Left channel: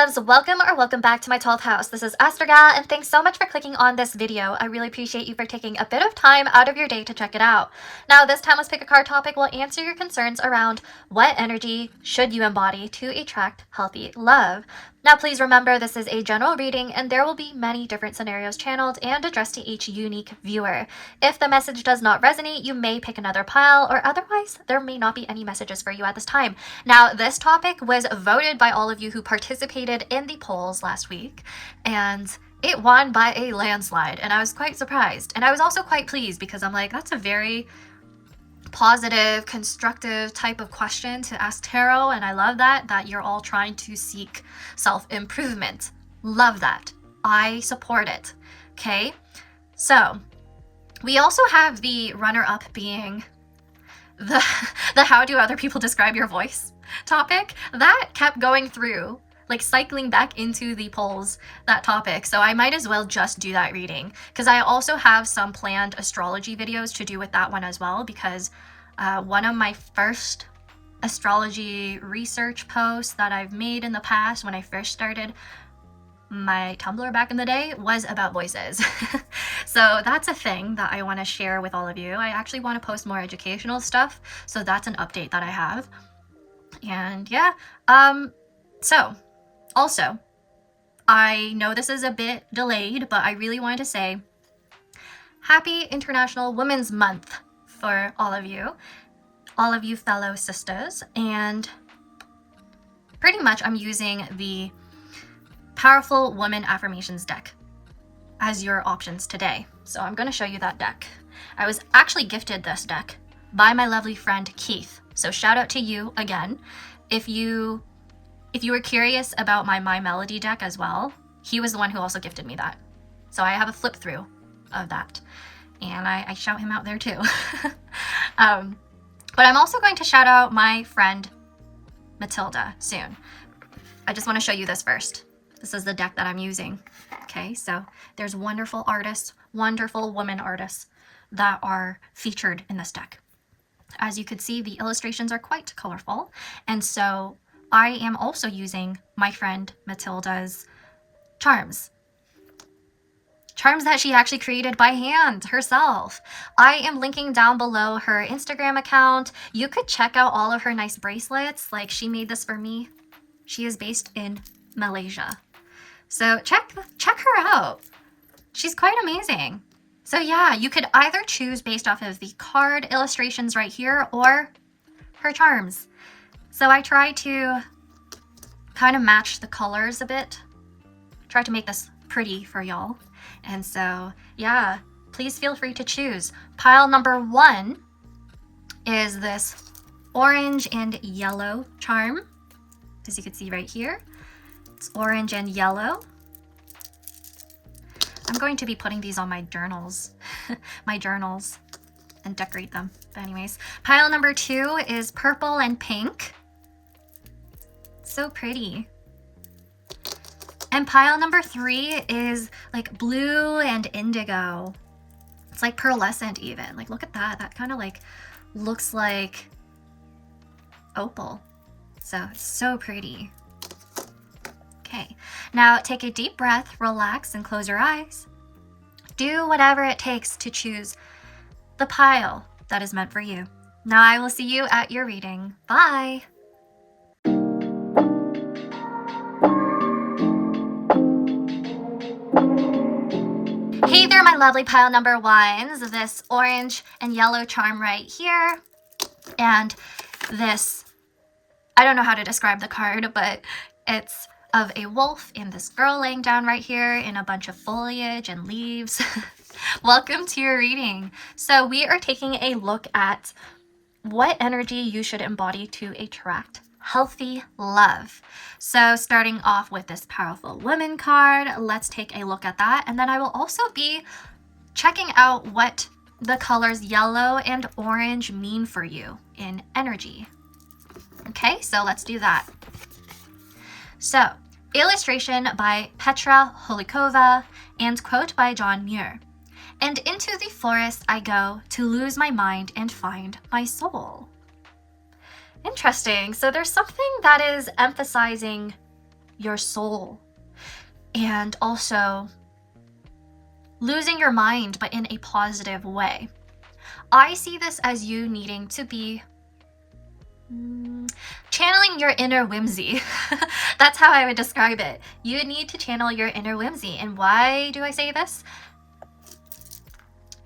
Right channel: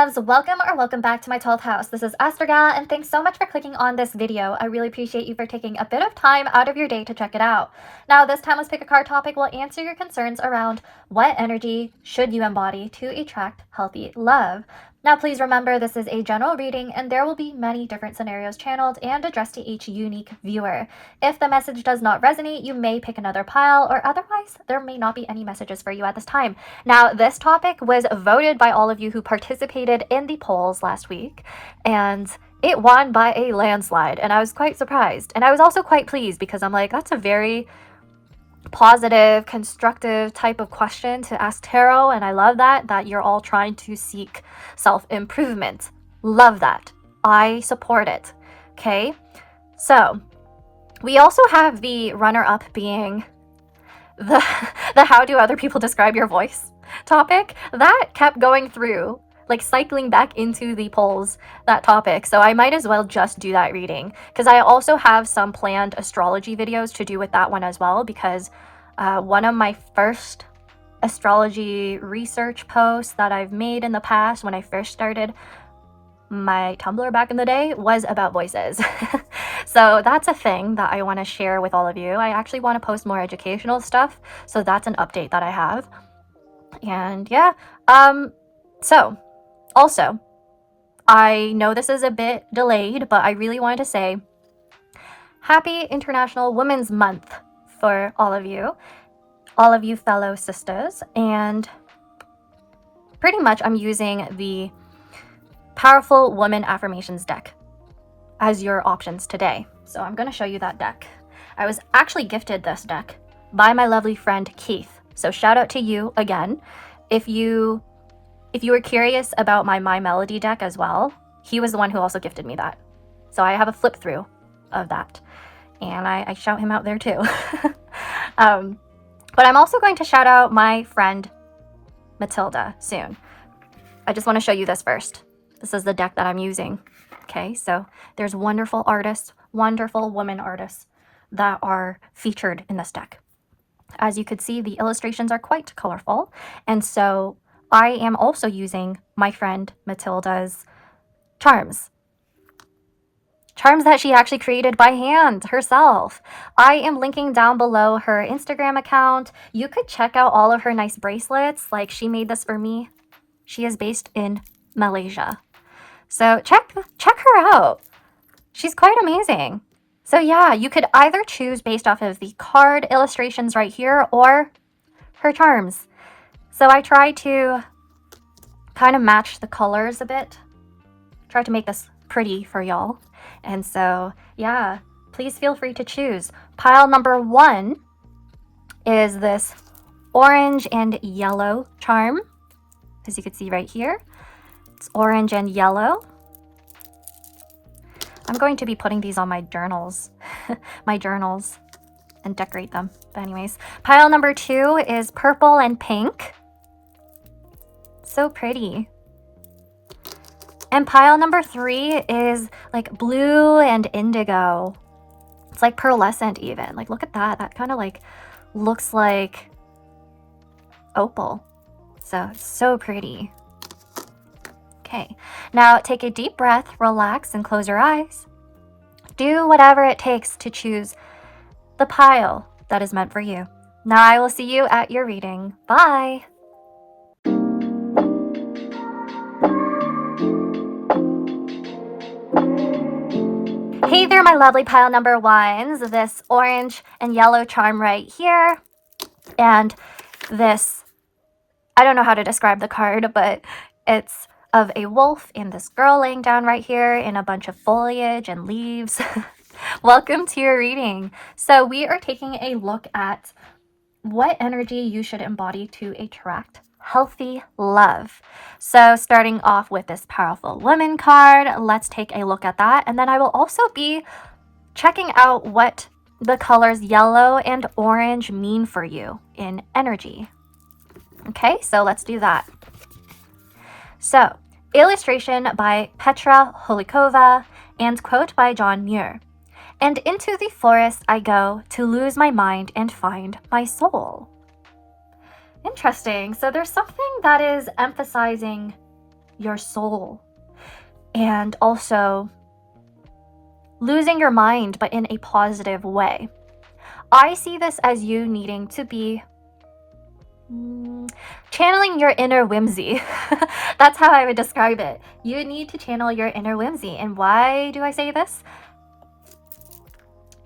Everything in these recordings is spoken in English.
loves, welcome back to my 12th house. This is ASTROG L, and thanks so much for clicking on this video. I really appreciate you for taking a bit of time out of your day to check it out. Now, this timeless pick a card topic will answer your concerns around what energy should you embody to attract healthy love. Now, please remember this is a general reading and there will be many different scenarios channeled and addressed to each unique viewer. If the message does not resonate, you may pick another pile, or otherwise there may not be any messages for you at this time. Now, this topic was voted by all of you who participated in the polls last week, and it won by a landslide, and I was quite surprised. And I was also quite pleased because I'm like, that's a very positive, constructive type of question to ask tarot, and I love that you're all trying to seek self-improvement. Love that. I support it. Okay, so we also have the runner-up being the how do other people describe your voice topic. That kept going through, like cycling back into the polls, that topic. So I might as well just do that reading, because I also have some planned astrology videos to do with that one as well, because one of my first astrology research posts that I've made in the past when I first started my Tumblr back in the day was about voices. So that's a thing that I want to share with all of you. I actually want to post more educational stuff, so that's an update that I have. And yeah, so also, I know this is a bit delayed, but I really wanted to say Happy International Women's Month for all of you fellow sisters. And pretty much I'm using the Powerful Woman Affirmations deck as your options today. So I'm going to show you that deck. I was actually gifted this deck by my lovely friend Keith. So shout out to you again. If you were curious about my Melody deck as well, he was the one who also gifted me that. So I have a flip through of that, and I shout him out there too. But I'm also going to shout out my friend Matilda soon. I just want to show you this first. This is the deck that I'm using. Okay, so there's wonderful artists, wonderful women artists that are featured in this deck. As you could see, the illustrations are quite colorful, and so I am also using my friend Matilda's charms that she actually created by hand herself. I am linking down below her Instagram account. You could check out all of her nice bracelets. Like, she made this for me. She is based in Malaysia. So check her out. She's quite amazing. So yeah, you could either choose based off of the card illustrations right here or her charms. So I try to kind of match the colors a bit. Try to make this pretty for y'all. And so yeah, please feel free to choose. Pile number 1 is this orange and yellow charm. As you can see right here, it's orange and yellow. I'm going to be putting these on my journals, and decorate them. But anyways, pile number 2 is purple and pink. So pretty. And pile number 3 is like blue and indigo. It's like pearlescent even. Like, look at that. That kind of like looks like opal. So it's so pretty. Okay, now take a deep breath, relax, and close your eyes. Do whatever it takes to choose the pile that is meant for you. Now I will see you at your reading. Bye! Hey there, my lovely pile number 1s. This orange and yellow charm right here, and this, I don't know how to describe the card, but it's of a wolf and this girl laying down right here in a bunch of foliage and leaves. Welcome to your reading. So we are taking a look at what energy you should embody to attract healthy love. So starting off with this Powerful Woman card, let's take a look at that. And then I will also be checking out what the colors yellow and orange mean for you in energy. Okay, so let's do that. So, illustration by Petra Holikova and quote by John Muir. And into the forest I go to lose my mind and find my soul. Interesting. So there's something that is emphasizing your soul, and also losing your mind, but in a positive way. I see this as you needing to be channeling your inner whimsy. That's how I would describe it. You need to channel your inner whimsy. And why do I say this?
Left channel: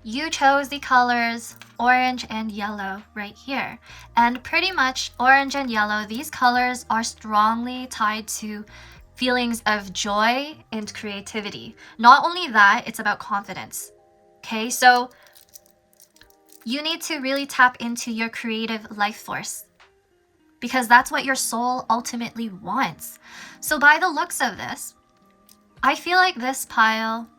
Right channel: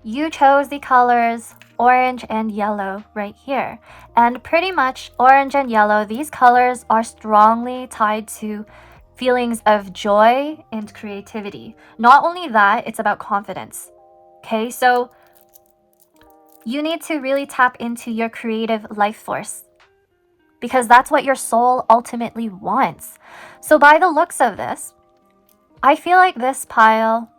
You chose the colors orange and yellow right here. And pretty much orange and yellow, these colors are strongly tied to feelings of joy and creativity. Not only that, it's about confidence. Okay, so you need to really tap into your creative life force, because that's what your soul ultimately wants. So by the looks of this, I feel like this pile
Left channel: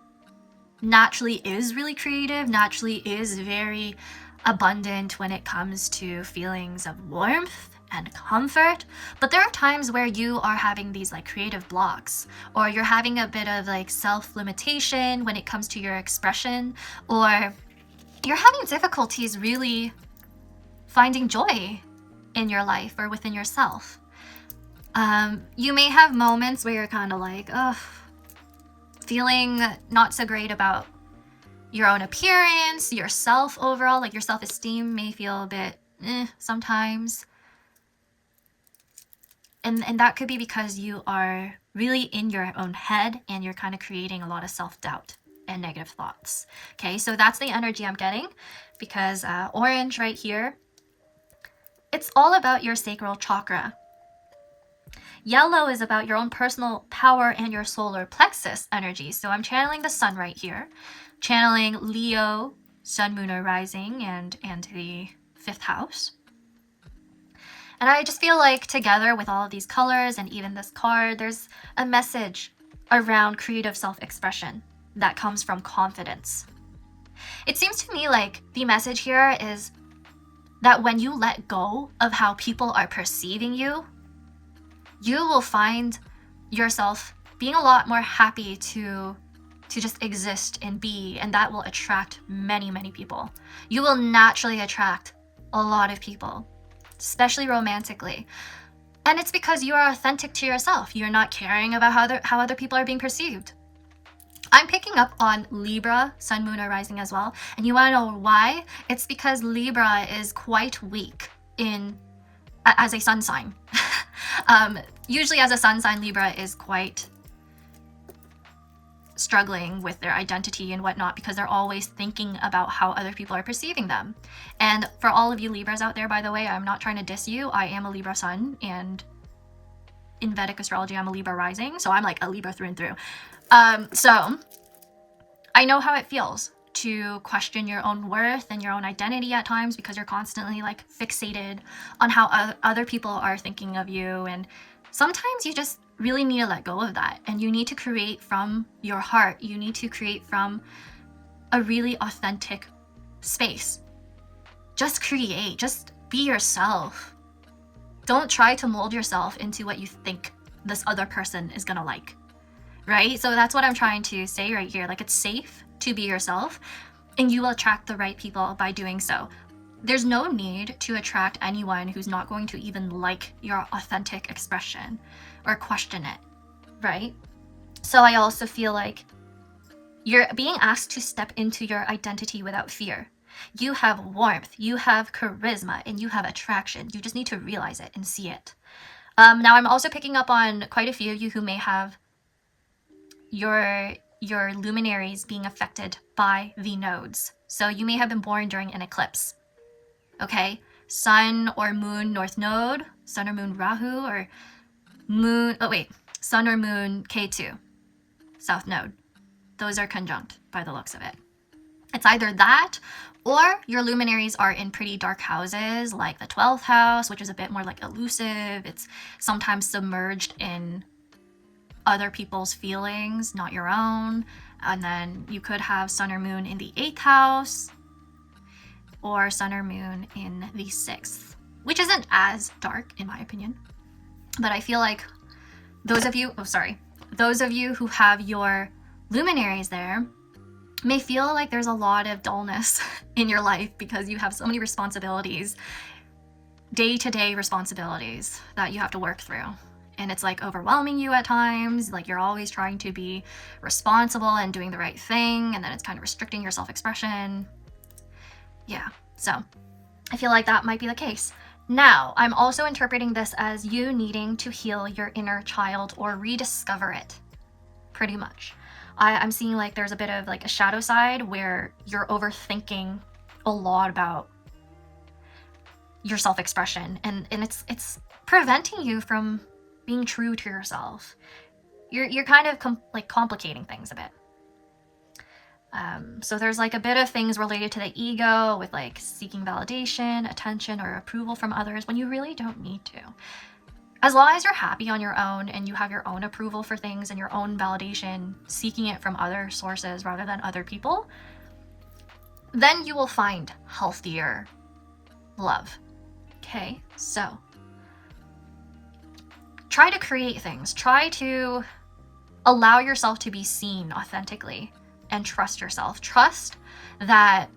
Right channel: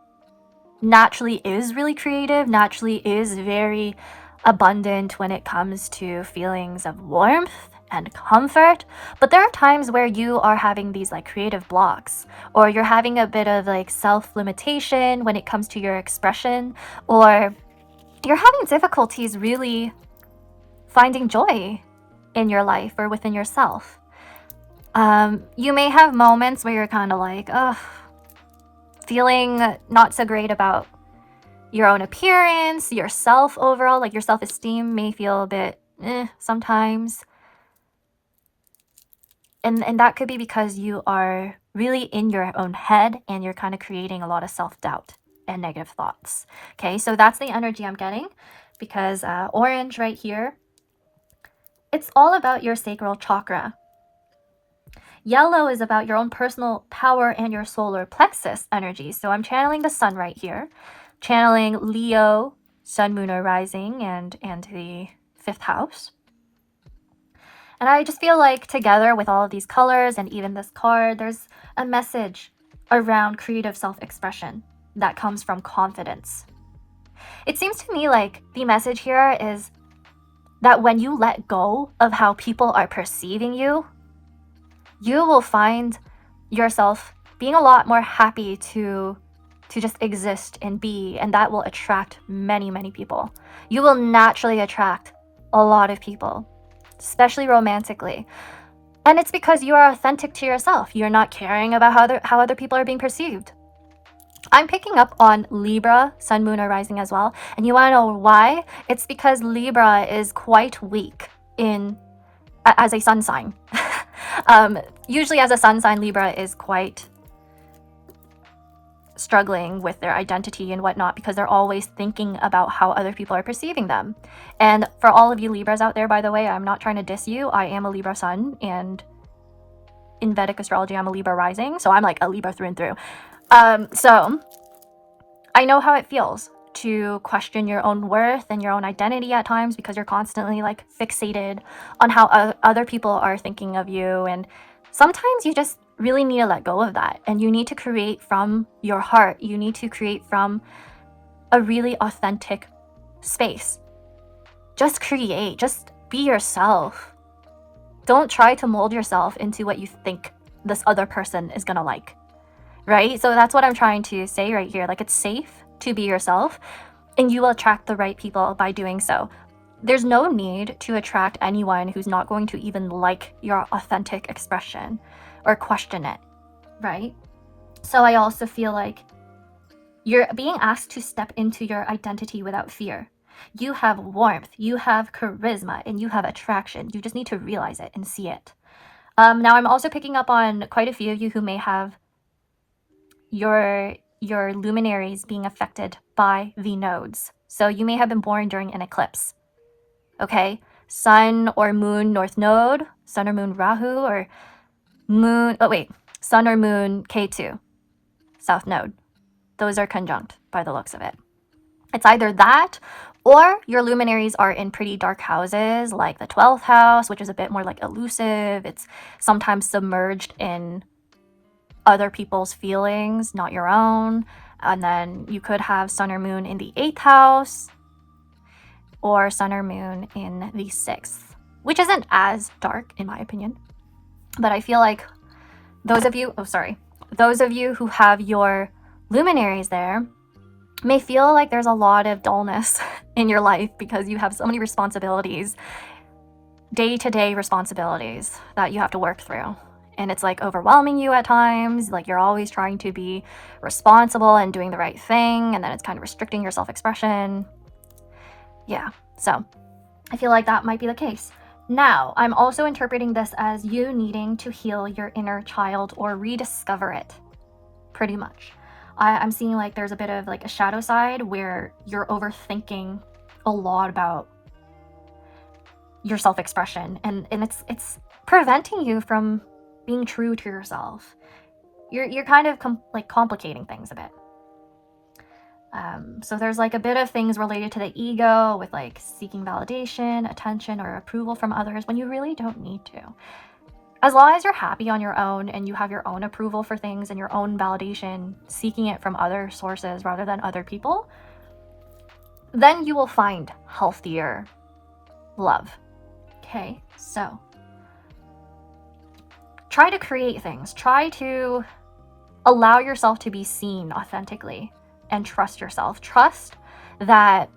naturally is really creative, naturally is very abundant when it comes to feelings of warmth and comfort. But there are times where you are having these like creative blocks, or you're having a bit of like self-limitation when it comes to your expression, or you're having difficulties really finding joy in your life or within yourself. You may have moments where you're kind of like, feeling not so great about your own appearance, yourself overall, like your self-esteem may feel a bit sometimes. And that could be because you are really in your own head and you're kind of creating a lot of self-doubt and negative thoughts. Okay, so that's the energy I'm getting, because orange right here, it's all about your sacral chakra. Yellow is about your own personal power and your solar plexus energy. So I'm channeling the sun right here, channeling Leo, sun, moon, or rising, and the 5th house. And I just feel like together with all of these colors and even this card, there's a message around creative self-expression that comes from confidence. It seems to me like the message here is that when you let go of how people are perceiving you, you will find yourself being a lot more happy to just exist and be, and that will attract many, many people. You will naturally attract a lot of people, especially romantically. And it's because you are authentic to yourself. You're not caring about how other people are being perceived. I'm picking up on Libra, sun, moon, or rising as well. And you want to know why? It's because Libra is quite weak as a sun sign. Usually as a sun sign, Libra is quite struggling with their identity and whatnot, because they're always thinking about how other people are perceiving them. And for all of you Libras out there, by the way, I'm not trying to diss you. I am a Libra sun, and in Vedic astrology, I'm a Libra rising. So I'm like a Libra through and through. So I know how it feels to question your own worth and your own identity at times, because you're constantly like fixated on how other people are thinking of you. And sometimes you just really need to let go of that, and you need to create from your heart. You need to create from a really authentic space. Just create, just be yourself. Don't try to mold yourself into what you think this other person is gonna like, right? So that's what I'm trying to say right here. Like, it's safe to be yourself, and you will attract the right people by doing so. There's no need to attract anyone who's not going to even like your authentic expression or question it, right? So I also feel like you're being asked to step into your identity without fear. You have warmth, you have charisma, and you have attraction. You just need to realize it and see it. Now I'm also picking up on quite a few of you who may have your luminaries being affected by the nodes. So you may have been born during an eclipse. Okay, sun or moon north node, sun or moon Rahu, or sun or moon K2 south node. Those are conjunct by the looks of it. It's either that, or your luminaries are in pretty dark houses like the 12th house, which is a bit more like elusive. It's sometimes submerged in other people's feelings, not your own. And then you could have sun or moon in the 8th house, or sun or moon in the 6th, which isn't as dark in my opinion. But I feel like those of you who have your luminaries there may feel like there's a lot of dullness in your life, because you have so many responsibilities, day-to-day responsibilities that you have to work through. and it's like overwhelming you at times. Like you're always trying to be responsible and doing the right thing, and then it's kind of restricting your self-expression. Yeah, so I feel like that might be the case. Now, I'm also interpreting this as you needing to heal your inner child or rediscover it, pretty much. I'm seeing like there's a bit of like a shadow side where you're overthinking a lot about your self-expression, and it's preventing you from being true to yourself. You're kind of like complicating things a bit. So there's like a bit of things related to the ego with like seeking validation, attention, or approval from others when you really don't need to. As long as you're happy on your own and you have your own approval for things and your own validation, seeking it from other sources rather than other people, then you will find healthier love. Okay, so try to create things. Try to allow yourself to be seen authentically and trust yourself. Trust that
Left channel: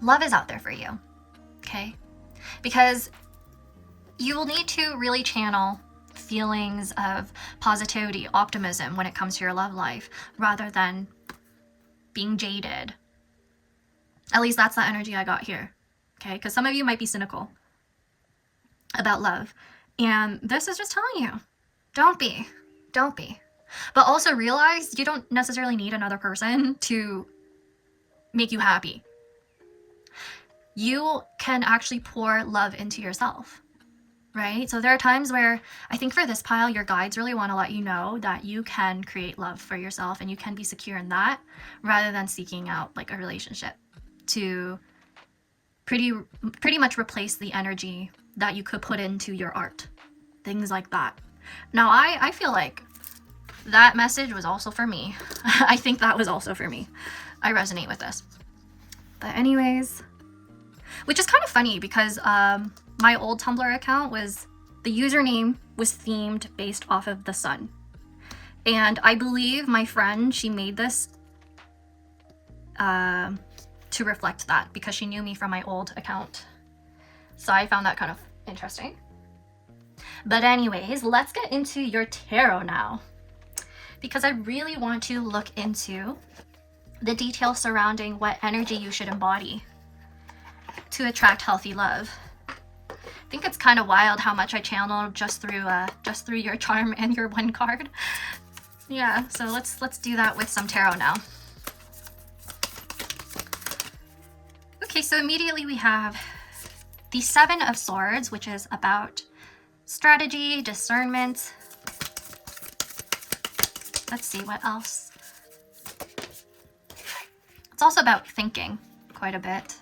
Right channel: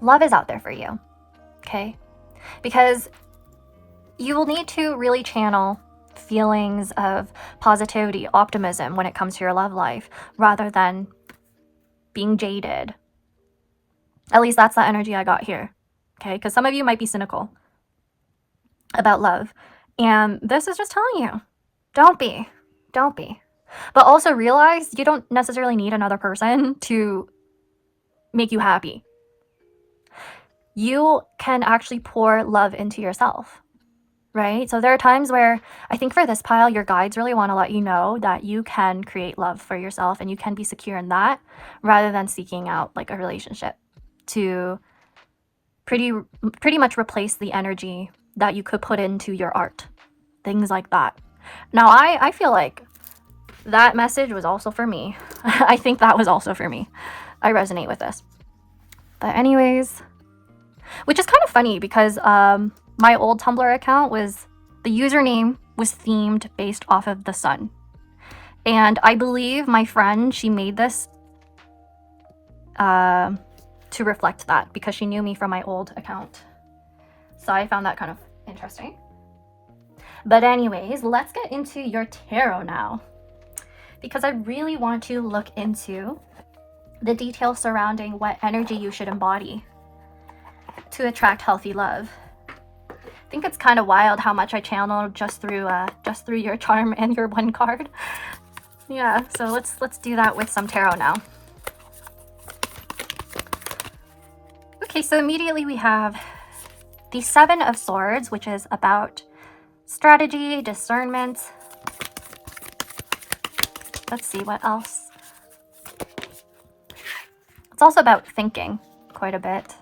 love is out there for you, okay? Because you will need to really channel feelings of positivity, optimism when it comes to your love life, rather than being jaded. At least that's the energy I got here, okay? Because some of you might be cynical about love, and this is just telling you, don't be. But also realize you don't necessarily need another person to make you happy. You can actually pour love into yourself, right? So there are times where I think for this pile, your guides really want to let you know that you can create love for yourself and you can be secure in that, rather than seeking out like a relationship to pretty much replace the energy that you could put into your art, things like that. Now, I feel like that message was also for me. I think that was also for me. I resonate with this. But anyways, which is kind of funny because my old Tumblr account the username was themed based off of the sun. And I believe my friend, she made this to reflect that because she knew me from my old account. So I found that kind of interesting. But anyways, let's get into your tarot now, because I really want to look into the details surrounding what energy you should embody to attract healthy love. I think it's kind of wild how much I channeled just through your charm and your one card. Yeah, so let's do that with some tarot now. Okay, so immediately we have the Seven of Swords, which is about strategy, discernment. Let's see what else. It's also about thinking quite a bit.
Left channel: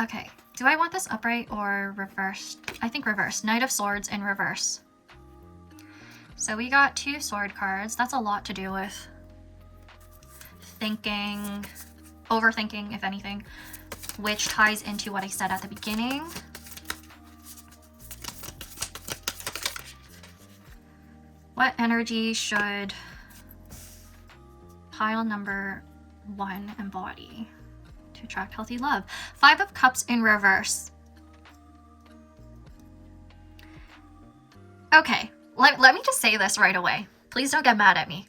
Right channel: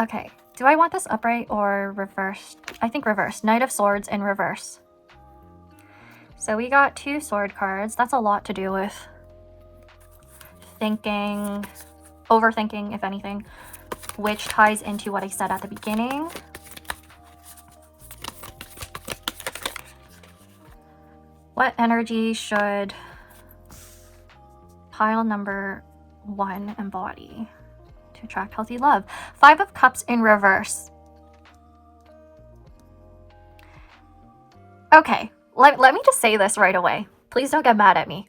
Okay, do I want this upright or reversed? I think reversed. Knight of Swords in reverse. So we got 2 sword cards. That's a lot to do with thinking, overthinking, if anything, which ties into what I said at the beginning. What energy should pile number 1 embody to attract healthy love? 5 of Cups in reverse. Okay, let me just say this right away. Please don't get mad at me.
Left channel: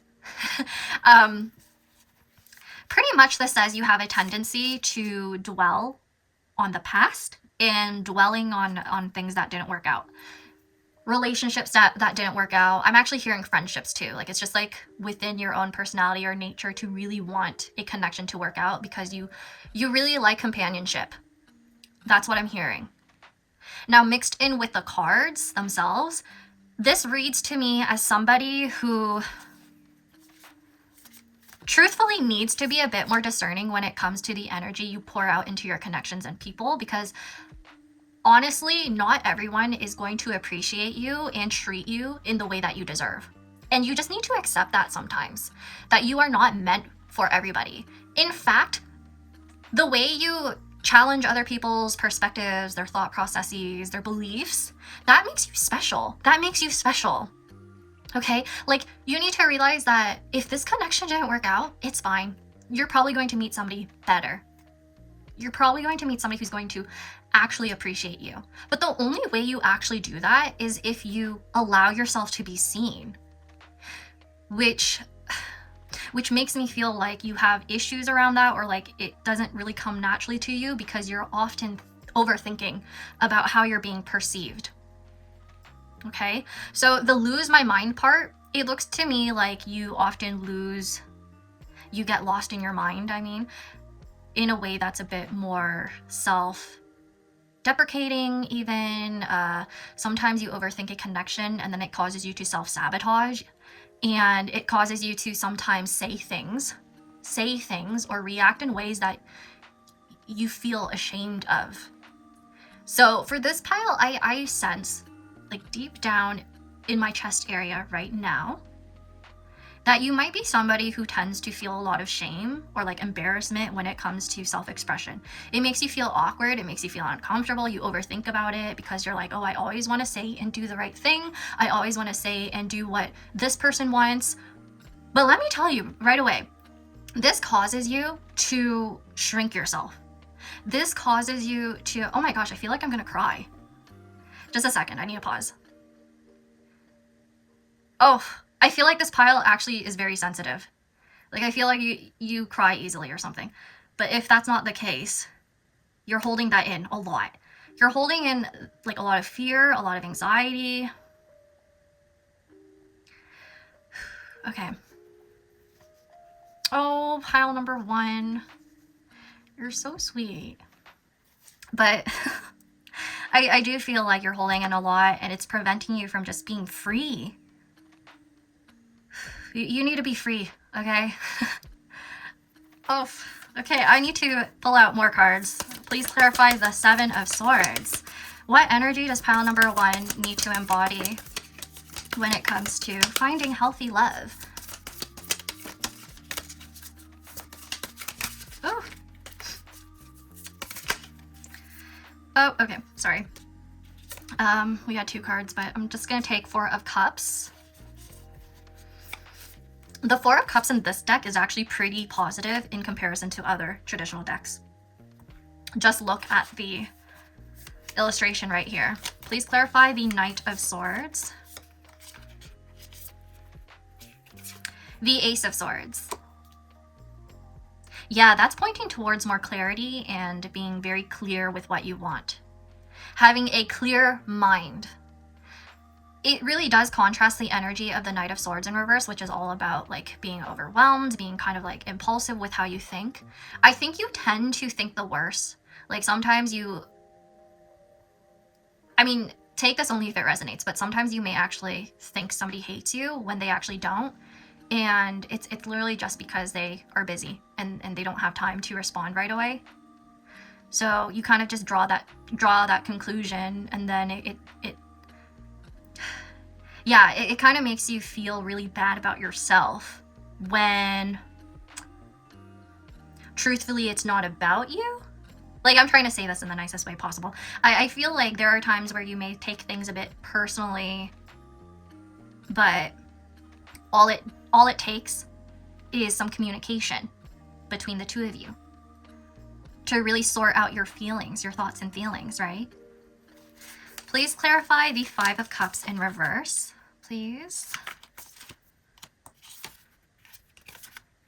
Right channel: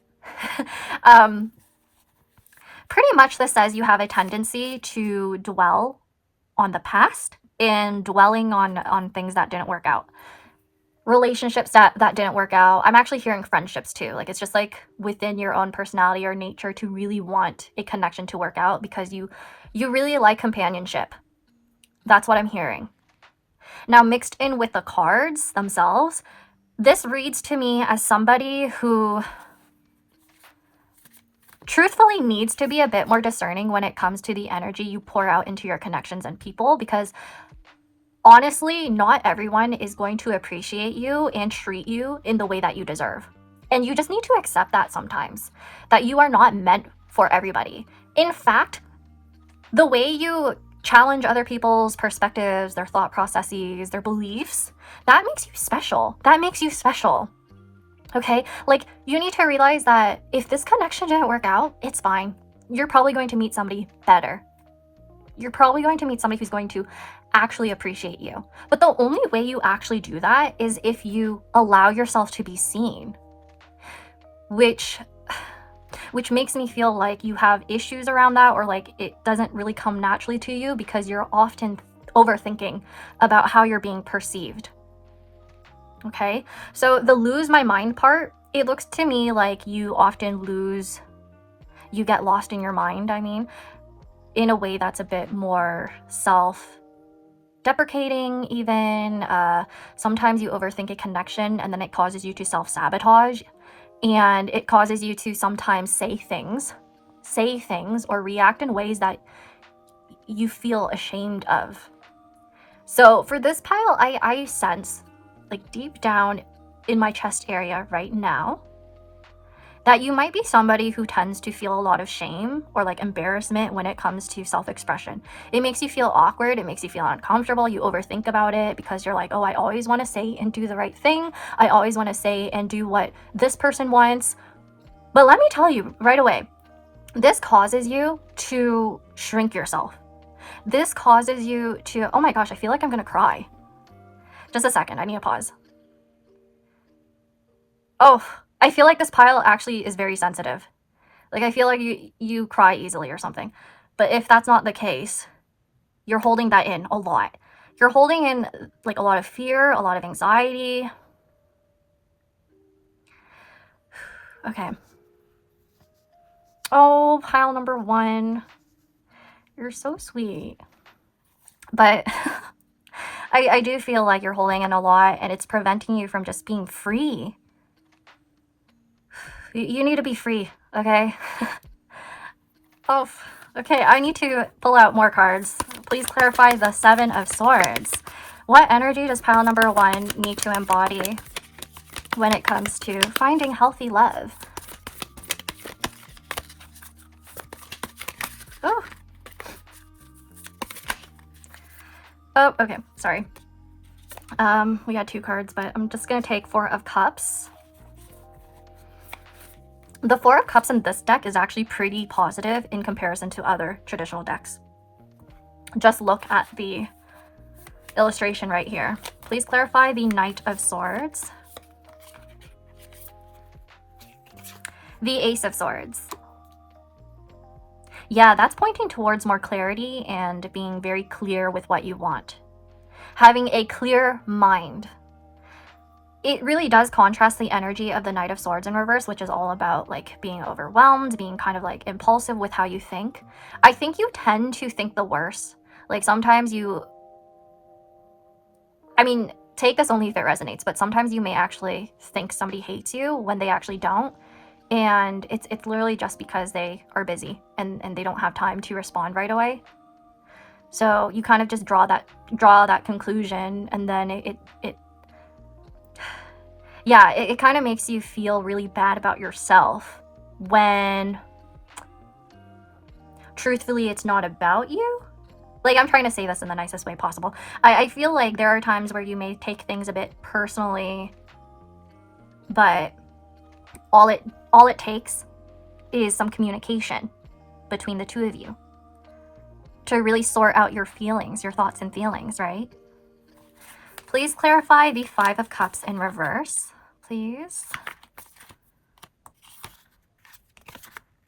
Pretty much this says you have a tendency to dwell on the past and dwelling on things that didn't work out. Relationships that didn't work out. I'm actually hearing friendships too. Like it's just like within your own personality or nature to really want a connection to work out because you really like companionship. That's what I'm hearing. Now mixed in with the cards themselves, this reads to me as somebody who truthfully needs to be a bit more discerning when it comes to the energy you pour out into your connections and people, because honestly, not everyone is going to appreciate you and treat you in the way that you deserve. And you just need to accept that sometimes, that you are not meant for everybody. In fact, the way you challenge other people's perspectives, their thought processes, their beliefs, that makes you special. That makes you special. Okay? Like, you need to realize that if this connection didn't work out, it's fine. You're probably going to meet somebody better. you're probably going to meet somebody who's going to actually appreciate you. But the only way you actually do that is if you allow yourself to be seen, which makes me feel like you have issues around that, or like it doesn't really come naturally to you because you're often overthinking about how you're being perceived. Okay, so the lose my mind part, it looks to me like you often you get lost in your mind, I mean, in a way that's a bit more self-deprecating even. Sometimes you overthink a connection and then it causes you to self-sabotage, and it causes you to sometimes say things or react in ways that you feel ashamed of. So for this pile, I sense, like deep down in my chest area right now, that you might be somebody who tends to feel a lot of shame or like embarrassment when it comes to self-expression. It makes you feel awkward, it makes you feel uncomfortable, you overthink about it because you're like, oh, I always want to say and do the right thing, I always want to say and do what this person wants. But let me tell you right away, this causes you to shrink yourself. This causes you to, oh my gosh, I feel like I'm gonna cry. Just a second, I need to pause. Oh, I feel like this pile actually is very sensitive. Like, I feel like you cry easily or something. But if that's not the case, you're holding that in a lot. You're holding in like a lot of fear, a lot of anxiety. Okay. Oh, pile number 1. You're so sweet. But I do feel like you're holding in a lot and it's preventing you from just being free. You need to be free, okay? Oh, okay, I need to pull out more cards. Please clarify the 7 of Swords. What energy does pile number 1 need to embody when it comes to finding healthy love? Oh, okay, sorry. We had 2 cards, but I'm just gonna take 4 of Cups. The 4 of Cups in this deck is actually pretty positive in comparison to other traditional decks. Just look at the illustration right here. Please clarify the Knight of Swords. The Ace of Swords. Yeah, that's pointing towards more clarity and being very clear with what you want. Having a clear mind. It really does contrast the energy of the Knight of Swords in reverse, which is all about like being overwhelmed, being kind of like impulsive with how you think. I think you tend to think the worst. Like sometimes take this only if it resonates, but sometimes you may actually think somebody hates you when they actually don't. And it's literally just because they are busy and they don't have time to respond right away. So you kind of just draw that conclusion, and then it kind of makes you feel really bad about yourself when truthfully it's not about you. Like, I'm trying to say this in the nicest way possible. I feel like there are times where you may take things a bit personally, but all it takes is some communication between the two of you to really sort out your feelings, your thoughts and feelings, right? Please clarify the 5 of Cups in reverse, please.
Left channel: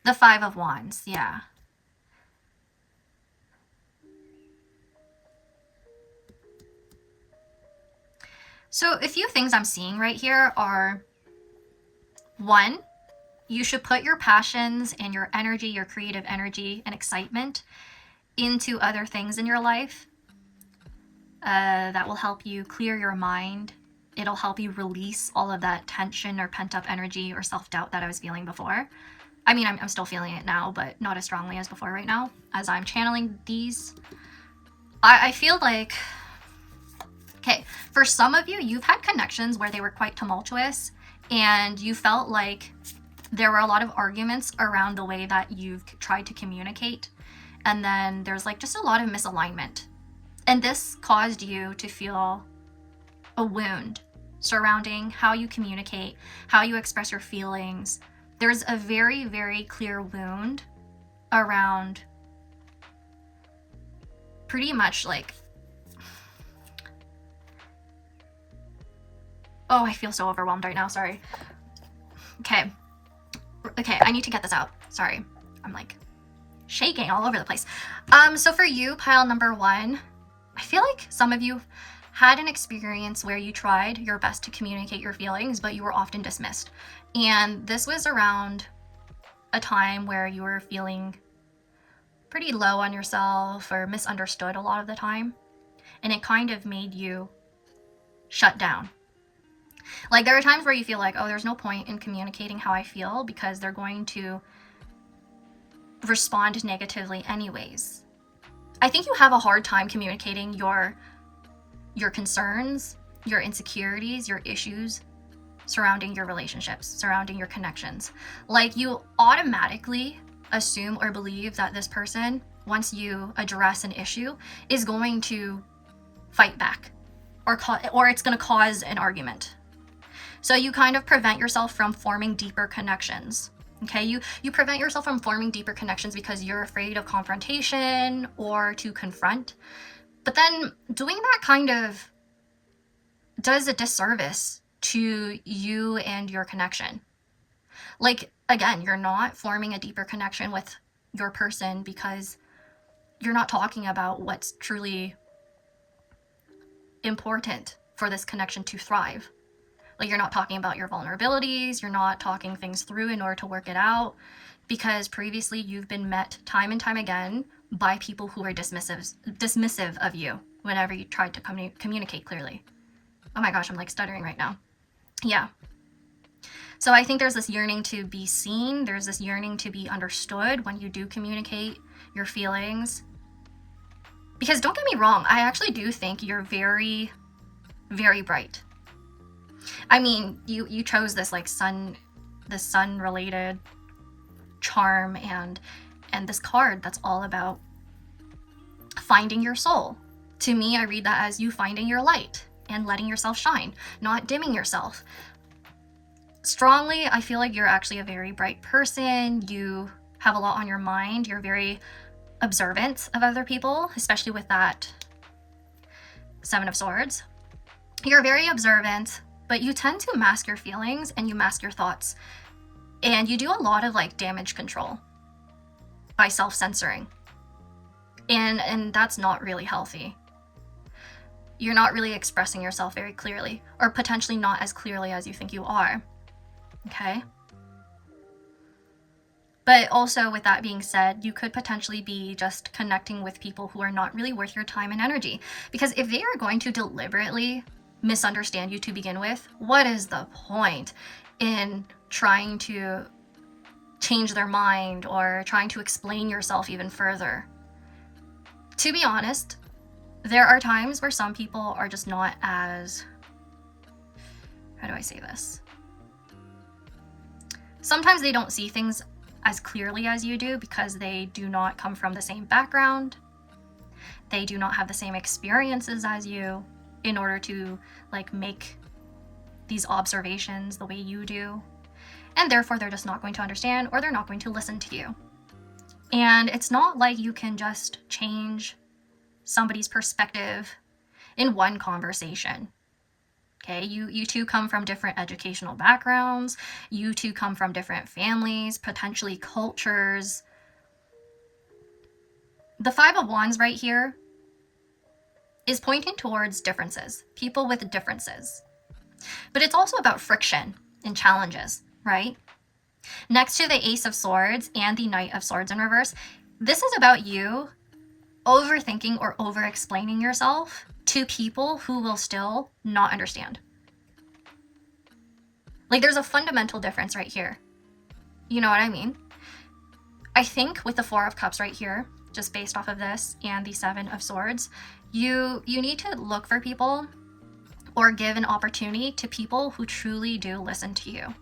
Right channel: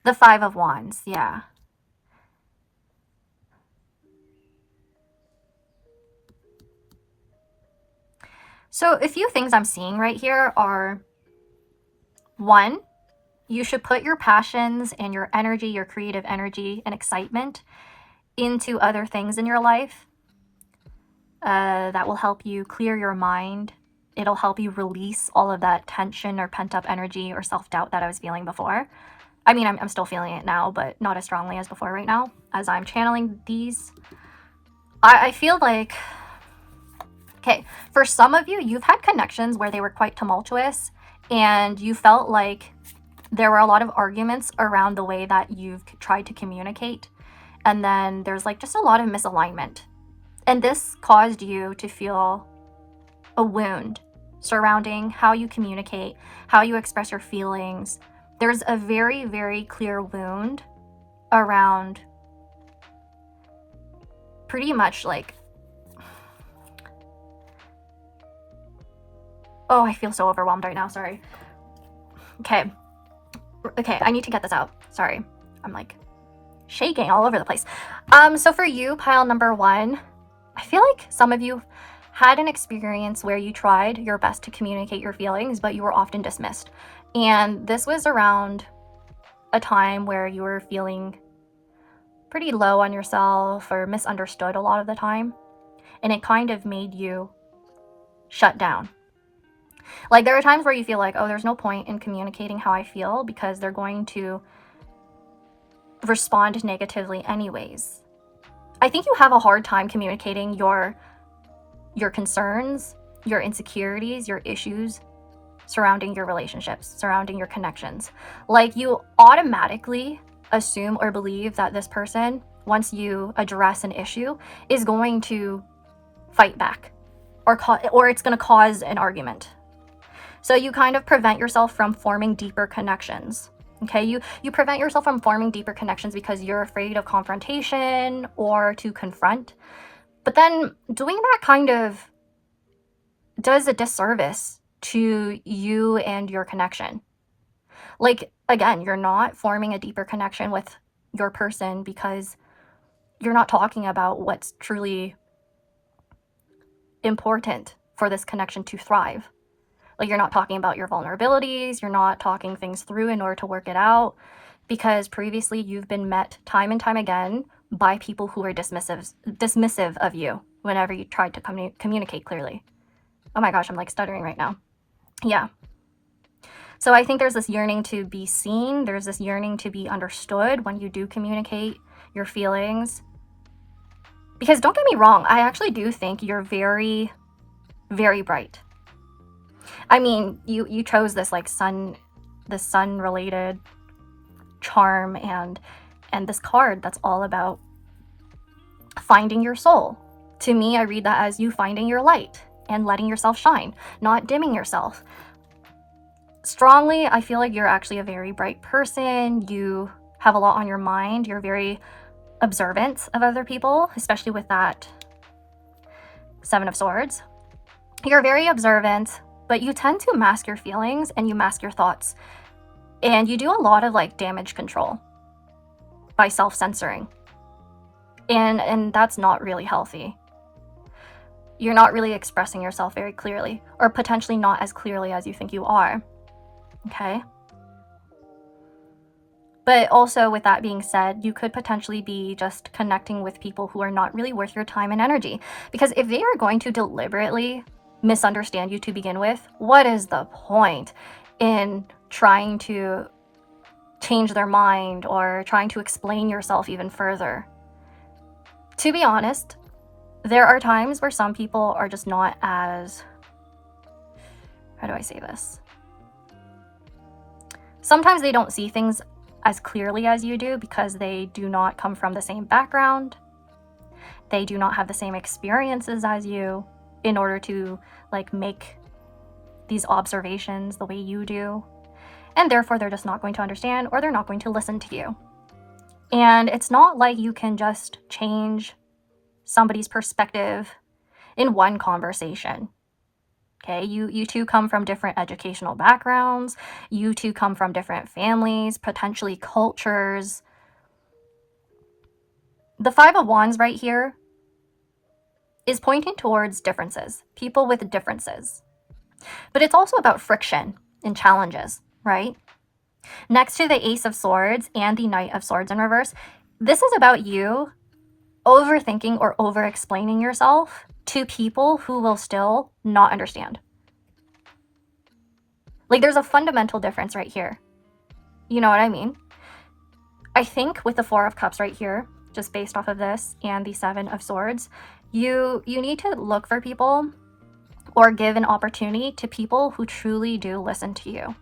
The 5 of Wands, yeah. So a few things I'm seeing right here are, 1, you should put your passions and your energy, your creative energy and excitement into other things in your life. That will help you clear your mind. It'll help you release all of that tension or pent-up energy or self-doubt that I was feeling before. I mean, I'm still feeling it now, but not as strongly as before right now. As I'm channeling these, I feel like, okay, for some of you, you've had connections where they were quite tumultuous and you felt like there were a lot of arguments around the way that you've tried to communicate. And then there's like just a lot of misalignment. And this caused you to feel a wound surrounding how you communicate, how you express your feelings. There's a very, very clear wound around pretty much like, oh, I feel so overwhelmed right now. Sorry. Okay, I need to get this out. Sorry, I'm like shaking all over the place. So for you, pile number 1, I feel like some of you had an experience where you tried your best to communicate your feelings, but you were often dismissed. And this was around a time where you were feeling pretty low on yourself or misunderstood a lot of the time. And it kind of made you shut down. Like, there are times where you feel like, oh, there's no point in communicating how I feel because they're going to respond negatively anyways. I think you have a hard time communicating your concerns, your insecurities, your issues surrounding your relationships, surrounding your connections. Like, you automatically assume or believe that this person, once you address an issue, is going to fight back or it's going to cause an argument. So you kind of prevent yourself from forming deeper connections. Okay, you prevent yourself from forming deeper connections because you're afraid of confrontation or to confront. But then doing that kind of does a disservice to you and your connection. Like, again, you're not forming a deeper connection with your person because you're not talking about what's truly important for this connection to thrive. Like, you're not talking about your vulnerabilities, you're not talking things through in order to work it out, because previously you've been met time and time again by people who are dismissive of you whenever you tried to communicate clearly. Oh my gosh, I'm like stuttering right now. Yeah. So I think there's this yearning to be seen, there's this yearning to be understood when you do communicate your feelings. Because don't get me wrong, I actually do think you're very, very bright. I mean, you chose this like sun related charm and this card that's all about finding your soul. To me, I read that as you finding your light and letting yourself shine, not dimming yourself. Strongly, I feel like you're actually a very bright person. You have a lot on your mind. You're very observant of other people, especially with that 7 of Swords. You're very observant, but you tend to mask your feelings and you mask your thoughts. And you do a lot of like damage control by self-censoring. And that's not really healthy. You're not really expressing yourself very clearly, or potentially not as clearly as you think you are. Okay? But also, with that being said, you could potentially be just connecting with people who are not really worth your time and energy. Because if they are going to deliberately misunderstand you to begin with, what is the point in trying to change their mind or trying to explain yourself even further? To be honest, there are times where some people are just not as, how do I say this? Sometimes they don't see things as clearly as you do because they do not come from the same background. They do not have the same experiences as you in order to like make these observations the way you do. And therefore they're just not going to understand, or they're not going to listen to you. And it's not like you can just change somebody's perspective in one conversation. Okay, you two come from different educational backgrounds, you two come from different families, potentially cultures. The 5 of Wands right here is pointing towards differences, people with differences. But it's also about friction and challenges, right? Next to the Ace of Swords and the Knight of Swords in reverse, this is about you overthinking or over-explaining yourself to people who will still not understand. Like, there's a fundamental difference right here. You know what I mean? I think with the 4 of Cups right here, just based off of this, and the 7 of Swords, you need to look for people or give an opportunity to people who truly do listen to you.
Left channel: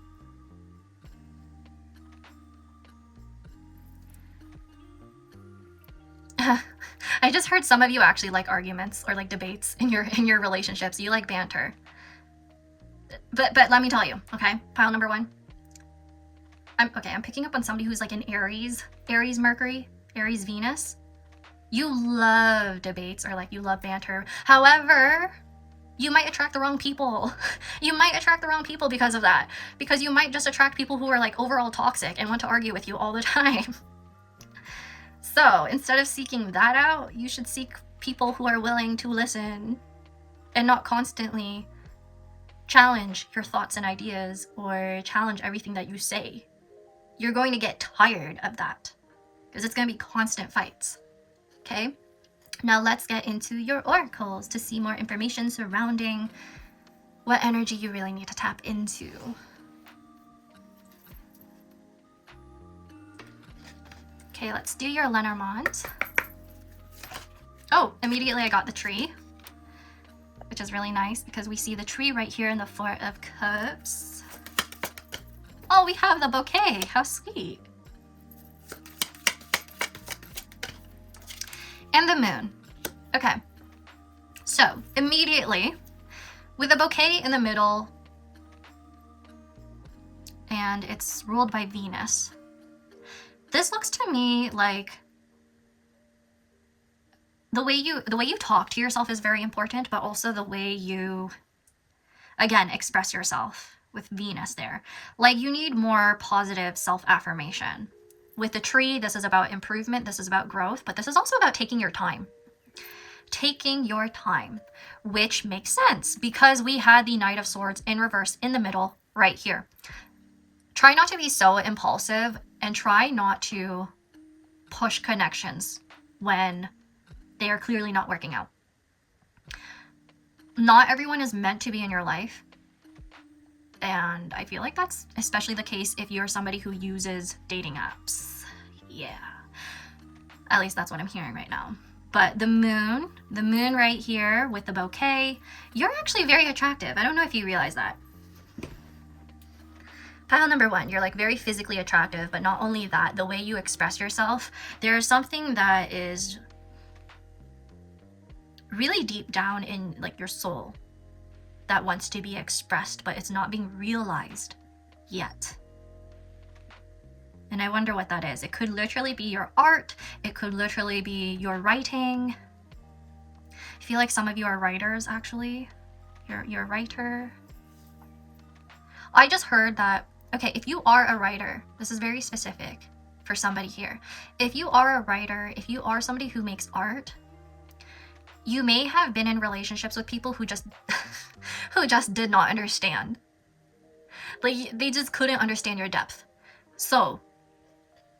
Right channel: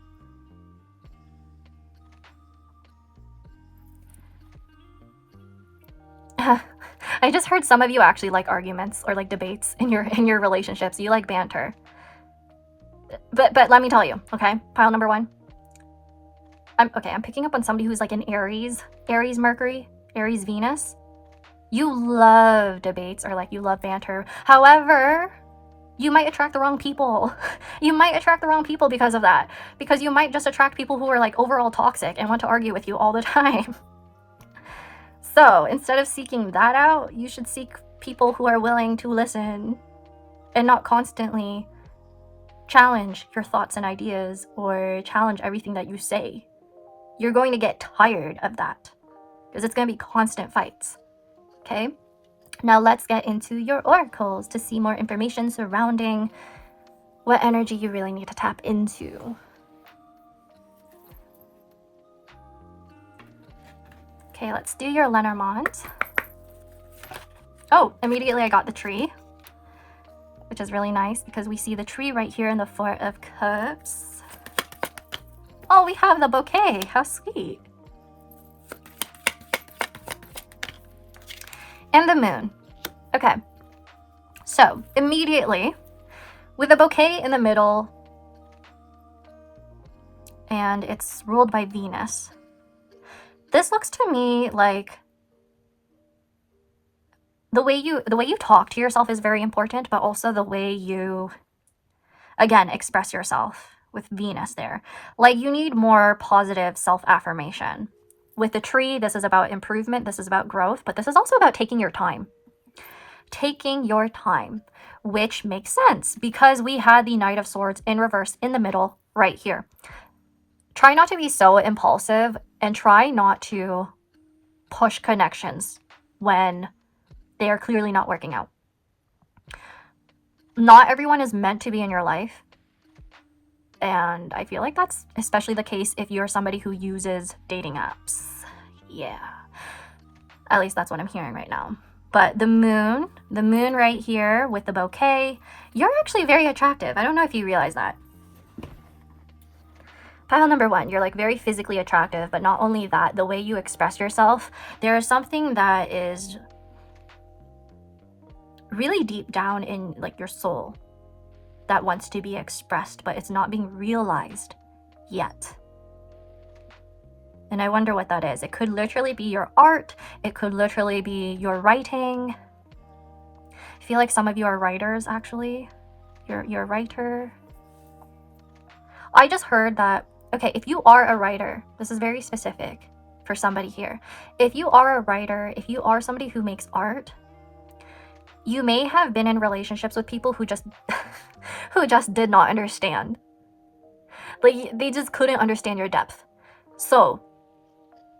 I just heard some of you actually like arguments or like debates in your relationships. You like banter. But let me tell you, okay? Pile number 1. I'm picking up on somebody who's like an Aries Mercury, Aries Venus. You love debates, or like you love banter. However, you might attract the wrong people. You might attract the wrong people because of that. Because you might just attract people who are like overall toxic and want to argue with you all the time. So instead of seeking that out, you should seek people who are willing to listen and not constantly challenge your thoughts and ideas or challenge everything that you say. You're going to get tired of that because it's going to be constant fights. Okay? Now let's get into your oracles to see more information surrounding what energy you really need to tap into. Okay, let's do your Lenormand. Oh, immediately I got the tree, which is really nice because we see the tree right here in the Four of Cups. Oh, we have the bouquet. How sweet. And the moon. Okay. So, immediately, with the bouquet in the middle, and it's ruled by Venus, this looks to me like the way you talk to yourself is very important, but also the way you, again, express yourself with Venus there. Like, you need more positive self-affirmation. With the tree, this is about improvement, this is about growth, but this is also about taking your time. Taking your time, which makes sense because we had the Knight of Swords in reverse in the middle right here. Try not to be so impulsive and try not to push connections when they are clearly not working out. Not everyone is meant to be in your life. And I feel like that's especially the case if you're somebody who uses dating apps. Yeah. At least that's what I'm hearing right now. But the moon right here with the bouquet, you're actually very attractive. I don't know if you realize that. Pile number 1, you're like very physically attractive, but not only that, the way you express yourself, there is something that is really deep down in like your soul that wants to be expressed, but it's not being realized yet. And I wonder what that is. It could literally be your art. It could literally be your writing. I feel like some of you are writers, actually. You're a writer. I just heard that, okay, if you are a writer, this is very specific for somebody here. If you are a writer, if you are somebody who makes art, you may have been in relationships with people who just who just did not understand. Like, they just couldn't understand your depth. So,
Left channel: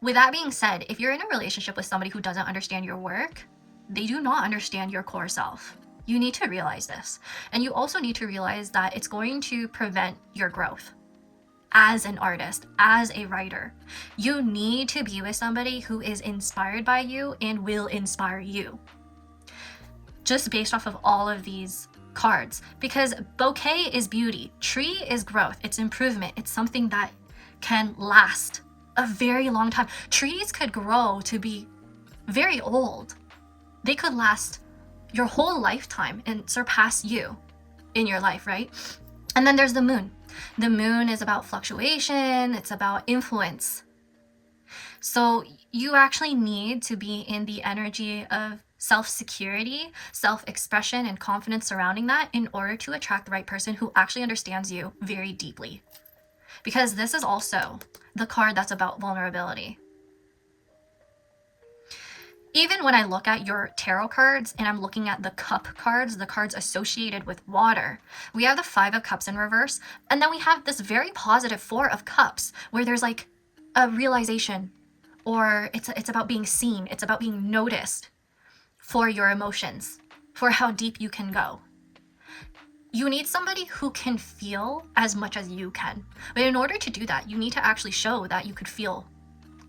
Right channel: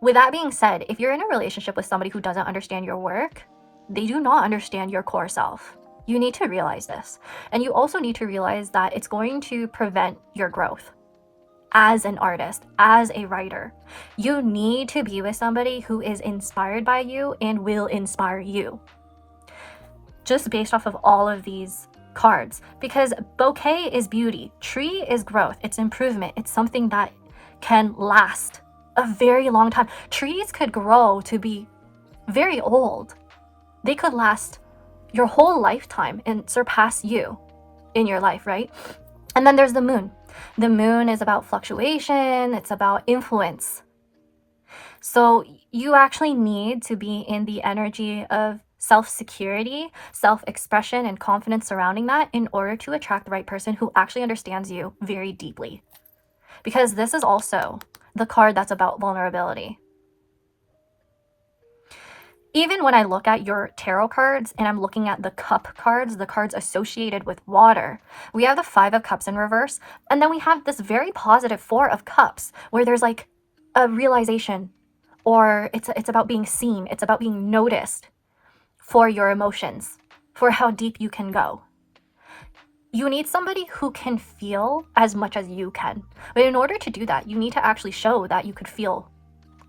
with that being said, if you're in a relationship with somebody who doesn't understand your work, they do not understand your core self. You need to realize this. And you also need to realize that it's going to prevent your growth as an artist, as a writer. You need to be with somebody who is inspired by you and will inspire you. Just based off of all of these cards, because bouquet is beauty, tree is growth, it's improvement, it's something that can last a very long time. Trees could grow to be very old. They could last your whole lifetime and surpass you in your life, right? And then there's the moon. The moon is about fluctuation, it's about influence. So you actually need to be in the energy of self-security, self-expression, and confidence surrounding that in order to attract the right person who actually understands you very deeply. Because this is also the card that's about vulnerability. Even when I look at your tarot cards and I'm looking at the cup cards, the cards associated with water, we have the 5 of Cups in reverse, and then we have this very positive 4 of Cups where there's like a realization, or it's about being seen, it's about being noticed for your emotions, for how deep you can go. You need somebody who can feel as much as you can. But in order to do that, you need to actually show that you could feel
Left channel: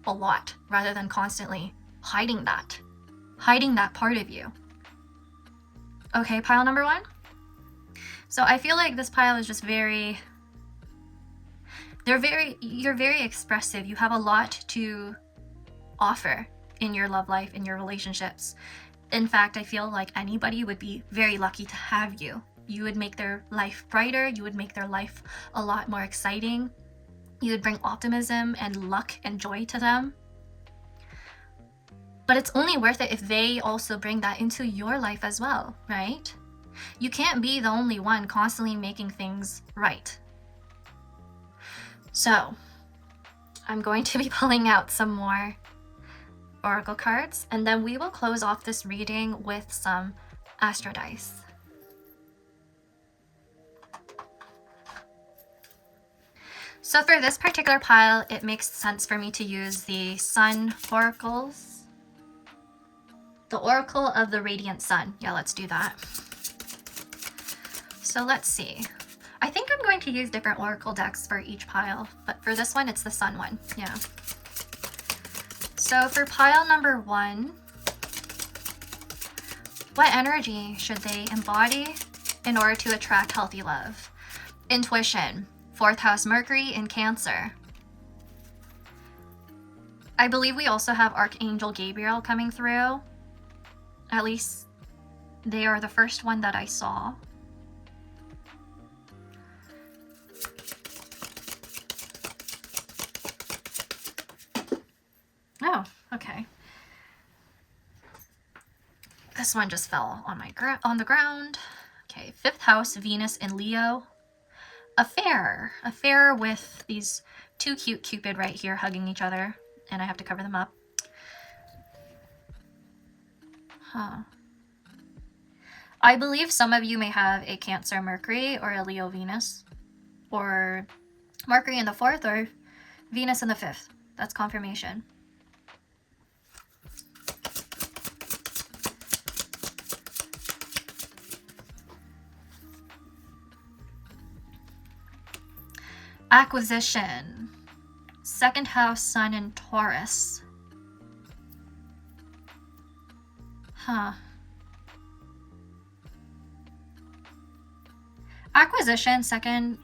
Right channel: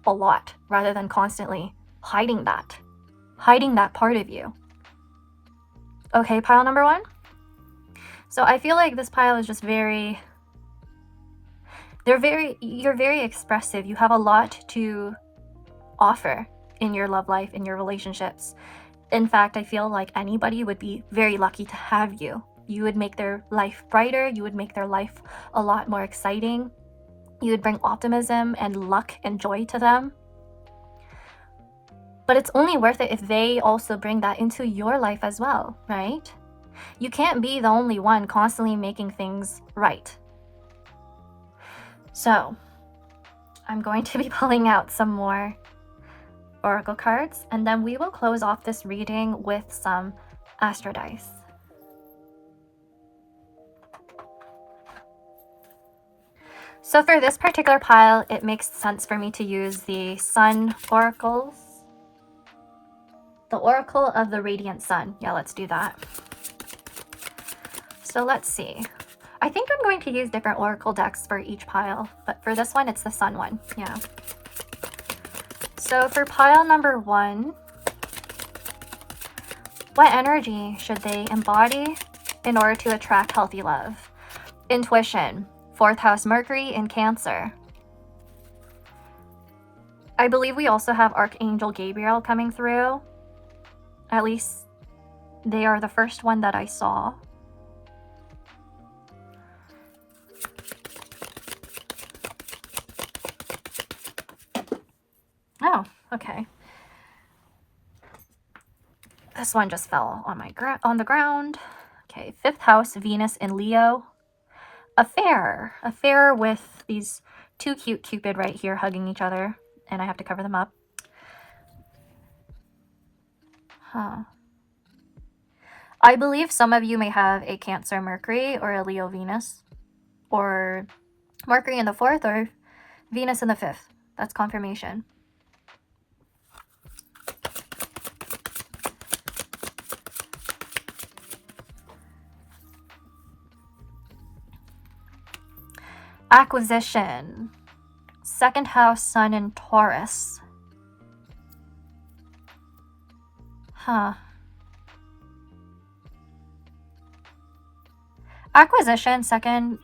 a lot rather than constantly hiding that part of you. Okay, pile number 1. So I feel like this pile is just you're very expressive. You have a lot to offer in your love life, in your relationships. In fact, I feel like anybody would be very lucky to have you. You would make their life brighter. You would make their life a lot more exciting. You would bring optimism and luck and joy to them. But it's only worth it if they also bring that into your life as well, right? You can't be the only one constantly making things right. So, I'm going to be pulling out some more oracle cards, and then we will close off this reading with some astro dice. So for this particular pile, it makes sense for me to use the Sun oracles. The Oracle of the Radiant Sun. Yeah, let's do that. So let's see. I think I'm going to use different oracle decks for each pile, but for this one, it's the Sun one. Yeah. So for pile number 1, what energy should they embody in order to attract healthy love? Intuition, 4th house Mercury in Cancer. I believe we also have Archangel Gabriel coming through. At least they are the first one that I saw. Oh, okay. This one just fell on the ground. Okay, 5th house Venus in Leo. Affair with these two cute Cupid right here hugging each other, and I have to cover them up. Huh. I believe some of you may have a Cancer Mercury or a Leo Venus, or Mercury in the 4th or Venus in the 5th. That's confirmation. Acquisition, 2nd house Sun in Taurus. Huh. Acquisition, second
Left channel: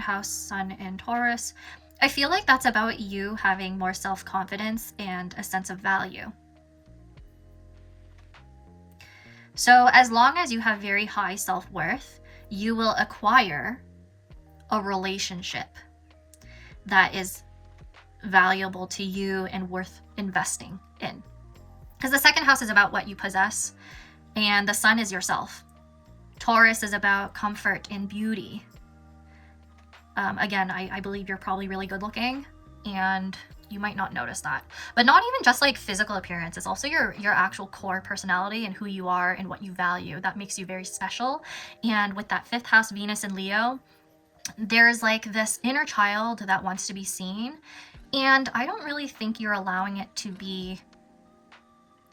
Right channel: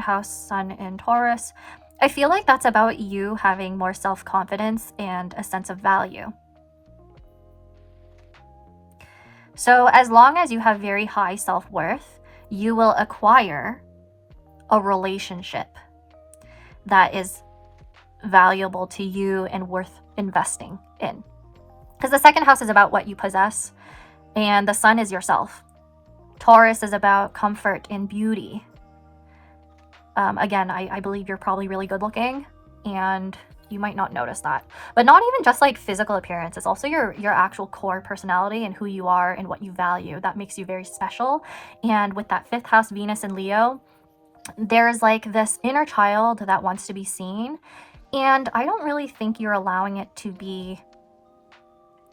house Sun in Taurus. I feel like that's about you having more self-confidence and a sense of value. So as long as you have very high self-worth, you will acquire a relationship that is valuable to you and worth investing in. Because the 2nd house is about what you possess, and the Sun is yourself. Taurus is about comfort and beauty. Again, I believe you're probably really good looking, and you might not notice that. But not even just like physical appearance, it's also your actual core personality and who you are and what you value. That makes you very special. And with that 5th house Venus in Leo, there's like this inner child that wants to be seen, and I don't really think you're allowing it to be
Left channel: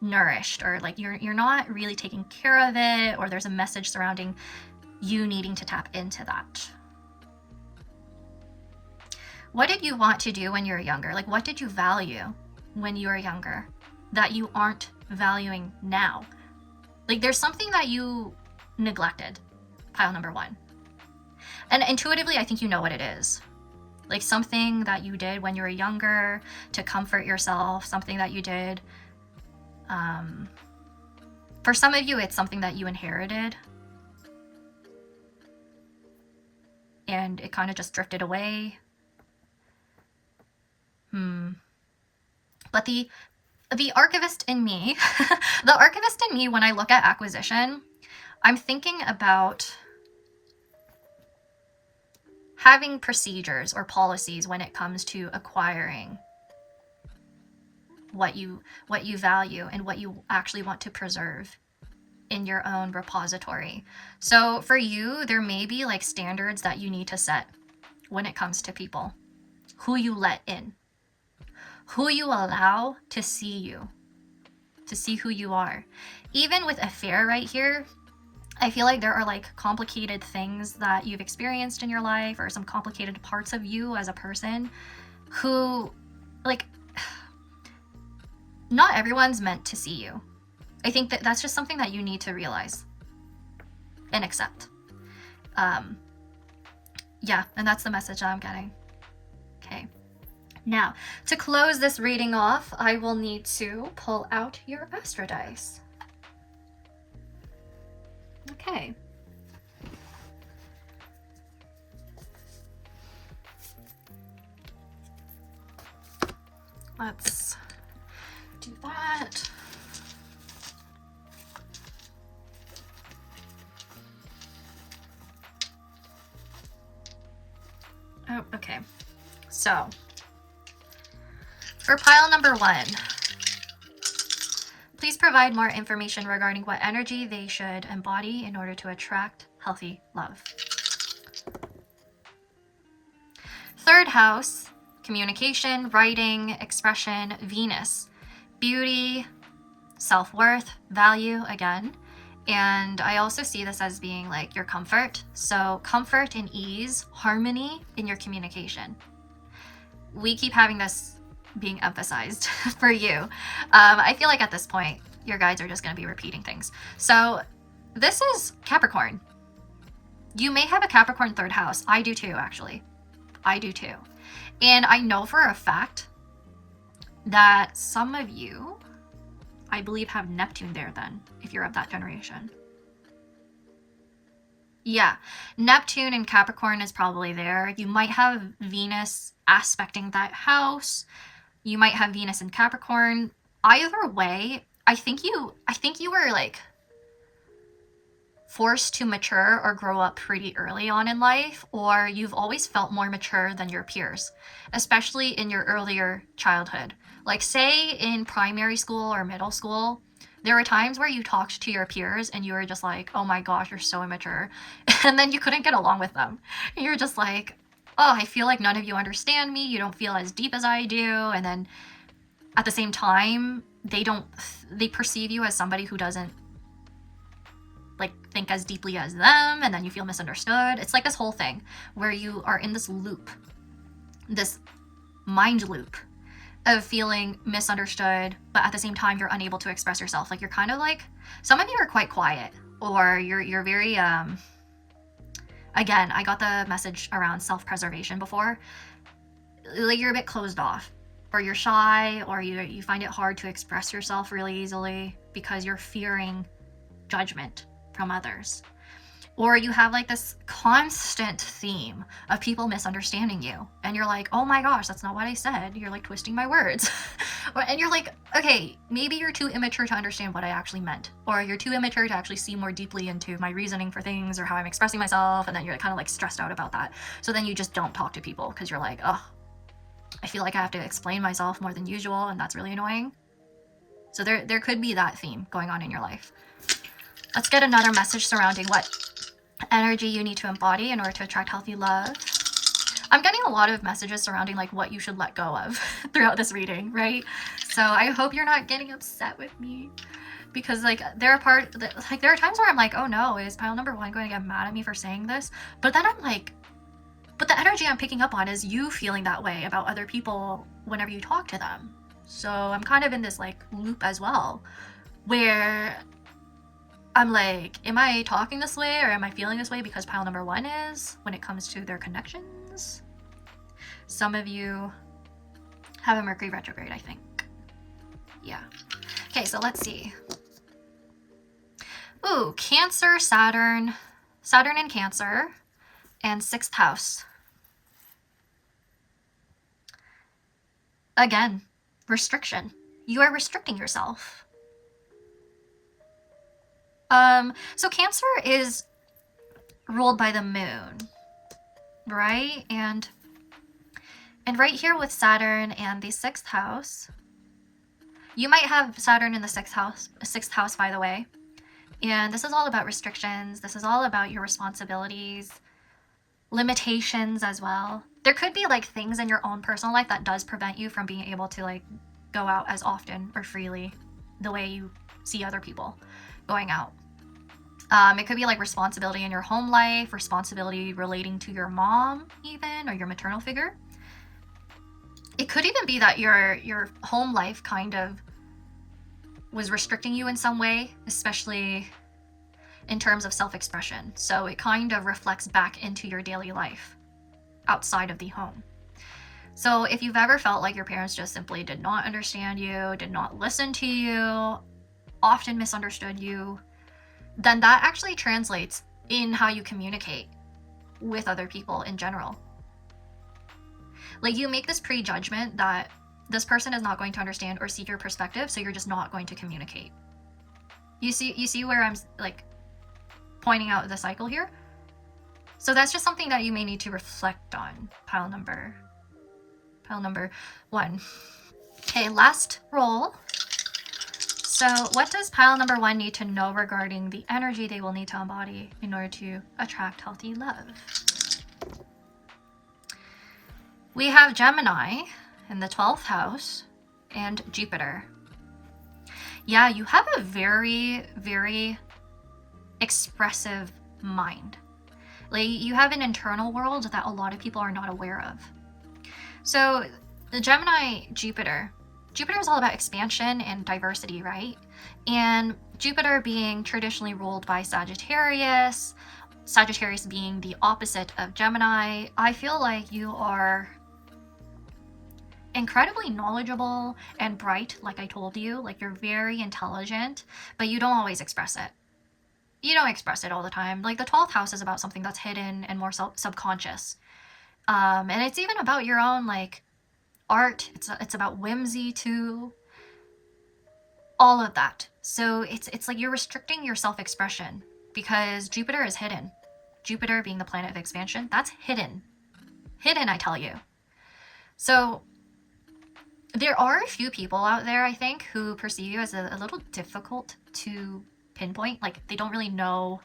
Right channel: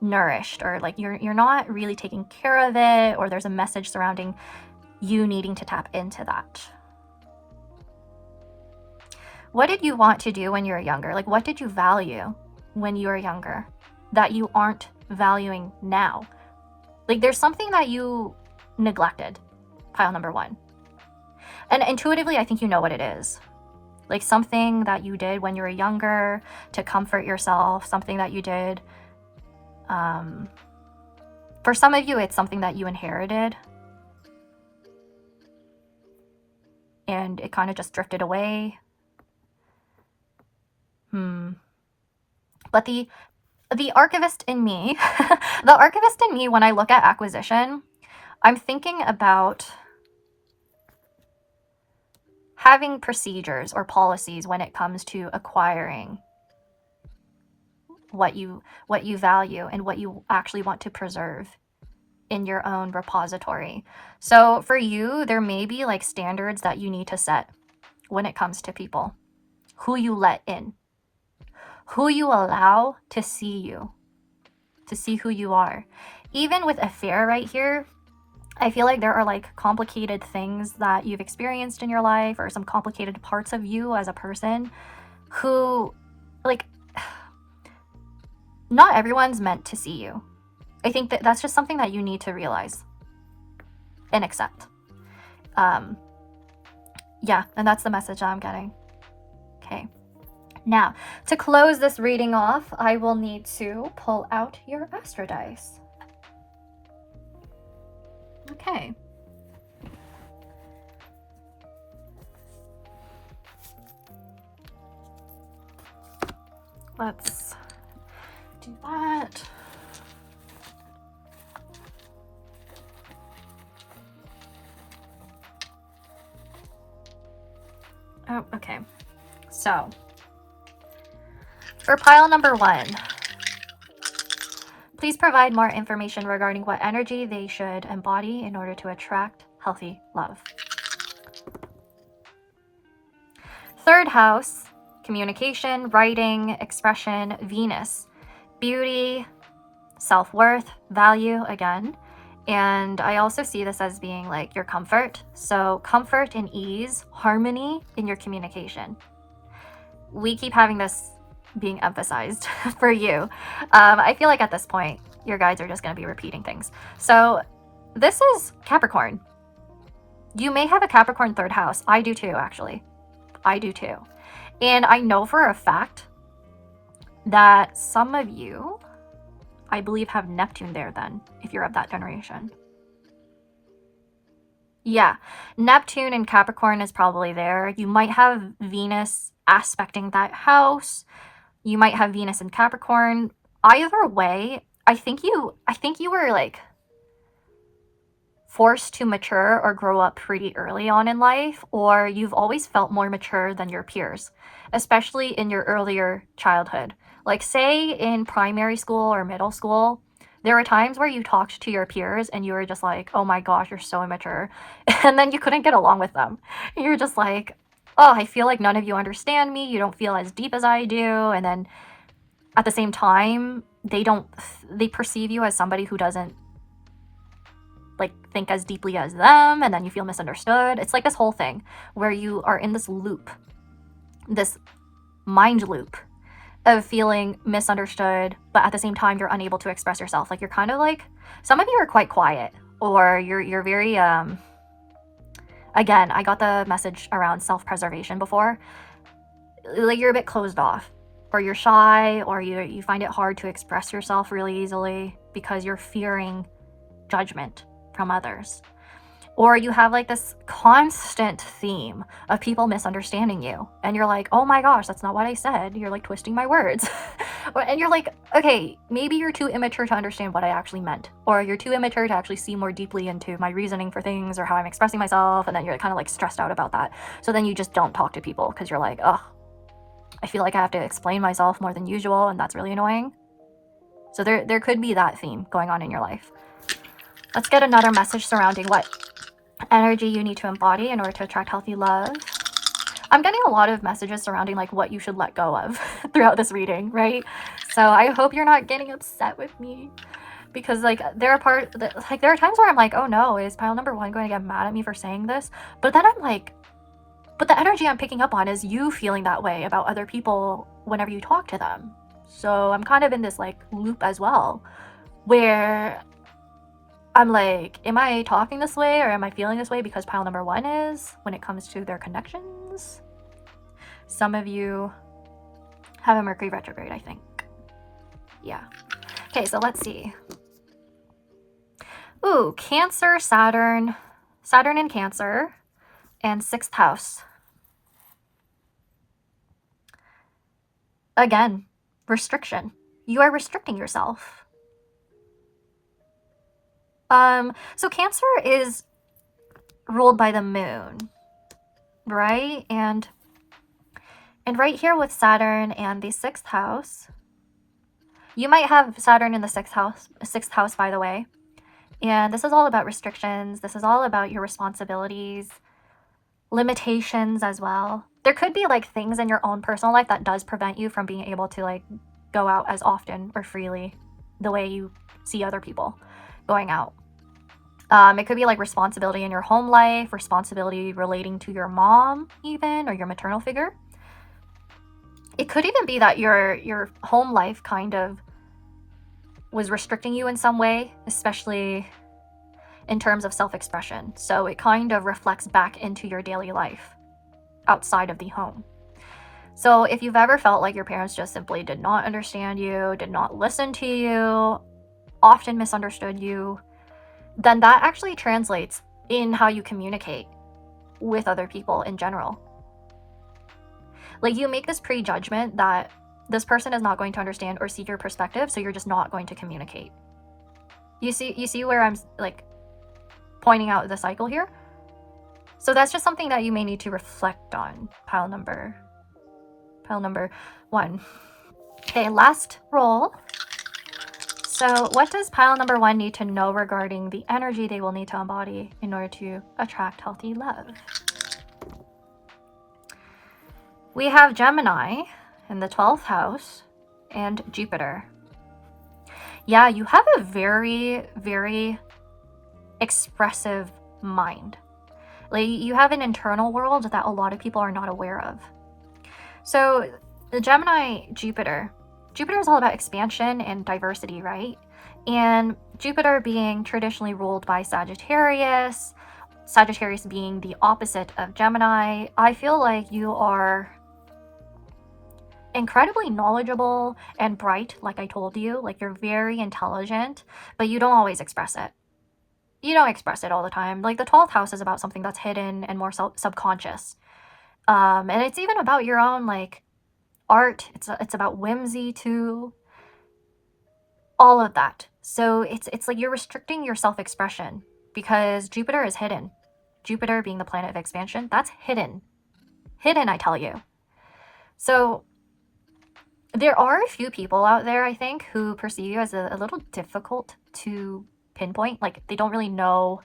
nourished, or like you're not really taking care of it, or there's a message surrounding you needing to tap into that. What did you want to do when you were younger? Like, what did you value when you were younger that you aren't valuing now? Like, there's something that you neglected, pile number 1. And intuitively, I think you know what it is. Like something that you did when you were younger to comfort yourself, something that you did. For some of you, it's something that you inherited. And it kind of just drifted away. But the archivist in me, the archivist in me, when I look at acquisition, I'm thinking about having procedures or policies when it comes to acquiring what you value and what you actually want to preserve in your own repository. So for you, there may be like standards that you need to set when it comes to people. Who you let in, who you allow to see you, to see who you are. Even with affair right here, I feel like there are like complicated things that you've experienced in your life, or some complicated parts of you as a person who, like, not everyone's meant to see you. I think that that's just something that you need to realize and accept. Yeah, and that's the message I'm getting. Okay. Now, to close this reading off, I will need to pull out your astro dice. Okay. Let's do that. Okay. So, for pile number 1, please provide more information regarding what energy they should embody in order to attract healthy love. 3rd house, communication, writing, expression, Venus, beauty, self-worth, value again. And I also see this as being like your comfort. So comfort and ease, harmony in your communication. We keep having this being emphasized for you. I feel like at this point, your guides are just going to be repeating things. So this is Capricorn. You may have a Capricorn 3rd house. I do too, actually. I do too. And I know for a fact that some of you, I believe, have Neptune there then, if you're of that generation. Yeah, Neptune and Capricorn is probably there. You might have Venus aspecting that house. You might have Venus in Capricorn. Either way, I think you were like forced to mature or grow up pretty early on in life, or you've always felt more mature than your peers, especially in your earlier childhood. Like say in primary school or middle school, there were times where you talked to your peers and you were just like, oh my gosh, you're so immature. And then you couldn't get along with them. You're just like, oh, I feel like none of you understand me. You don't feel as deep as I do. And then at the same time, they perceive you as somebody who doesn't like think as deeply as them. And then you feel misunderstood. It's like this whole thing where you are in this loop, this mind loop of feeling misunderstood, but at the same time you're unable to express yourself. Like you're kind of like, some of you are quite quiet, or you're very again, I got the message around self-preservation before. Like you're a bit closed off, or you're shy, or you find it hard to express yourself really easily because you're fearing judgment from others. Or you have like this constant theme of people misunderstanding you. And you're like, oh my gosh, that's not what I said. You're like twisting my words. And you're like, okay, maybe you're too immature to understand what I actually meant. Or you're too immature to actually see more deeply into my reasoning for things or how I'm expressing myself. And then you're kind of like stressed out about that. So then you just don't talk to people because you're like, oh, I feel like I have to explain myself more than usual. And that's really annoying. So there could be that theme going on in your life. Let's get another message surrounding what energy you need to embody in order to attract healthy love. I'm getting a lot of messages surrounding like what you should let go of throughout this reading, right? So I hope you're not getting upset with me, because like there are times where I'm like, oh no, is pile number 1 going to get mad at me for saying this? But then I'm like, but the energy I'm picking up on is you feeling that way about other people whenever you talk to them. So I'm kind of in this like loop as well, where I'm like, am I talking this way or am I feeling this way because pile number 1 is when it comes to their connections? Some of you have a Mercury retrograde, I think. Yeah. Okay, so let's see. Ooh, Cancer, Saturn in Cancer, and 6th house. Again, restriction. You are restricting yourself. So Cancer is ruled by the moon, right? And right here with Saturn and the 6th house, you might have Saturn in the 6th house, by the way. And this is all about restrictions. This is all about your responsibilities, limitations as well. There could be like things in your own personal life that does prevent you from being able to like go out as often or freely the way you see other people going out. It could be like responsibility in your home life, responsibility relating to your mom even, or your maternal figure. It could even be that your home life kind of was restricting you in some way, especially in terms of self-expression. So it kind of reflects back into your daily life outside of the home. So if you've ever felt like your parents just simply did not understand you, did not listen to you, often misunderstood you, then that actually translates in how you communicate with other people in general. Like you make this prejudgment that this person is not going to understand or see your perspective, so you're just not going to communicate. You see where I'm like pointing out the cycle here? So that's just something that you may need to reflect on, pile number 1. Okay, last roll. So what does pile number 1 need to know regarding the energy they will need to embody in order to attract healthy love? We have Gemini in the 12th house and Jupiter. Yeah, you have a very, very expressive mind. Like, you have an internal world that a lot of people are not aware of. So the Gemini Jupiter is all about expansion and diversity, right? And Jupiter being traditionally ruled by Sagittarius being the opposite of Gemini, I feel like you are incredibly knowledgeable and bright, like I told you. Like, you're very intelligent, but you don't always express it. You don't express it all the time. Like, the 12th house is about something that's hidden and more subconscious. And it's even about your own, like, art. It's about whimsy too. All of that. So it's like you're restricting your self-expression because Jupiter is hidden. Jupiter being the planet of expansion, that's hidden. Hidden, I tell you. So there are a few people out there, I think, who perceive you as a little difficult to pinpoint. Like, they don't really know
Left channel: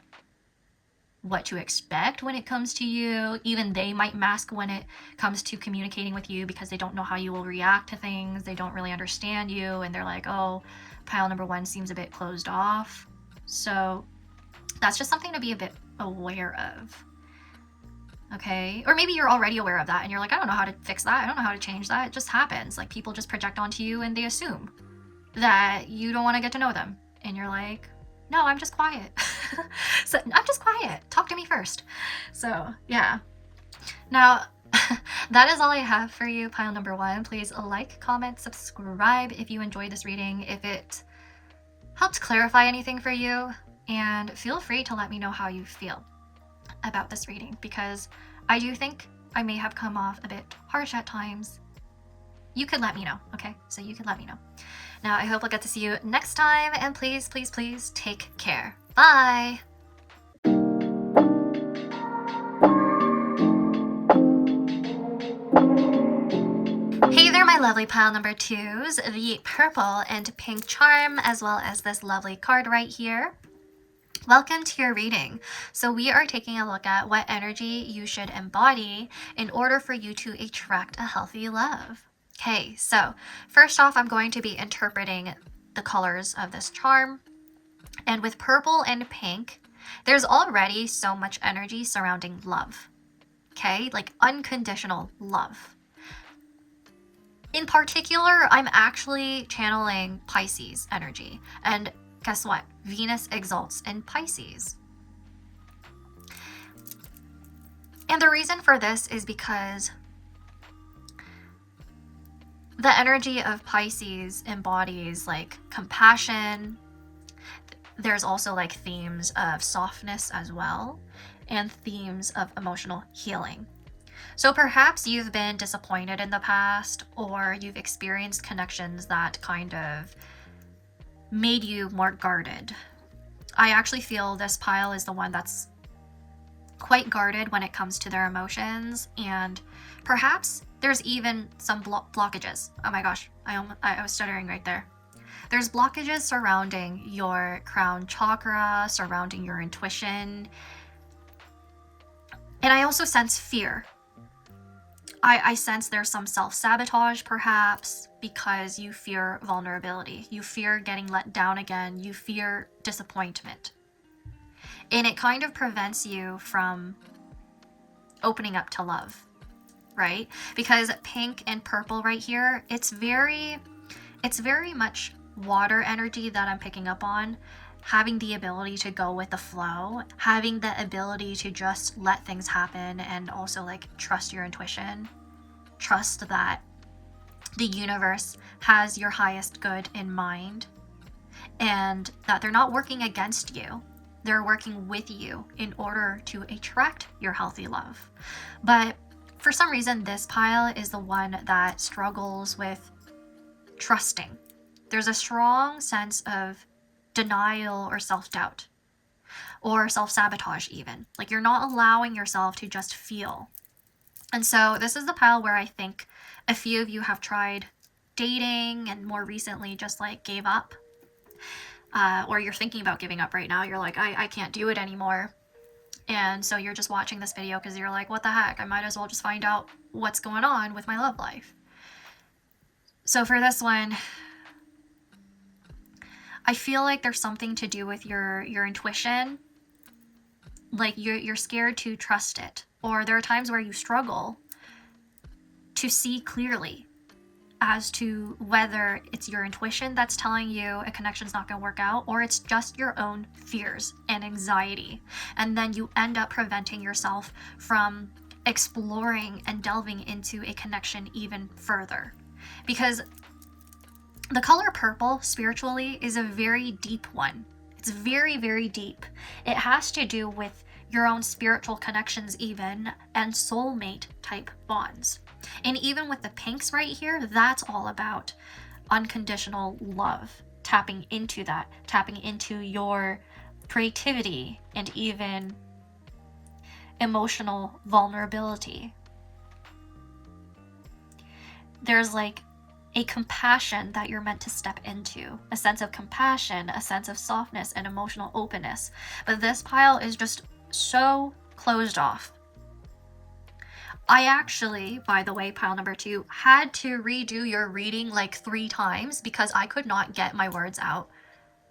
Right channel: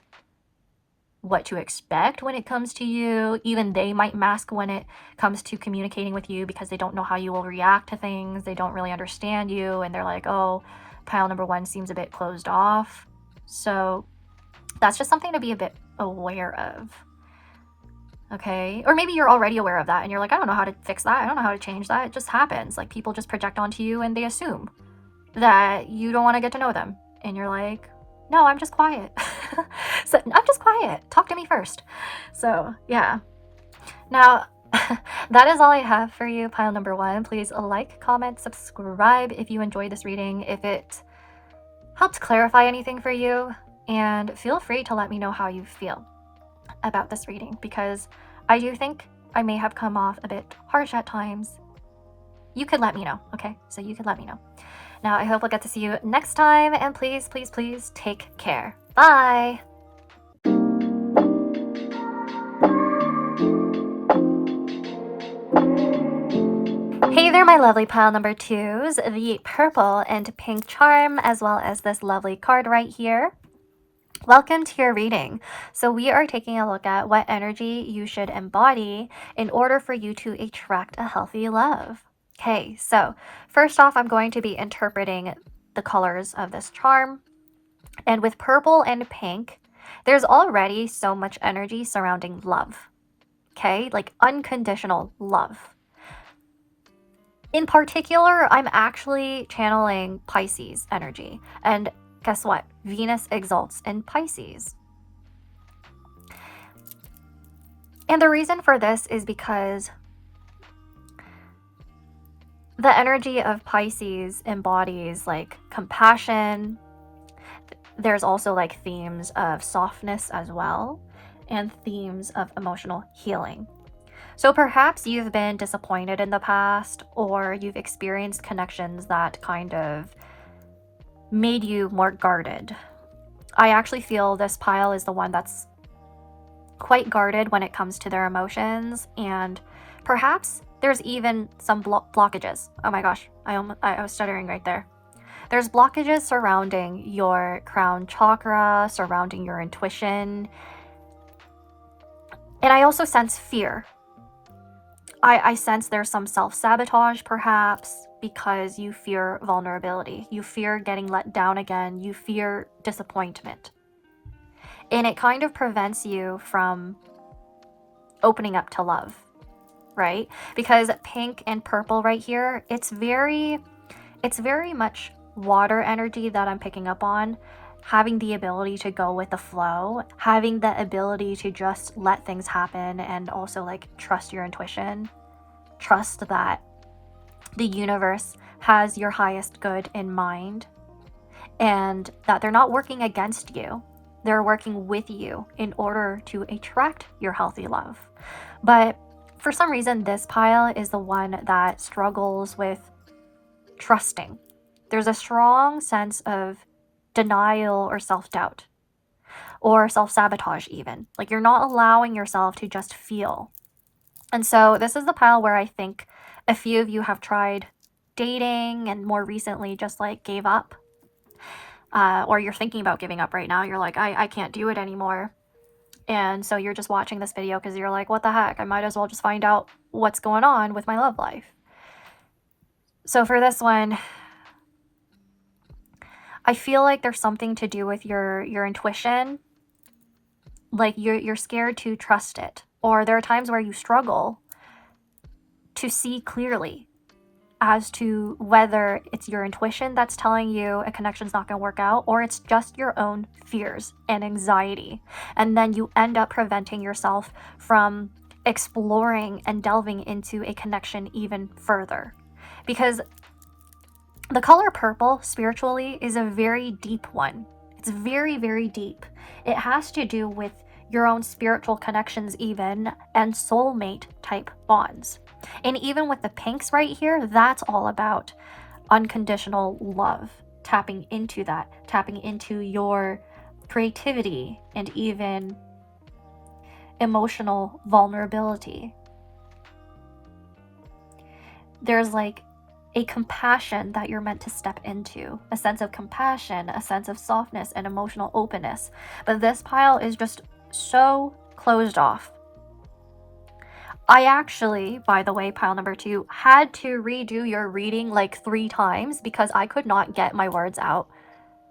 what to expect when it comes to you. Even they might mask when it comes to communicating with you because they don't know how you will react to things. They don't really understand you, and they're like, oh, pile number 1 seems a bit closed off. So that's just something to be a bit aware of. Okay, or maybe you're already aware of that and you're like, I don't know how to fix that. I don't know how to change that. It just happens. Like, people just project onto you and they assume that you don't want to get to know them. And you're like, no, I'm just quiet. So I'm just quiet. Talk to me first. So yeah. Now, that is all I have for you, pile number 1. Please like, comment, subscribe if you enjoyed this reading, if it helped clarify anything for you, and feel free to let me know how you feel about this reading, because I do think I may have come off a bit harsh at times. You could let me know, okay? So you could let me know. Now, I hope I'll get to see you next time, and please, please, please take care. Bye! Hey there, my lovely pile number 2s, the purple and pink charm, as well as this lovely card right here. Welcome to your reading. So we are taking a look at what energy you should embody in order for you to attract a healthy love. Okay, so first off, I'm going to be interpreting the colors of this charm. And with purple and pink, there's already so much energy surrounding love. Okay, like unconditional love. In particular, I'm actually channeling Pisces energy. And guess what? Venus exalts in Pisces. And the reason for this is because the energy of Pisces embodies like compassion. There's also like themes of softness as well, and themes of emotional healing. So perhaps you've been disappointed in the past, or you've experienced connections that kind of made you more guarded. I actually feel this pile is the one that's quite guarded when it comes to their emotions, and perhaps there's even some blockages. Oh my gosh, I was stuttering right there. There's blockages surrounding your crown chakra, surrounding your intuition. And I also sense fear. I sense there's some self-sabotage perhaps, because you fear vulnerability. You fear getting let down again. You fear disappointment. And it kind of prevents you from opening up to love, right? Because pink and purple right here, it's very much water energy that I'm picking up on. Having the ability to go with the flow, having the ability to just let things happen, and also like trust your intuition. Trust that the universe has your highest good in mind, and that they're not working against you. They're working with you in order to attract your healthy love. But for some reason, this pile is the one that struggles with trusting. There's a strong sense of denial or self-doubt. or self-sabotage even. Like, you're not allowing yourself to just feel. And so this is the pile where I think a few of you have tried dating and more recently just like gave up. Or you're thinking about giving up right now. You're like, I can't do it anymore. And so you're just watching this video because you're like, what the heck? I might as well just find out what's going on with my love life. So for this one, I feel like there's something to do with your intuition. Like you're scared to trust it. Or there are times where you struggle to see clearly as to whether it's your intuition that's telling you a connection's not going to work out, or it's just your own fears and anxiety. And then you end up preventing yourself from exploring and delving into a connection even further. Because the color purple, spiritually, is a very deep one. It's very, very deep. It has to do with your own spiritual connections even, and soulmate type bonds. And even with the pinks right here, that's all about unconditional love. Tapping into that, tapping into your creativity and even emotional vulnerability. There's like a compassion that you're meant to step into, a sense of compassion, a sense of softness and emotional openness. But this pile is just so closed off. I actually, by the way, pile number 2, had to redo your reading like 3 times because I could not get my words out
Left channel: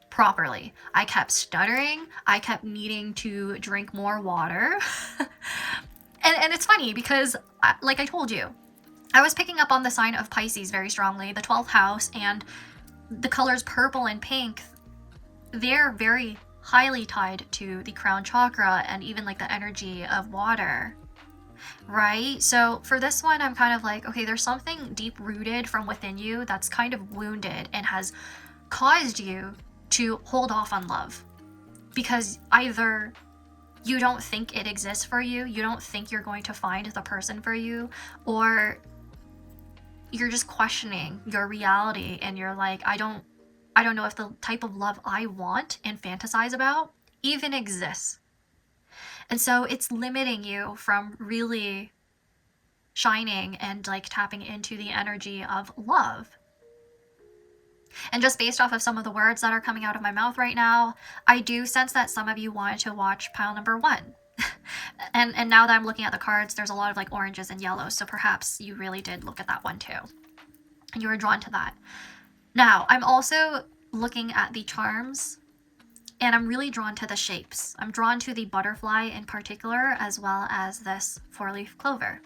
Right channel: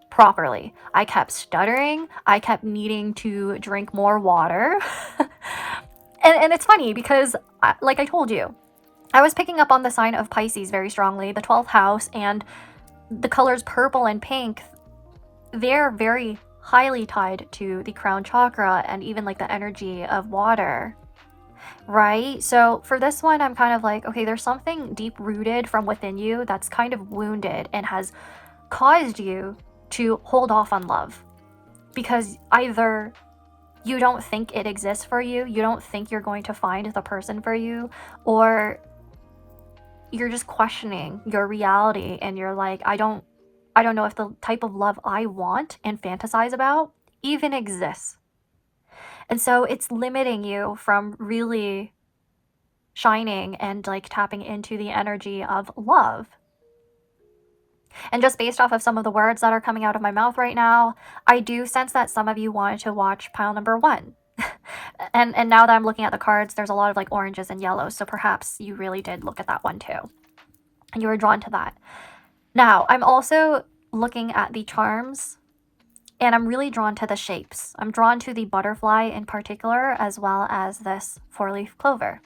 properly. I kept stuttering. I kept needing to drink more water. and it's funny because, like I told you, I was picking up on the sign of Pisces very strongly, the 12th house, and the colors purple and pink, they're very highly tied to the crown chakra and even like the energy of water. Right? So for this one, I'm kind of like, okay, there's something deep rooted from within you that's kind of wounded and has caused you to hold off on love. Because either you don't think it exists for you, you don't think you're going to find the person for you, or you're just questioning your reality and you're like, I don't know if the type of love I want and fantasize about even exists. And so it's limiting you from really shining and like tapping into the energy of love. And just based off of some of the words that are coming out of my mouth right now, I do sense that some of you wanted to watch pile number 1. and now that I'm looking at the cards, there's a lot of like oranges and yellows. So perhaps you really did look at that one too. And you were drawn to that. Now, I'm also looking at the charms. And I'm really drawn to the shapes. I'm drawn to the butterfly in particular, as well as this 4-leaf clover.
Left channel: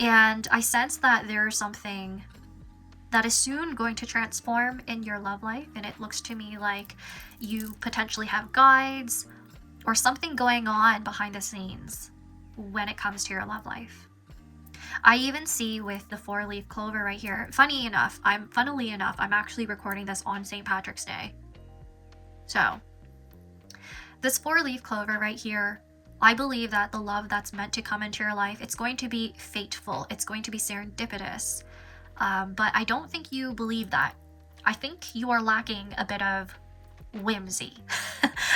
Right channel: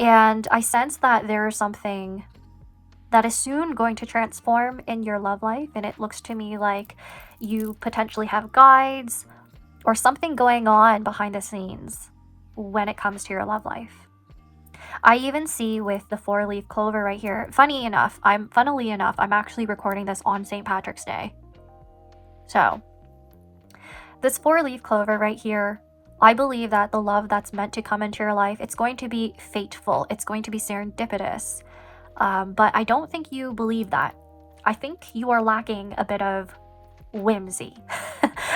And I sense that there is something that is soon going to transform in your love life. And it looks to me like you potentially have guides or something going on behind the scenes when it comes to your love life. I even see with the 4-leaf clover right here, funnily enough, I'm actually recording this on St. Patrick's Day. So, this 4-leaf clover right here, I believe that the love that's meant to come into your life, it's going to be fateful. It's going to be serendipitous. But I don't think you believe that. I think you are lacking a bit of whimsy.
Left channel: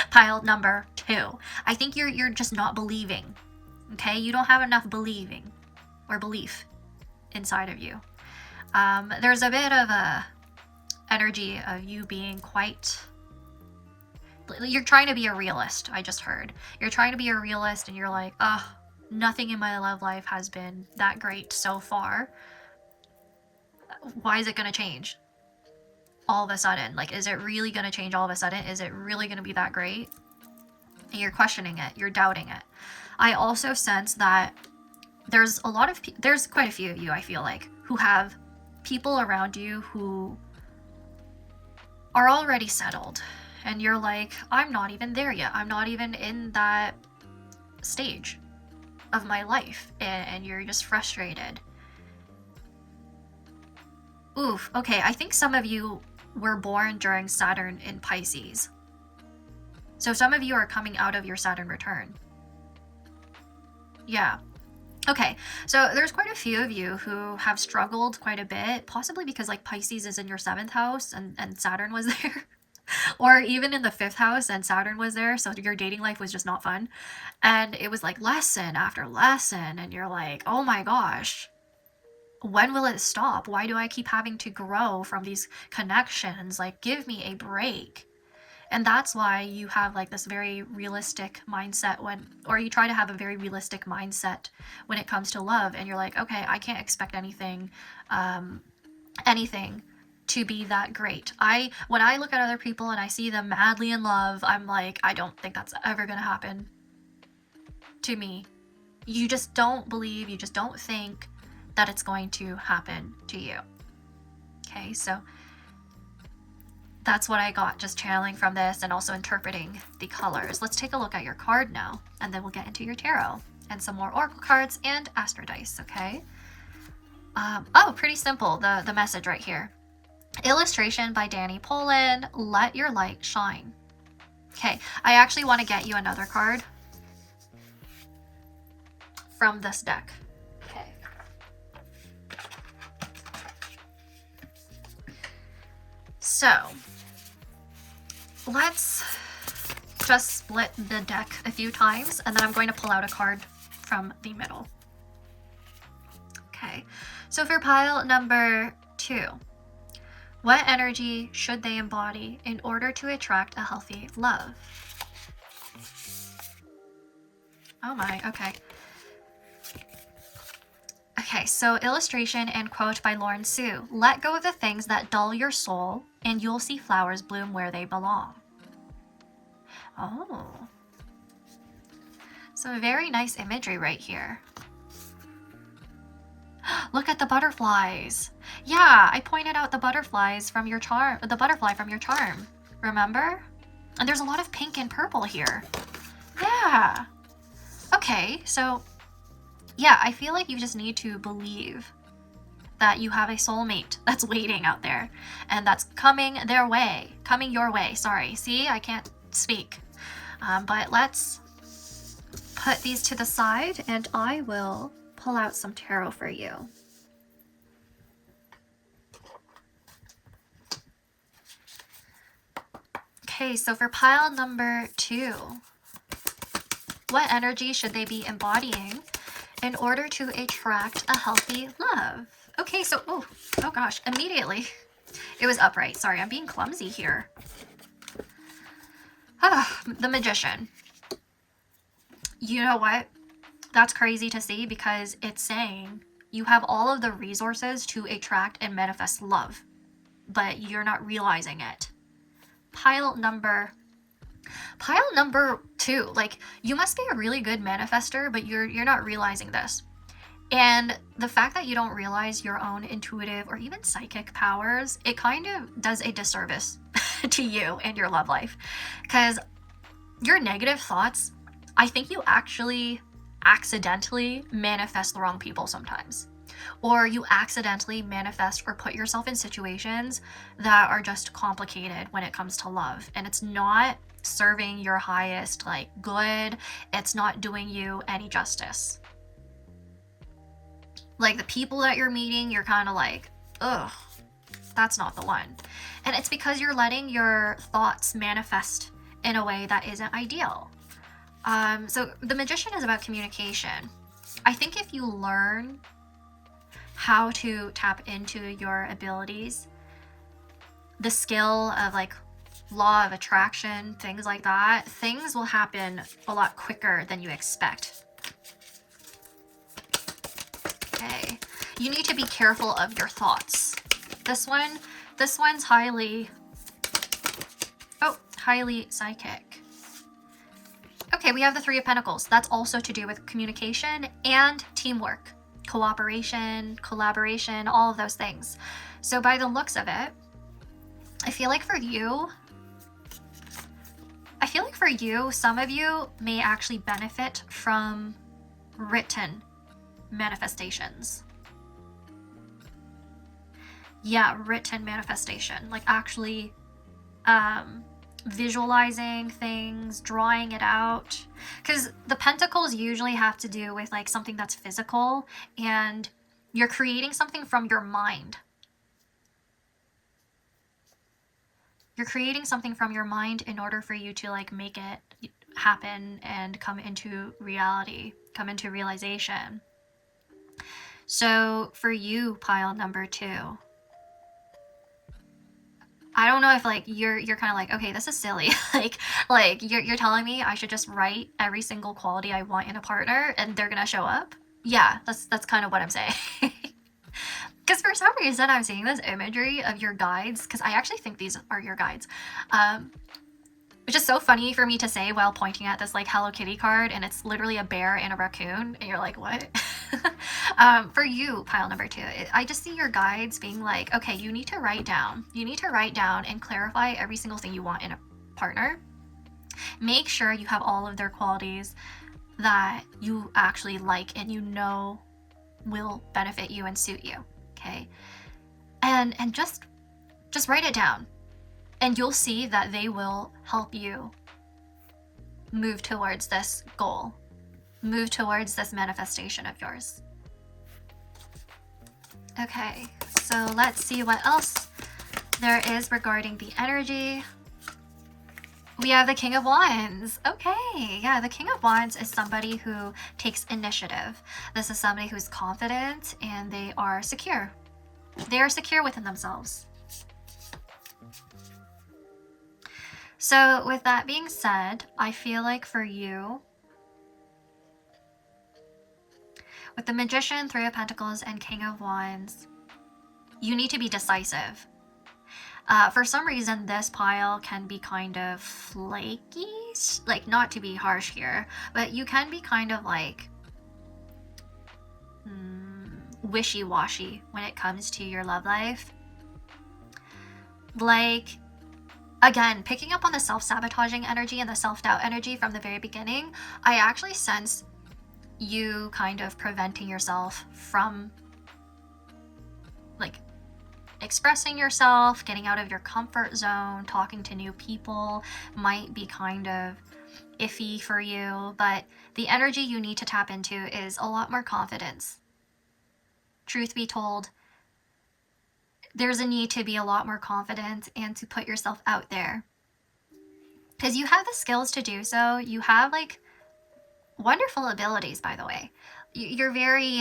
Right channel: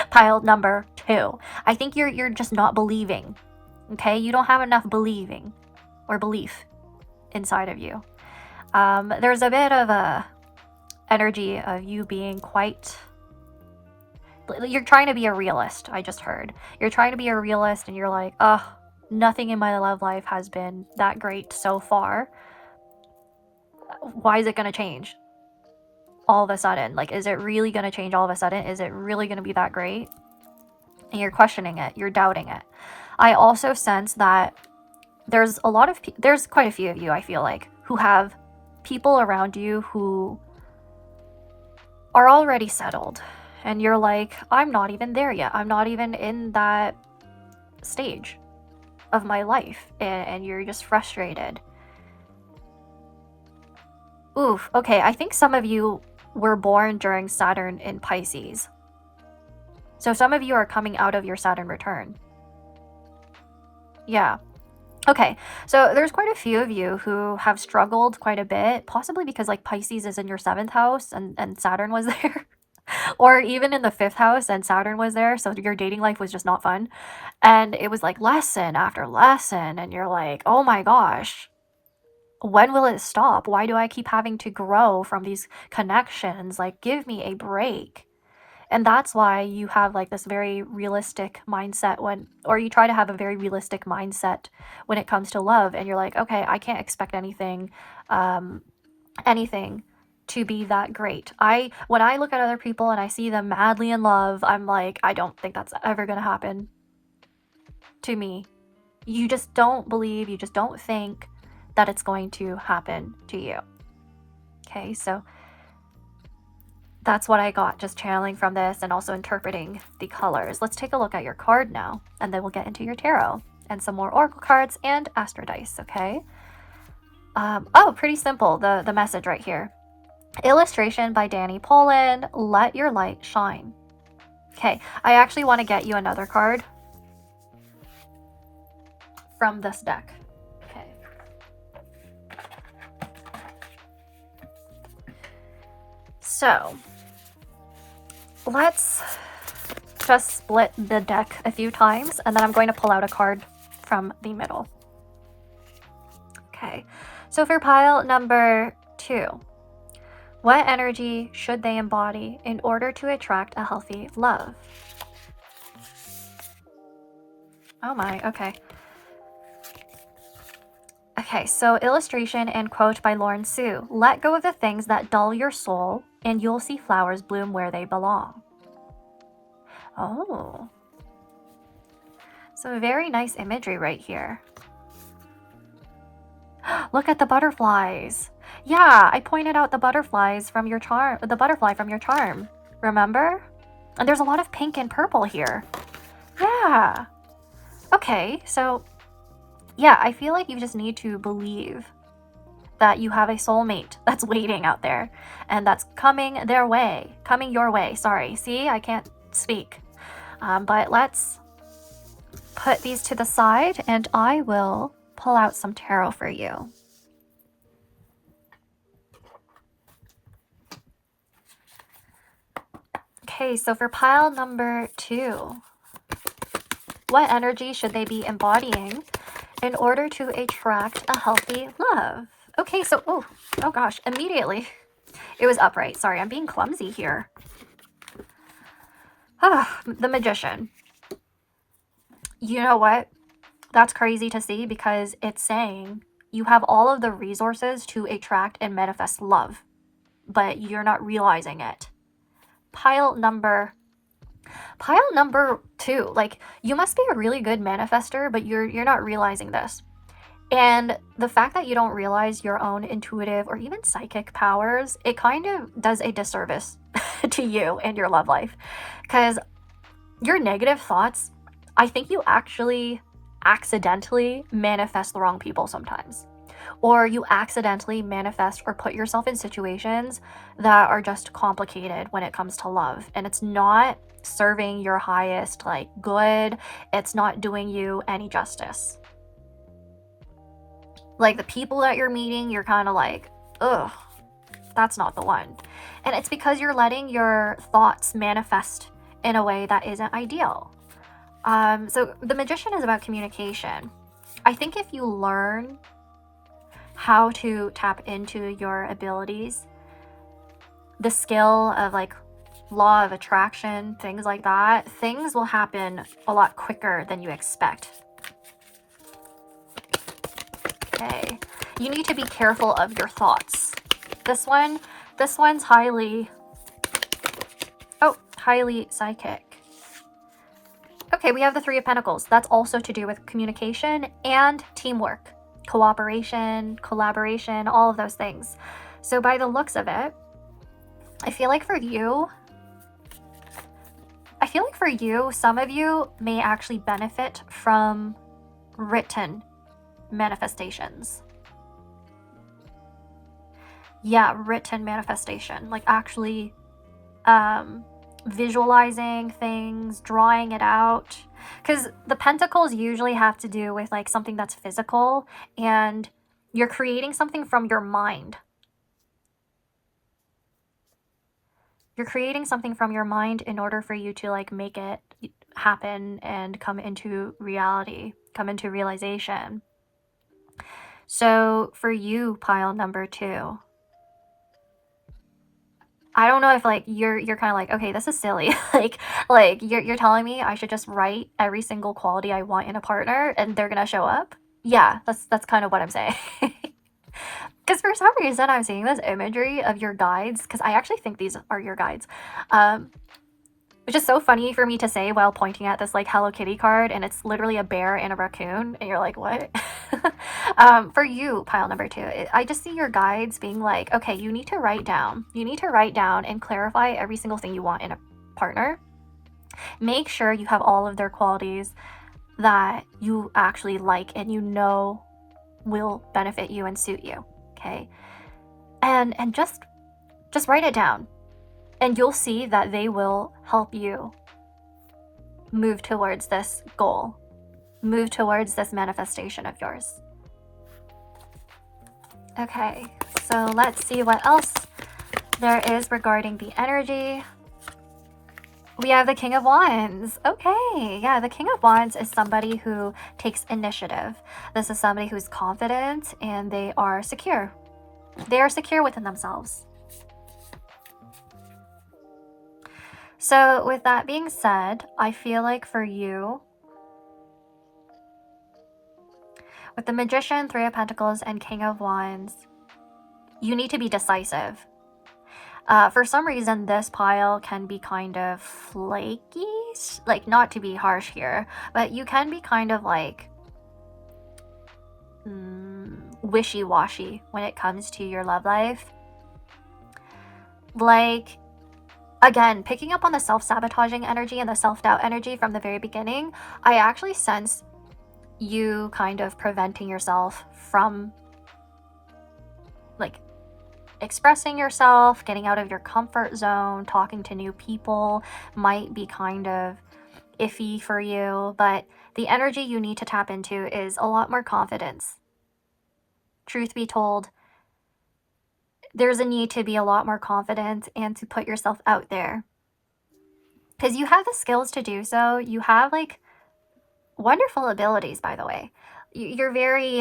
Pile number 2. I think you're just not believing. Okay? You don't have enough believing or belief inside of you. There's a bit of a energy of you being quite... You're trying to be a realist, I just heard. You're trying to be a realist and you're like, oh, nothing in my love life has been that great so far. Why is it going to change all of a sudden? Like, is it really going to change all of a sudden? Is it really going to be that great? And you're questioning it. You're doubting it. I also sense that there's quite a few of you, I feel like, who have people around you who are already settled. And you're like, I'm not even there yet. I'm not even in that stage of my life. And you're just frustrated. Oof. Okay, I think some of you were born during Saturn in Pisces. So some of you are coming out of your Saturn return. Yeah. Okay, so there's quite a few of you who have struggled quite a bit, possibly because like Pisces is in your 7th house and Saturn was there. Or even in the 5th house and Saturn was there, so your dating life was just not fun. And it was like lesson after lesson, and you're like, oh my gosh, when will it stop? Why do I keep having to grow from these connections? Like, give me a break. And that's why you have like this very realistic mindset or you try to have a very realistic mindset when it comes to love. And you're like, okay, I can't expect anything to be that great. When I look at other people and I see them madly in love, I'm like, I don't think that's ever going to happen to me. You just don't believe, you just don't think that it's going to happen to you. Okay, so that's what I got just channeling from this and also interpreting the colors. Let's take a look at your card now, and then we'll get into your tarot and some more oracle cards and astro dice, okay? Oh, pretty simple, the message right here. Illustration by Danny Poland, Let Your Light Shine. Okay, I actually want to get you another card from this deck. Okay. So, let's just split the deck a few times, and then I'm going to pull out a card from the middle. Okay, so for pile number 2, what energy should they embody in order to attract a healthy love? Oh my, okay. Okay, so illustration and quote by Lauren Sue. Let go of the things that dull your soul, and you'll see flowers bloom where they belong. Oh. So very nice imagery right here. Look at the butterflies. Yeah, I pointed out the butterflies from your charm, the butterfly from your charm. Remember? And there's a lot of pink and purple here. Yeah. Okay, so yeah, I feel like you just need to believe that you have a soulmate that's waiting out there and that's coming your way. Sorry, see, I can't speak. But let's put these to the side and I will pull out some tarot for you. Okay, so for pile number 2, what energy should they be embodying in order to attract a healthy love? Okay, so, oh gosh, immediately it was upright. Sorry, I'm being clumsy here. The Magician. You know what? That's crazy to see because it's saying you have all of the resources to attract and manifest love, but you're not realizing it. Pile number 2, like, you must be a really good manifester, but you're not realizing this. And the fact that you don't realize your own intuitive or even psychic powers, it kind of does a disservice to you and your love life. Because your negative thoughts, I think you actually accidentally manifest the wrong people sometimes. Or you accidentally manifest or put yourself in situations that are just complicated when it comes to love. And it's not serving your highest, like, good. It's not doing you any justice. Like, the people that you're meeting, you're kind of like, ugh, that's not the one. And it's because you're letting your thoughts manifest in a way that isn't ideal. So the Magician is about communication. I think if you learn how to tap into your abilities, the skill of, like, law of attraction, things like that, things will happen a lot quicker than you expect. Okay, you need to be careful of your thoughts. This one's highly psychic. Okay, we have the 3 of Pentacles. That's also to do with communication and teamwork, cooperation, collaboration, all of those things. So by the looks of it, I feel like for you, some of you may actually benefit from written manifestations. Yeah, written manifestation, like actually visualizing things, drawing it out, because the pentacles usually have to do with, like, something that's physical, and you're creating something from your mind. You're creating something from your mind in order for you to like make it happen and come into reality, come into realization. So for you, pile number 2, I don't know if like you're kind of like, okay, this is silly. like you're telling me I should just write every single quality I want in a partner and they're gonna show up. Yeah, that's kind of what I'm saying. Because for some reason I'm seeing this imagery of your guides, because I actually think these are your guides. It's just so funny for me to say while pointing at this like Hello Kitty card, and it's literally a bear and a raccoon, and you're like, what? For you, pile number 2, I just see your guides being like, okay, you need to write down and clarify every single thing you want in a partner. Make sure you have all of their qualities that you actually like and you know will benefit you and suit you. Okay, and just write it down, and you'll see that they will help you move towards this goal, move towards this manifestation of yours. Okay, so let's see what else there is regarding the energy. We have the King of Wands. Okay, yeah, the King of Wands is somebody who takes initiative. This is somebody who's confident and they are secure. They are secure within themselves. So with that being said, I feel like for you, with the Magician, 3 of Pentacles, and King of Wands, you need to be decisive. For some reason, this pile can be kind of flaky, like not to be harsh here, but you can be kind of like wishy-washy when it comes to your love life. Like, again, picking up on the self-sabotaging energy and the self-doubt energy from the very beginning, I actually sense you kind of preventing yourself from like expressing yourself, getting out of your comfort zone, talking to new people might be kind of iffy for you, but the energy you need to tap into is a lot more confidence. Truth be told, there's a need to be a lot more confident and to put yourself out there, because you have the skills to do so. You have like wonderful abilities, by the way. You're very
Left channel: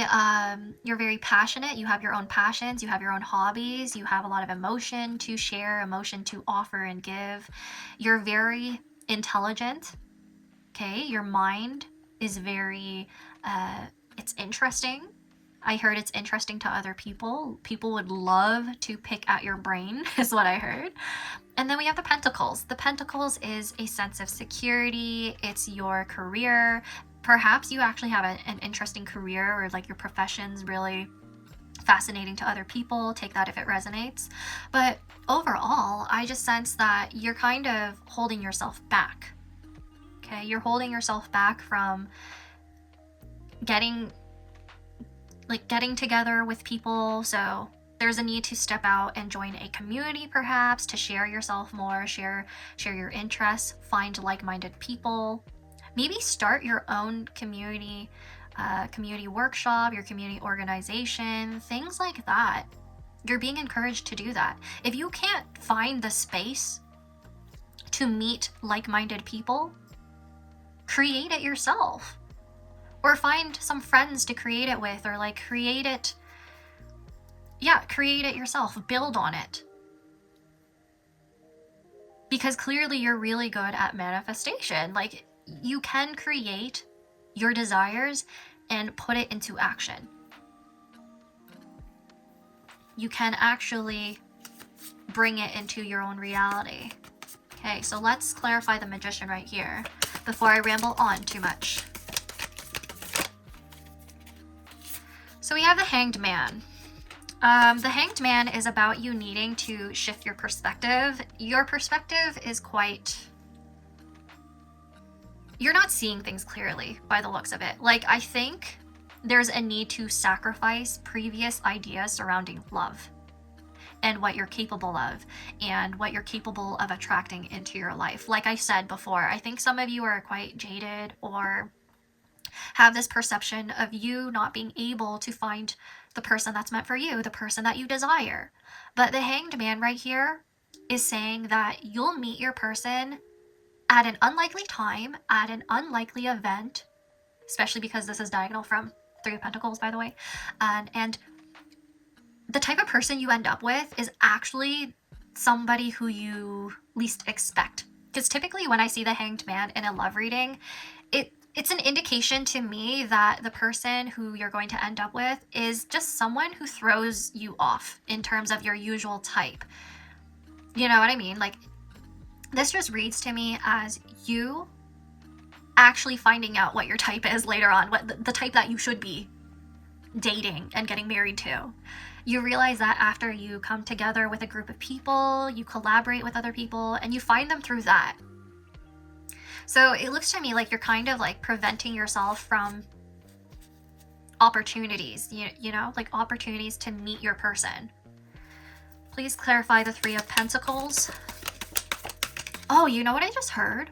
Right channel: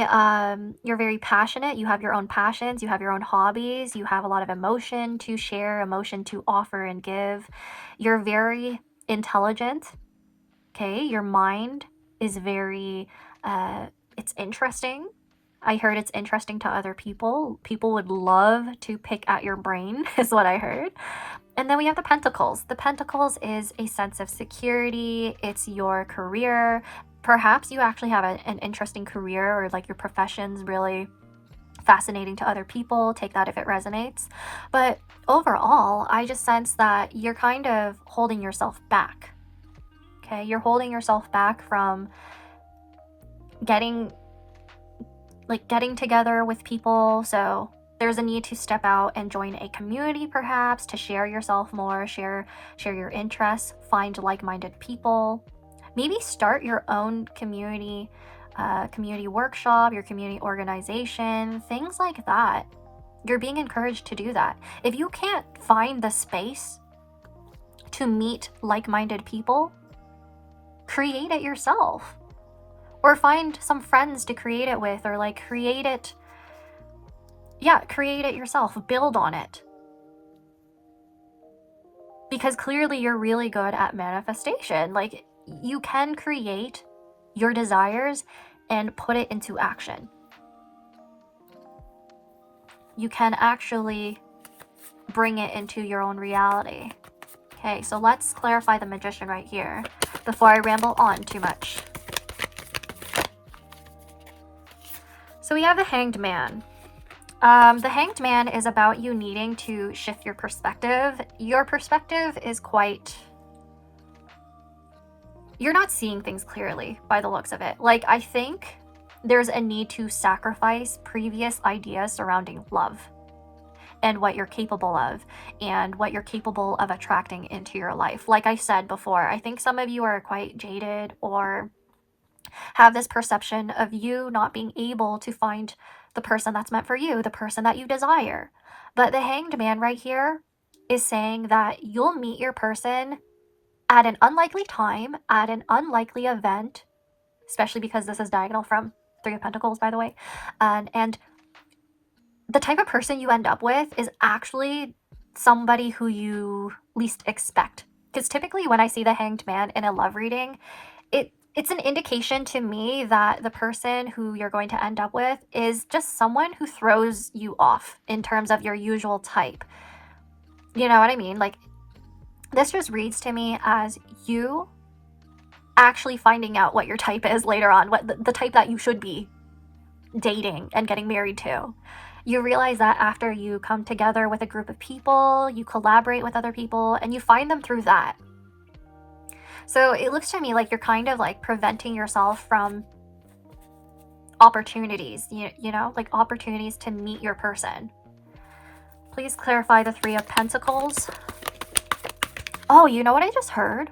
passionate. You have your own passions, you have your own hobbies, you have a lot of emotion to share, emotion to offer and give. You're very intelligent. Okay, your mind is very it's interesting. I heard it's interesting to other people. People would love to pick at your brain is what I heard. And then we have the Pentacles. The Pentacles is a sense of security. It's your career. Perhaps you actually have an interesting career, or like your profession's really fascinating to other people. Take that if it resonates. But overall, I just sense that you're kind of holding yourself back. Okay, you're holding yourself back from getting together with people. So there's a need to step out and join a community, perhaps, to share yourself more, share your interests, find like-minded people. Maybe start your own community workshop, your community organization, things like that. You're being encouraged to do that. If you can't find the space to meet like-minded people, create it yourself. Or find some friends to create it with, or like create it yourself, build on it. Because clearly you're really good at manifestation. Like, you can create your desires and put it into action. You can actually bring it into your own reality. Okay, so let's clarify the Magician right here before I ramble on too much. So we have the Hanged Man. The Hanged Man is about you needing to shift your perspective. Your perspective is you're not seeing things clearly by the looks of it. Like, I think there's a need to sacrifice previous ideas surrounding love and what you're capable of and what you're capable of attracting into your life. Like I said before, I think some of you are quite jaded or have this perception of you not being able to find the person that's meant for you, the person that you desire. But the Hanged Man right here is saying that you'll meet your person at an unlikely time, at an unlikely event, especially because this is diagonal from Three of Pentacles, by the way. And the type of person you end up with is actually somebody who you least expect. Because typically when I see the Hanged Man in a love reading, it's an indication to me that the person who you're going to end up with is just someone who throws you off in terms of your usual type. You know what I mean? Like, this just reads to me as you actually finding out what your type is later on, what the type that you should be dating and getting married to. You realize that after you come together with a group of people, you collaborate with other people, and you find them through that. So it looks to me like you're kind of like preventing yourself from opportunities, you know, like opportunities to meet your person. Please clarify the Three of Pentacles. Oh, you know what I just heard?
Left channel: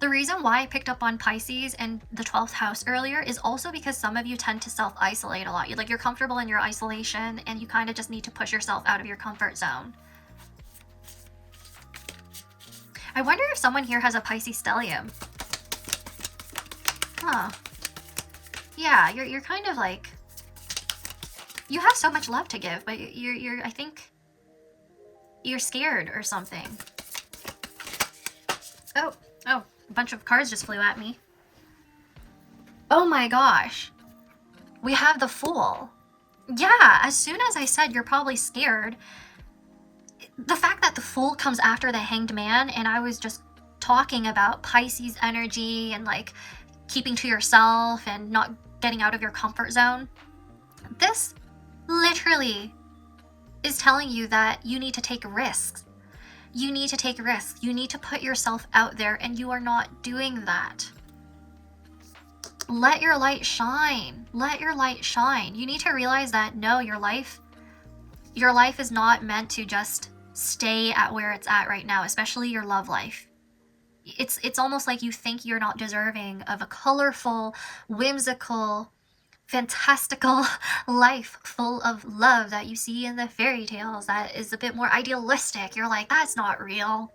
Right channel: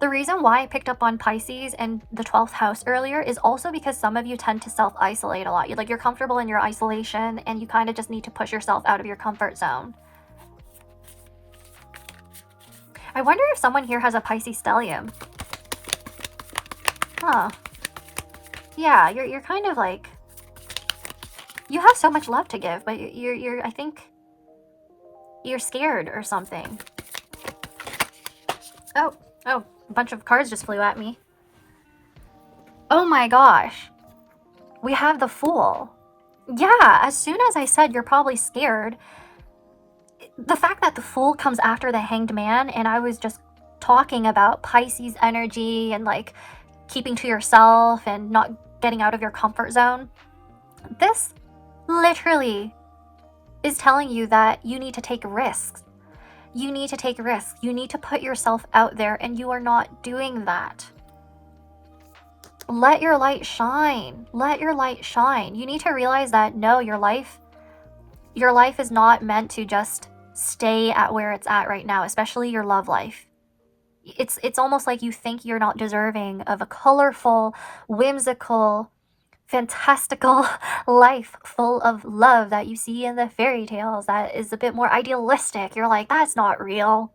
The reason why I picked up on Pisces and the 12th house earlier is also because some of you tend to self-isolate a lot. You're comfortable in your isolation and you kind of just need to push yourself out of your comfort zone. I wonder if someone here has a Pisces stellium. Huh. Yeah, you're kind of like, you have so much love to give, but I think you're scared or something. Oh, a bunch of cards just flew at me. Oh my gosh. We have the Fool. Yeah, as soon as I said you're probably scared, the fact that the Fool comes after the Hanged Man, and I was just talking about Pisces energy and like keeping to yourself and not getting out of your comfort zone, this literally is telling you that you need to take risks. You need to take risks. You need to put yourself out there, and you are not doing that. Let your light shine. Let your light shine. You need to realize that no, your life is not meant to just stay at where it's at right now, especially your love life. It's almost like you think you're not deserving of a colorful, whimsical, fantastical life full of love that you see in the fairy tales that is a bit more idealistic. You're like, that's not real.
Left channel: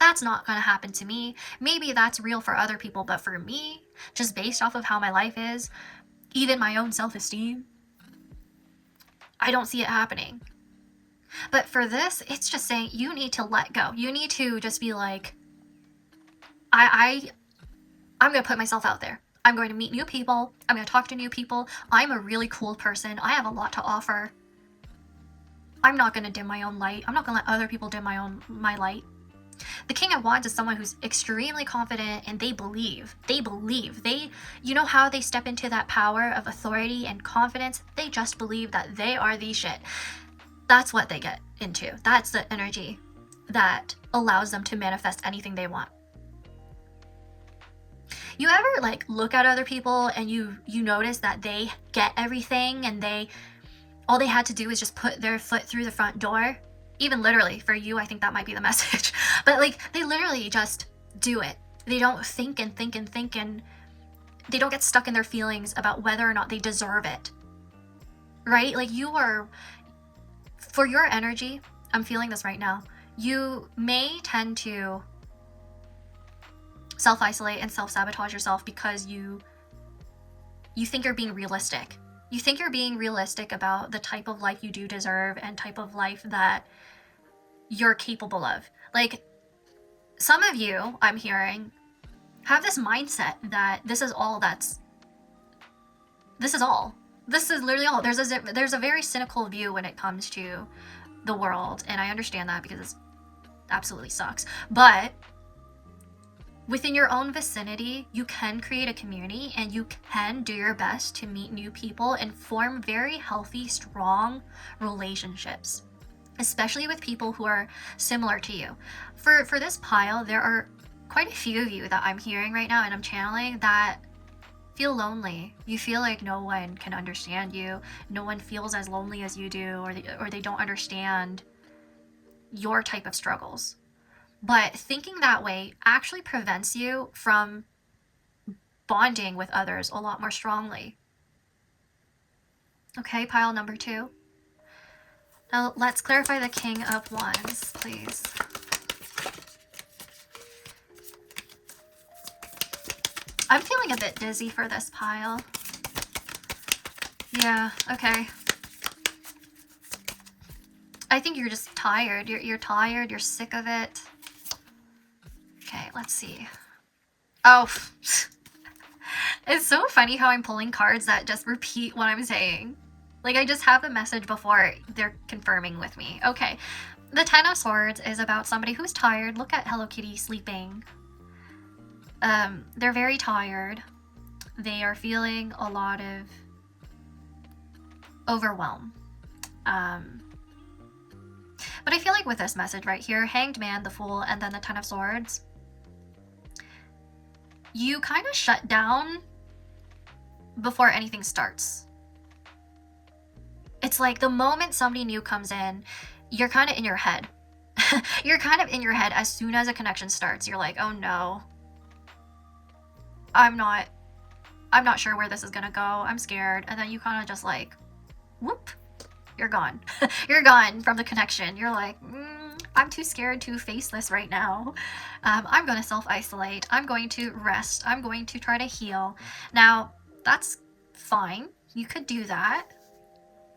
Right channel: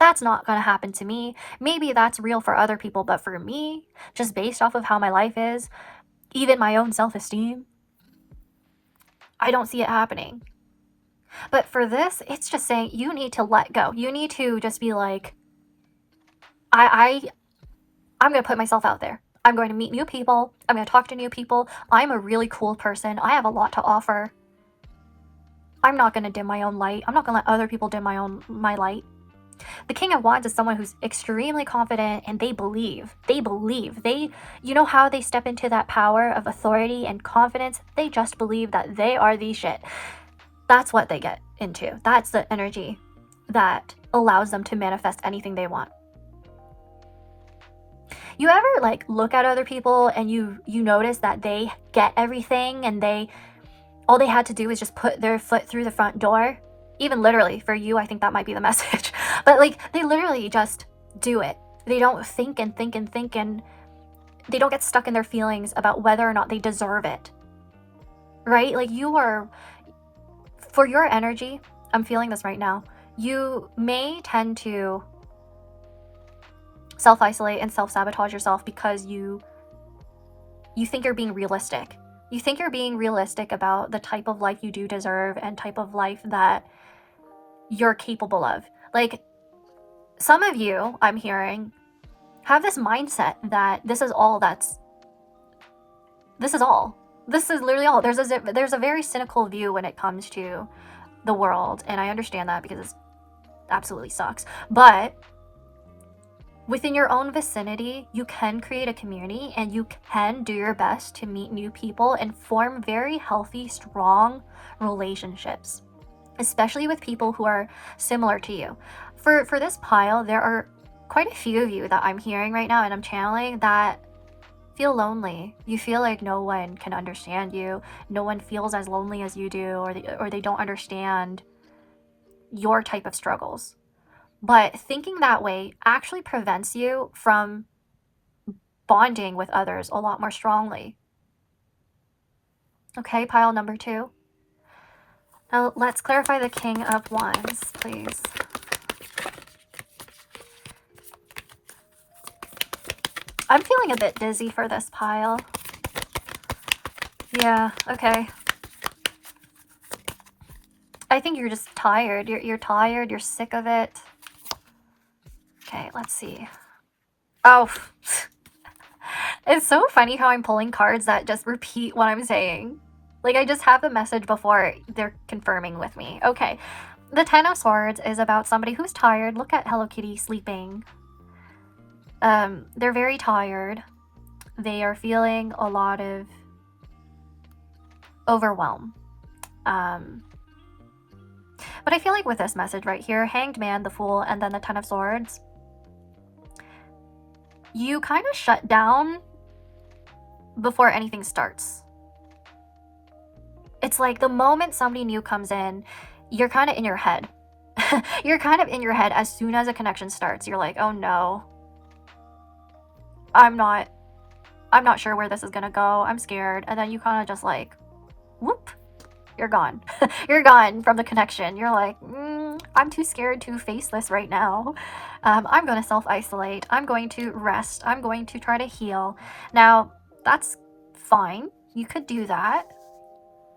That's not going to happen to me. Maybe that's real for other people, but for me, just based off of how my life is, even my own self-esteem, I don't see it happening. But for this, it's just saying you need to let go. You need to just be like, I'm going to put myself out there. I'm going to meet new people. I'm going to talk to new people. I'm a really cool person. I have a lot to offer. I'm not going to dim my own light. I'm not going to let other people dim my light. The King of Wands is someone who's extremely confident, and they believe. You know how they step into that power of authority and confidence? They just believe that they are the shit. That's what they get into. That's the energy that allows them to manifest anything they want. You ever like look at other people and you notice that they get everything, and all they had to do is just put their foot through the front door? Even literally, for you, I think that might be the message. But like, they literally just do it. They don't think and think and think, and they don't get stuck in their feelings about whether or not they deserve it. Right? Like, for your energy, I'm feeling this right now, you may tend to self-isolate and self-sabotage yourself because you think you're being realistic. You think you're being realistic about the type of life you do deserve and type of life that you're capable of. Like, some of you, I'm hearing, have this mindset that this is all. This is literally all. There's a very cynical view when it comes to the world, and I understand that because it absolutely sucks. But within your own vicinity, you can create a community, and you can do your best to meet new people and form very healthy, strong relationships, especially with people who are similar to you. For this pile, there are quite a few of you that I'm hearing right now and I'm channeling that feel lonely. You feel like no one can understand you. No one feels as lonely as you do, or they don't understand your type of struggles. But thinking that way actually prevents you from bonding with others a lot more strongly. Okay, pile number 2. Now let's clarify the King of Wands, please. I'm feeling a bit dizzy for this pile. Yeah, okay. I think you're just tired. You're tired. You're sick of it. Okay, let's see. Oh, it's so funny how I'm pulling cards that just repeat what I'm saying. Like, I just have the message before they're confirming with me. Okay, the Ten of Swords is about somebody who's tired. Look at Hello Kitty sleeping. They're very tired. They are feeling a lot of overwhelm. But I feel like with this message right here, Hanged Man, the Fool, and then the Ten of Swords, you kind of shut down before anything starts. It's like the moment somebody new comes in, you're kind of in your head. You're kind of in your head as soon as a connection starts. You're like, oh no, I'm not sure where this is gonna go. I'm scared. And then you kind of just like, whoop, you're gone. You're gone from the connection. You're like, I'm too scared to face this right now. I'm going to self-isolate. I'm going to rest. I'm going to try to heal. Now, that's fine. You could do that.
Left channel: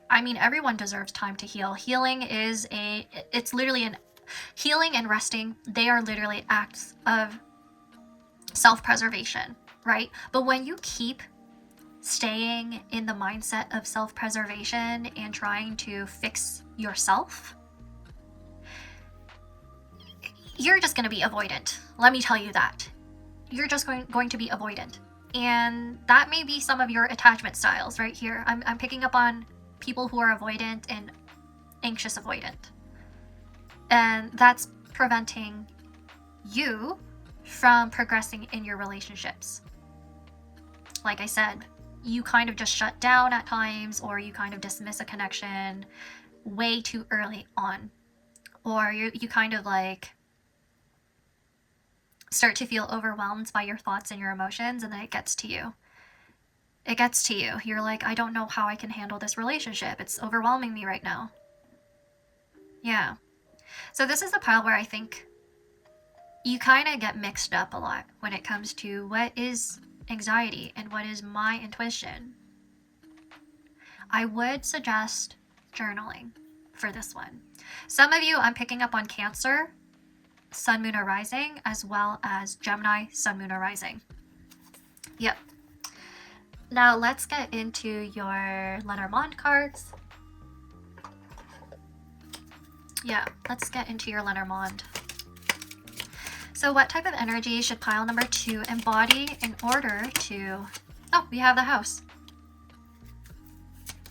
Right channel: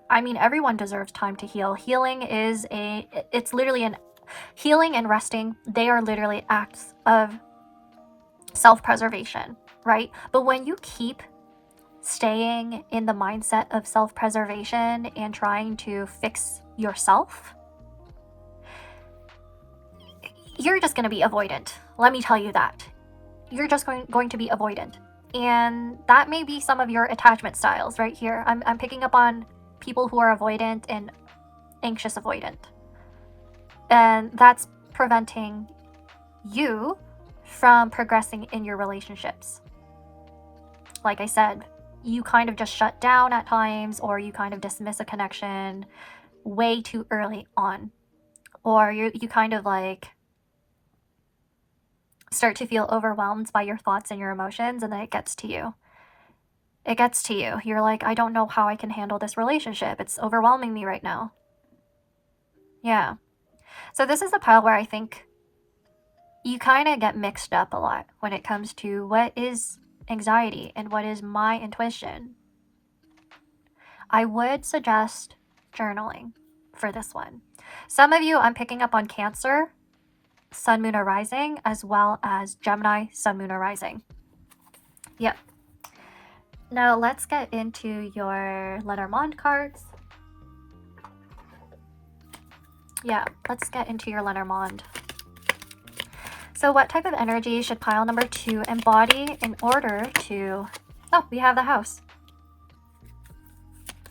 I mean, everyone deserves time to heal. Healing is it's literally healing and resting. They are literally acts of self-preservation, right? But when you keep staying in the mindset of self-preservation and trying to fix yourself, you're just going to be avoidant. Let me tell you that. You're just going to be avoidant. And that may be some of your attachment styles right here. I'm picking up on people who are avoidant and anxious avoidant. And that's preventing you from progressing in your relationships. Like I said, you kind of just shut down at times, or you kind of dismiss a connection way too early on, or you kind of like start to feel overwhelmed by your thoughts and your emotions, and then it gets to you. It gets to you. You're like, I don't know how I can handle this relationship. It's overwhelming me right now. Yeah. So this is the pile where I think you kind of get mixed up a lot when it comes to what is anxiety and what is my intuition. I would suggest journaling for this one. Some of you, I'm picking up on Cancer, Sun, Moon, or Rising, as well as Gemini, Sun, Moon, or Rising. Yep. Now let's get into your Lenormand cards. Yeah, let's get into your Lenormand. So what type of energy should pile number 2 embody in order to... Oh, we have the House.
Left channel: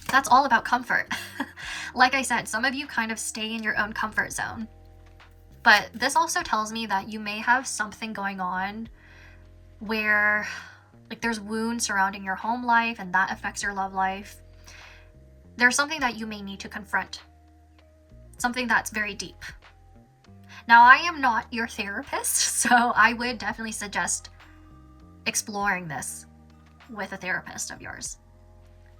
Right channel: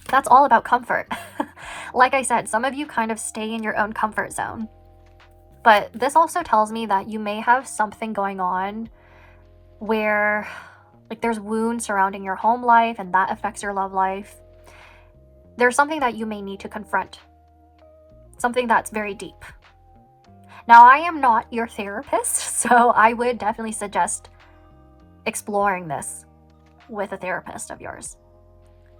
That's all about comfort. Like I said, some of you kind of stay in your own comfort zone. But this also tells me that you may have something going on where like there's wounds surrounding your home life and that affects your love life. There's something that you may need to confront. Something that's very deep. Now, I am not your therapist, so I would definitely suggest exploring this with a therapist of yours,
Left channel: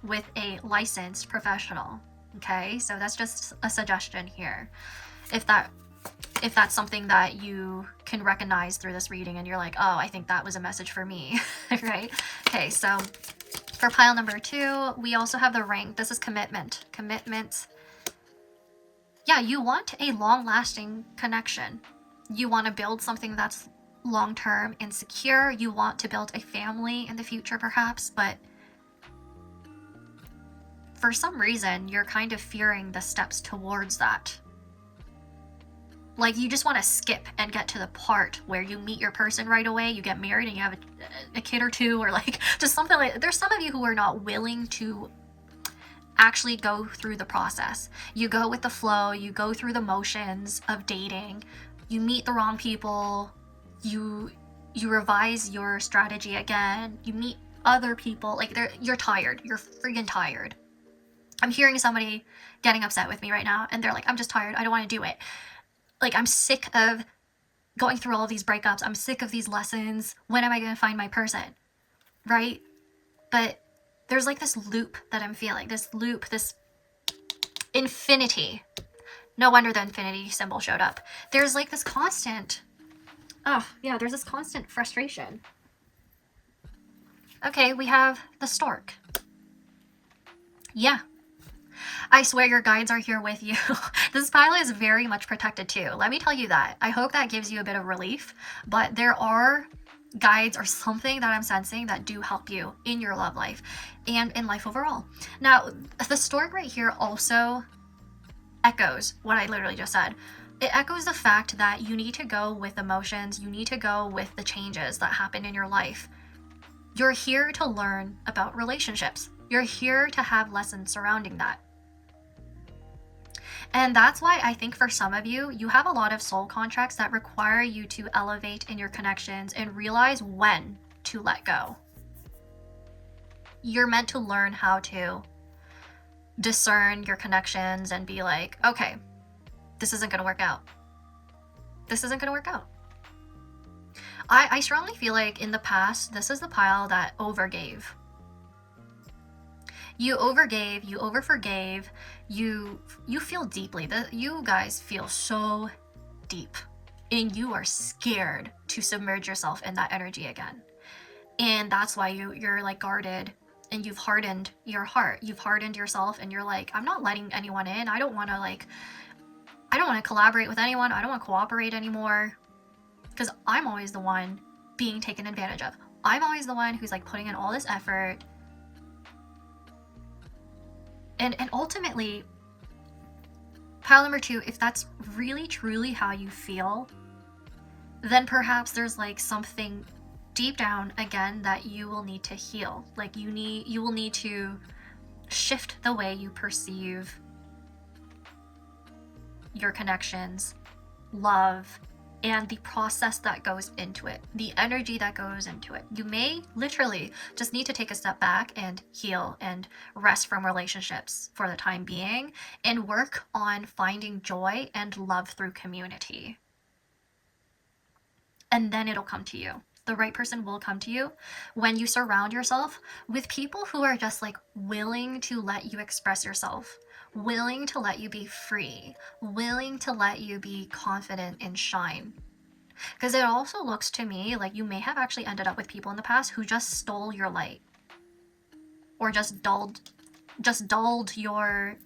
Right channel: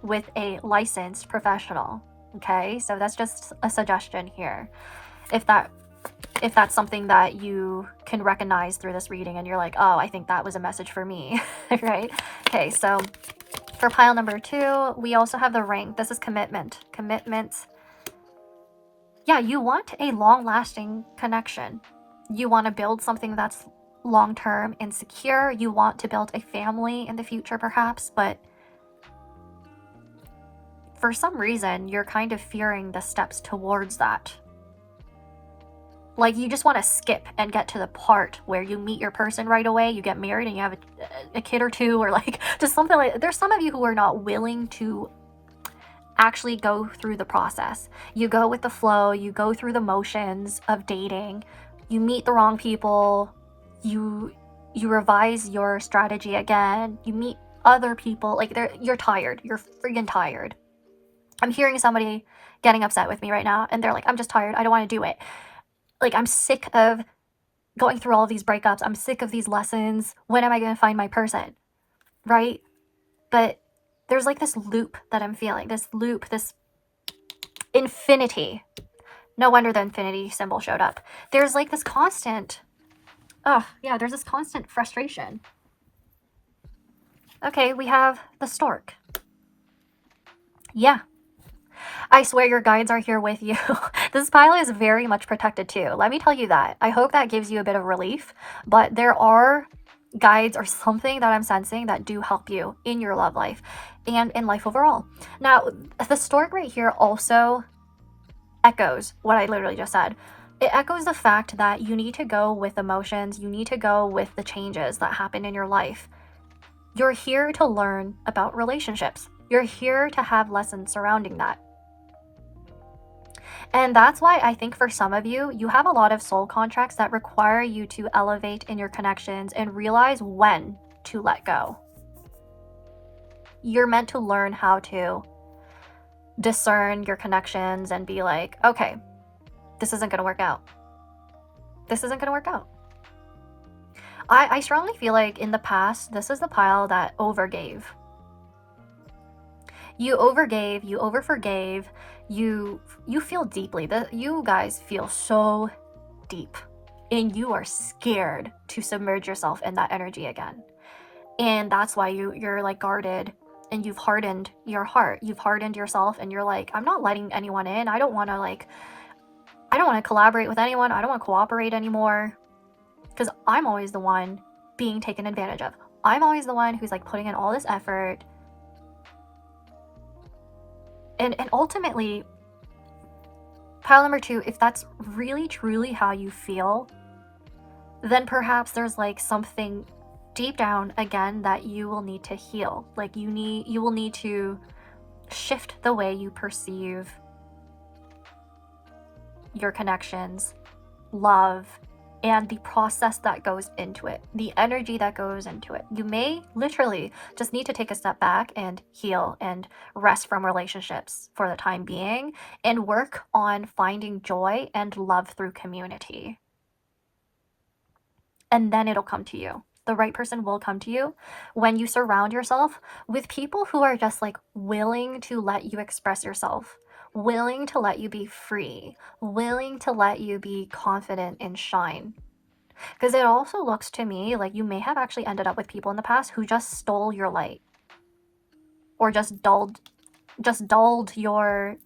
with a licensed professional. Okay, so that's just a suggestion here. If that's something that you can recognize through this reading and you're like, oh, I think that was a message for me, right? Okay, so for pile number 2, we also have the Ring. This is commitment. Commitment. Yeah, you want a long-lasting connection. You want to build something that's long-term and secure. You want to build a family in the future, perhaps, but for some reason, you're kind of fearing the steps towards that. Like, you just want to skip and get to the part where you meet your person right away, you get married, and you have a kid or two, or like just something like... There's some of you who are not willing to actually go through the process. You go with the flow, you go through the motions of dating, you meet the wrong people, you revise your strategy again, you meet other people, like you're tired, you're freaking tired. I'm hearing somebody getting upset with me right now, and they're like, I'm just tired, I don't want to do it. Like, I'm sick of going through all of these breakups, I'm sick of these lessons, when am I going to find my person, right? But there's like this loop that I'm feeling, this loop, this Infinity. No wonder the infinity symbol showed up. There's like this constant, oh yeah, there's this constant frustration. Okay, we have the stork. Yeah. I swear your guides are here with you. This pile is very much protected too. Let me tell you that. I hope that gives you a bit of relief, but there are guides or something that I'm sensing that do help you in your love life and in life overall. Now, the stork right here also echoes what I literally just said. It echoes the fact that you need to go with emotions, you need to go with the changes that happen in your life. You're here to learn about relationships. You're here to have lessons surrounding that. And that's why I think for some of you, you have a lot of soul contracts that require you to elevate in your connections and realize when to let go. You're meant to learn how to discern your connections and be like, okay, this isn't going to work out. This isn't going to work out. I strongly feel like in the past, this is the pile that overgave. You overgave, you overforgave, you feel deeply. You guys feel so deep and you are scared to submerge yourself in that energy again. And that's why you're like guarded and you've hardened your heart. You've hardened yourself and you're like, I'm not letting anyone in. I don't want to collaborate with anyone. I don't want to cooperate anymore. Because I'm always the one being taken advantage of. I'm always the one who's like putting in all this effort. And ultimately, pile number 2, if that's really truly how you feel, then perhaps there's like something deep down again that you will need to heal. Like you will need to shift the way you perceive your connections, love, and the process that goes into it, the energy that goes into it. You may literally just need to take a step back and heal and rest from relationships for the time being and work on finding joy and love through community. And then it'll come to you. The right person will come to you when you surround yourself with people who are just like willing to let you express yourself, willing to let you be free, willing to let you be confident and shine. Because it also looks to me like you may have actually ended up with people in the past who just stole your light or just dulled your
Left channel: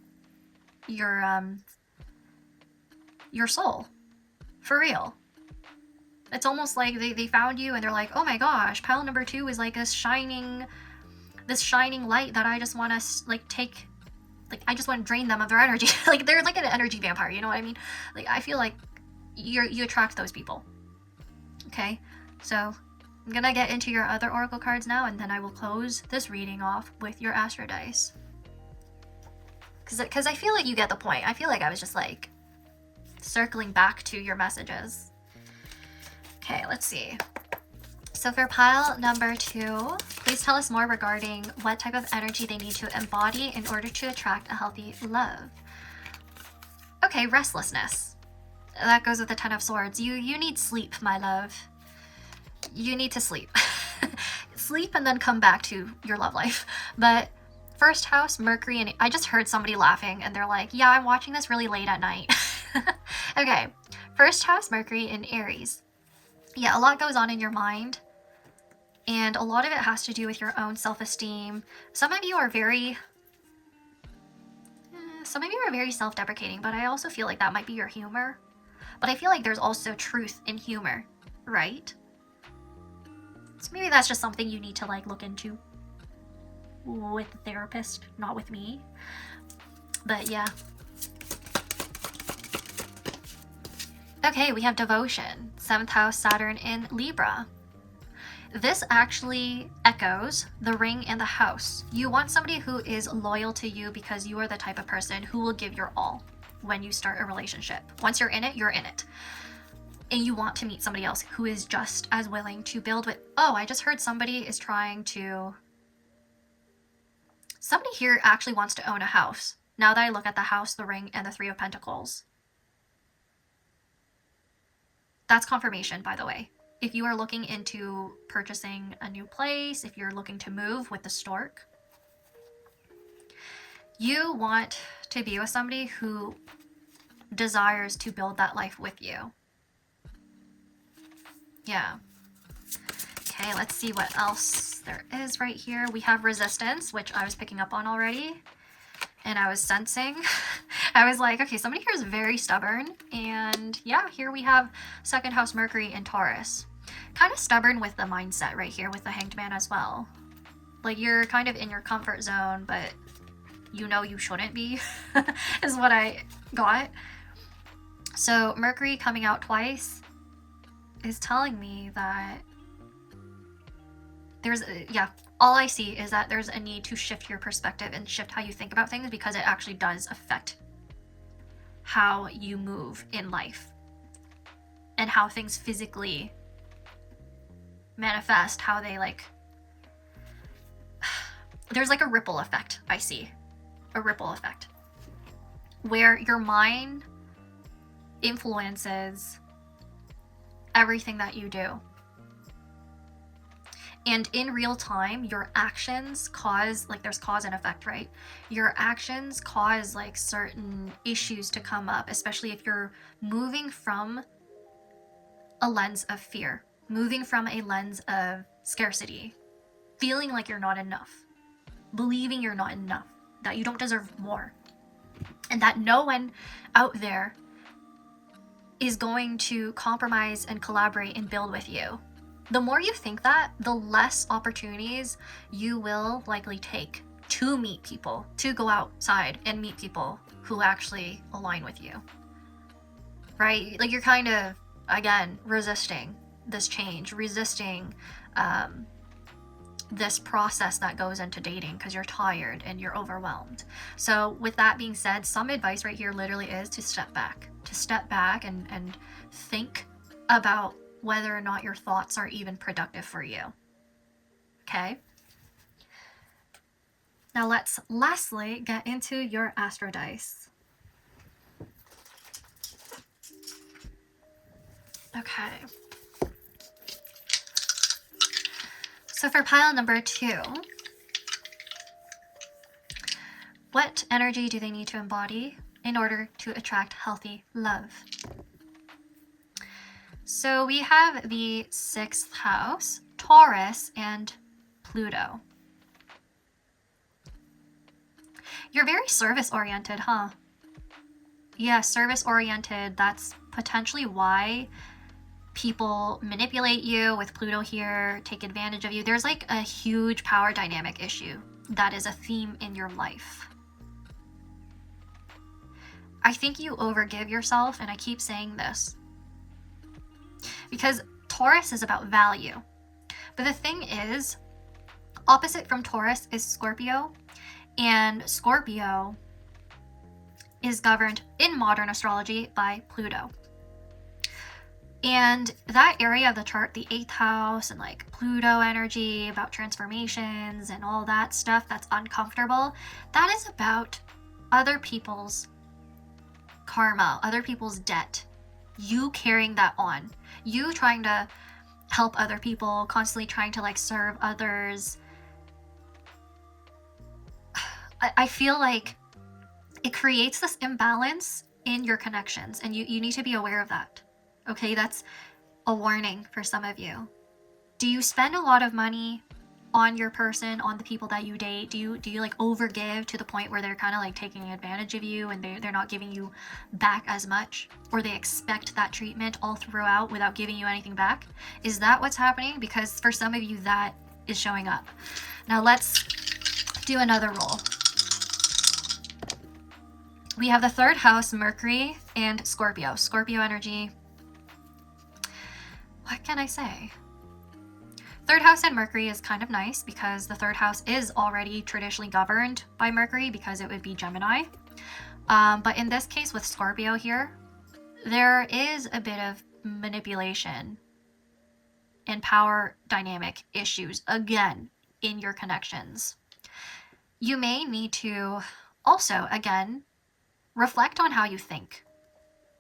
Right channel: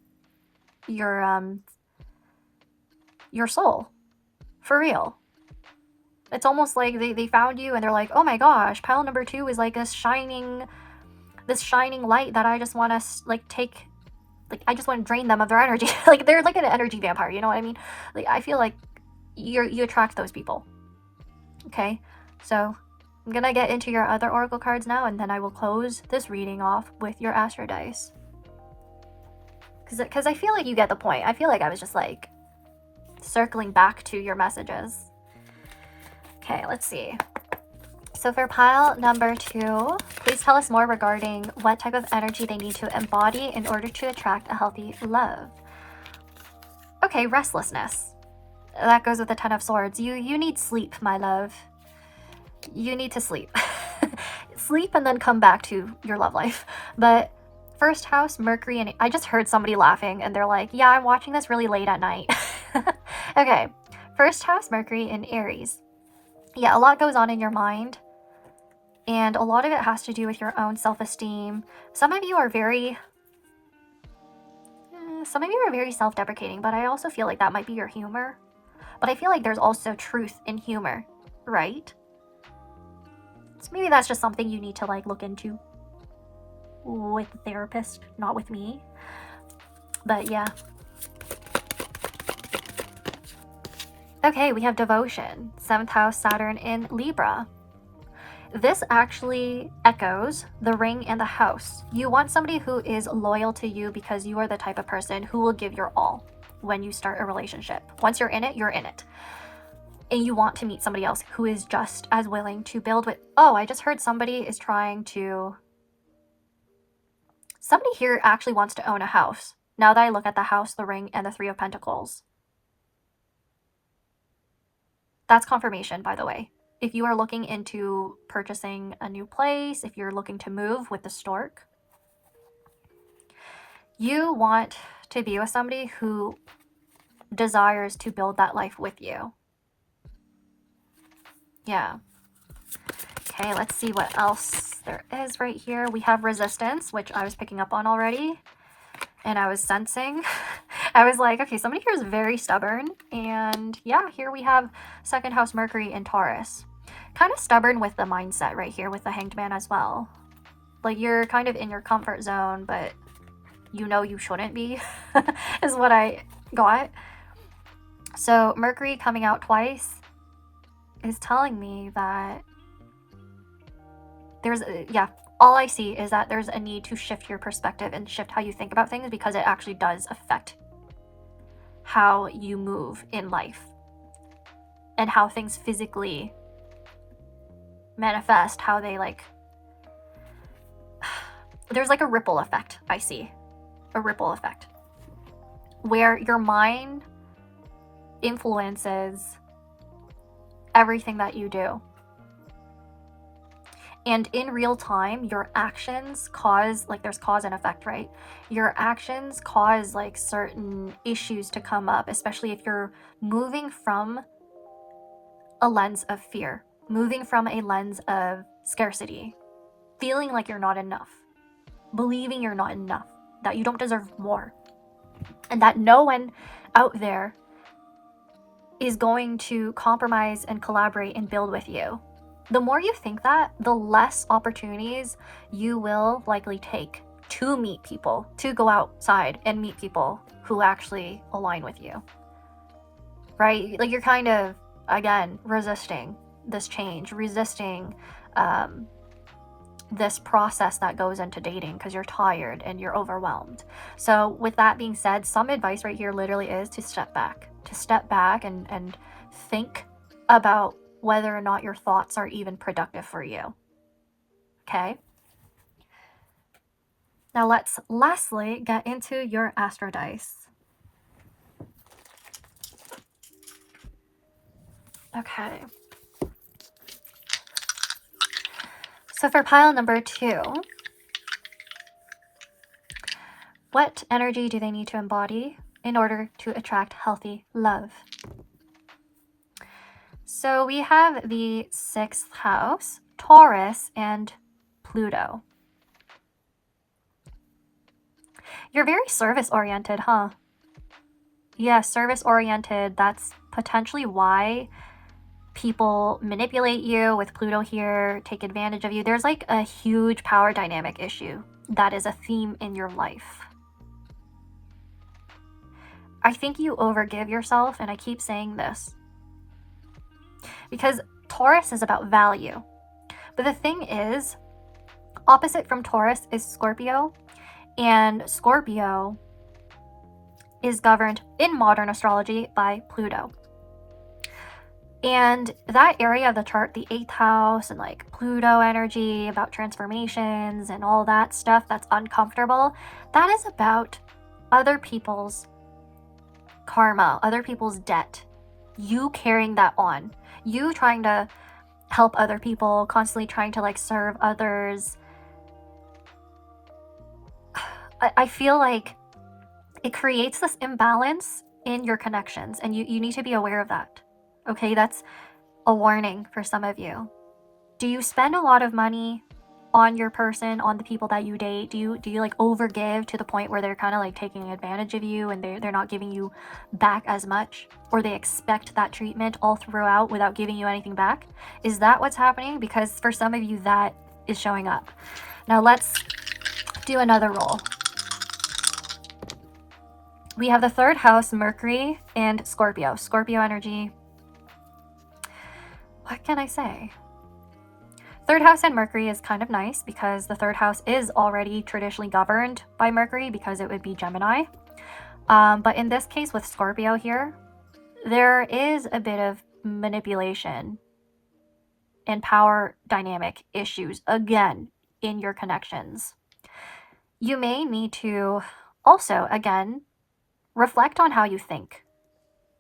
soul. For real. It's almost like they found you and they're like, oh my gosh, pile number 2 is like this shining light that I just want to like take, like I just want to drain them of their energy. Like they're like an energy vampire, you know what I mean? Like I feel like you attract those people. Okay, so I'm gonna get into your other oracle cards now, and then I will close this reading off with your astro dice. Because I feel like you get the point. I feel like I was just like circling back to your messages. Okay, let's see. So for pile number 2, please tell us more regarding what type of energy they need to embody in order to attract a healthy love. Okay, restlessness. That goes with the 10 of Swords. You need sleep, my love. You need to sleep. Sleep and then come back to your love life. But first house, Mercury, and I just heard somebody laughing and they're like, yeah, I'm watching this really late at night. Okay, first house, Mercury in Aries. Yeah, a lot goes on in your mind. And a lot of it has to do with your own self-esteem. Some of you are very self-deprecating, but I also feel like that might be your humor. But I feel like there's also truth in humor, right? So maybe that's just something you need to like look into with a therapist, not with me. But yeah. Okay, we have devotion. 7th house, Saturn in Libra. This actually echoes the ring and the house. You want somebody who is loyal to you because you are the type of person who will give your all when you start a relationship. Once you're in it, you're in it. And you want to meet somebody else who is just as willing to build with, oh, I just heard somebody here actually wants to own a house. Now that I look at the house, the ring, and the 3 of Pentacles. That's confirmation, by the way. If you are looking into purchasing a new place, if you're looking to move with the stork, You want to be with somebody who desires to build that life with you. Yeah. Okay, let's see what else there is right here. We have resistance, which I was picking up on already. And I was sensing. I was like, okay, somebody here is very stubborn. And yeah, here we have second house Mercury in Taurus. Kind of stubborn with the mindset right here with the Hanged Man as well. Like, you're kind of in your comfort zone, but you know you shouldn't be, is what I got. So Mercury coming out twice is telling me that there's, yeah, all I see is that there's a need to shift your perspective and shift how you think about things, because it actually does affect how you move in life and how things physically manifest, how they like, there's like a ripple effect. I see a ripple effect where your mind influences everything that you do. And in real time, your actions cause, like, there's cause and effect, right? Your actions cause like certain issues to come up, especially if you're moving from a lens of fear, moving from a lens of scarcity, feeling like you're not enough, believing you're not enough, that you don't deserve more, and that no one out there is going to compromise and collaborate and build with you. The more you think that, the less opportunities you will likely take to meet people, to go outside and meet people who actually align with you, right? Like, you're kind of, again, resisting this change, resisting this process that goes into dating because you're tired and you're overwhelmed. So with that being said, some advice right here literally is to step back, and think about whether or not your thoughts are even productive for you. Okay? Now let's lastly get into your Astro Dice. Okay. So for pile number 2, what energy do they need to embody in order to attract healthy love? So we have the 6th house, Taurus, and Pluto. You're very service-oriented, huh? Yeah, service-oriented. That's potentially why people manipulate you with Pluto here, take advantage of you. There's like a huge power dynamic issue that is a theme in your life. I think you overgive yourself, and I keep saying this because Taurus is about value. But the thing is, opposite from Taurus is Scorpio, and Scorpio is governed in modern astrology by Pluto. And that area of the chart, the 8th house and like Pluto energy, about transformations and all that stuff that's uncomfortable, that is about other people's karma, other people's debt. You carrying that on. You trying to help other people, constantly trying to like serve others. I feel like it creates this imbalance in your connections, and you need to be aware of that. Okay, that's a warning for some of you. Do you spend a lot of money on your person, on the people that you date? Do you like overgive to the point where they're kind of like taking advantage of you and they're not giving you back as much, or they expect that treatment all throughout without giving you anything back? Is that what's happening? Because for some of you, that is showing up. Now let's do another roll. We have the 3rd house, Mercury, and Scorpio. Scorpio energy. What can I say? 3rd house and Mercury is kind of nice because the 3rd house is already traditionally governed by Mercury because it would be Gemini. But in this case with Scorpio here, there is a bit of manipulation and power dynamic issues again in your connections. You may need to also, again, reflect on how you think,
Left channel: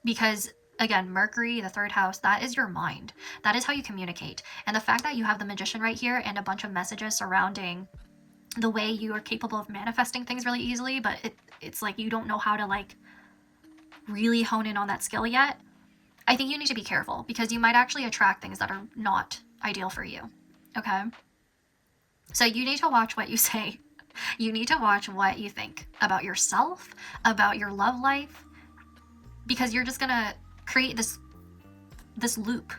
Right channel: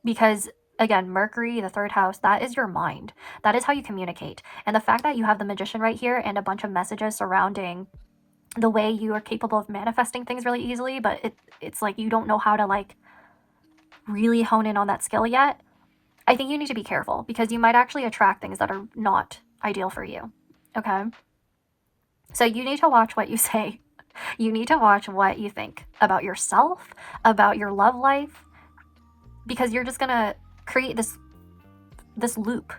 because again, Mercury, the 3rd house, that is your mind. That is how you communicate. And the fact that you have the Magician right here and a bunch of messages surrounding the way you are capable of manifesting things really easily, but it's like you don't know how to like really hone in on that skill yet. I think you need to be careful because you might actually attract things that are not ideal for you. Okay? So you need to watch what you say. You need to watch what you think about yourself, about your love life, because you're just gonna create this loop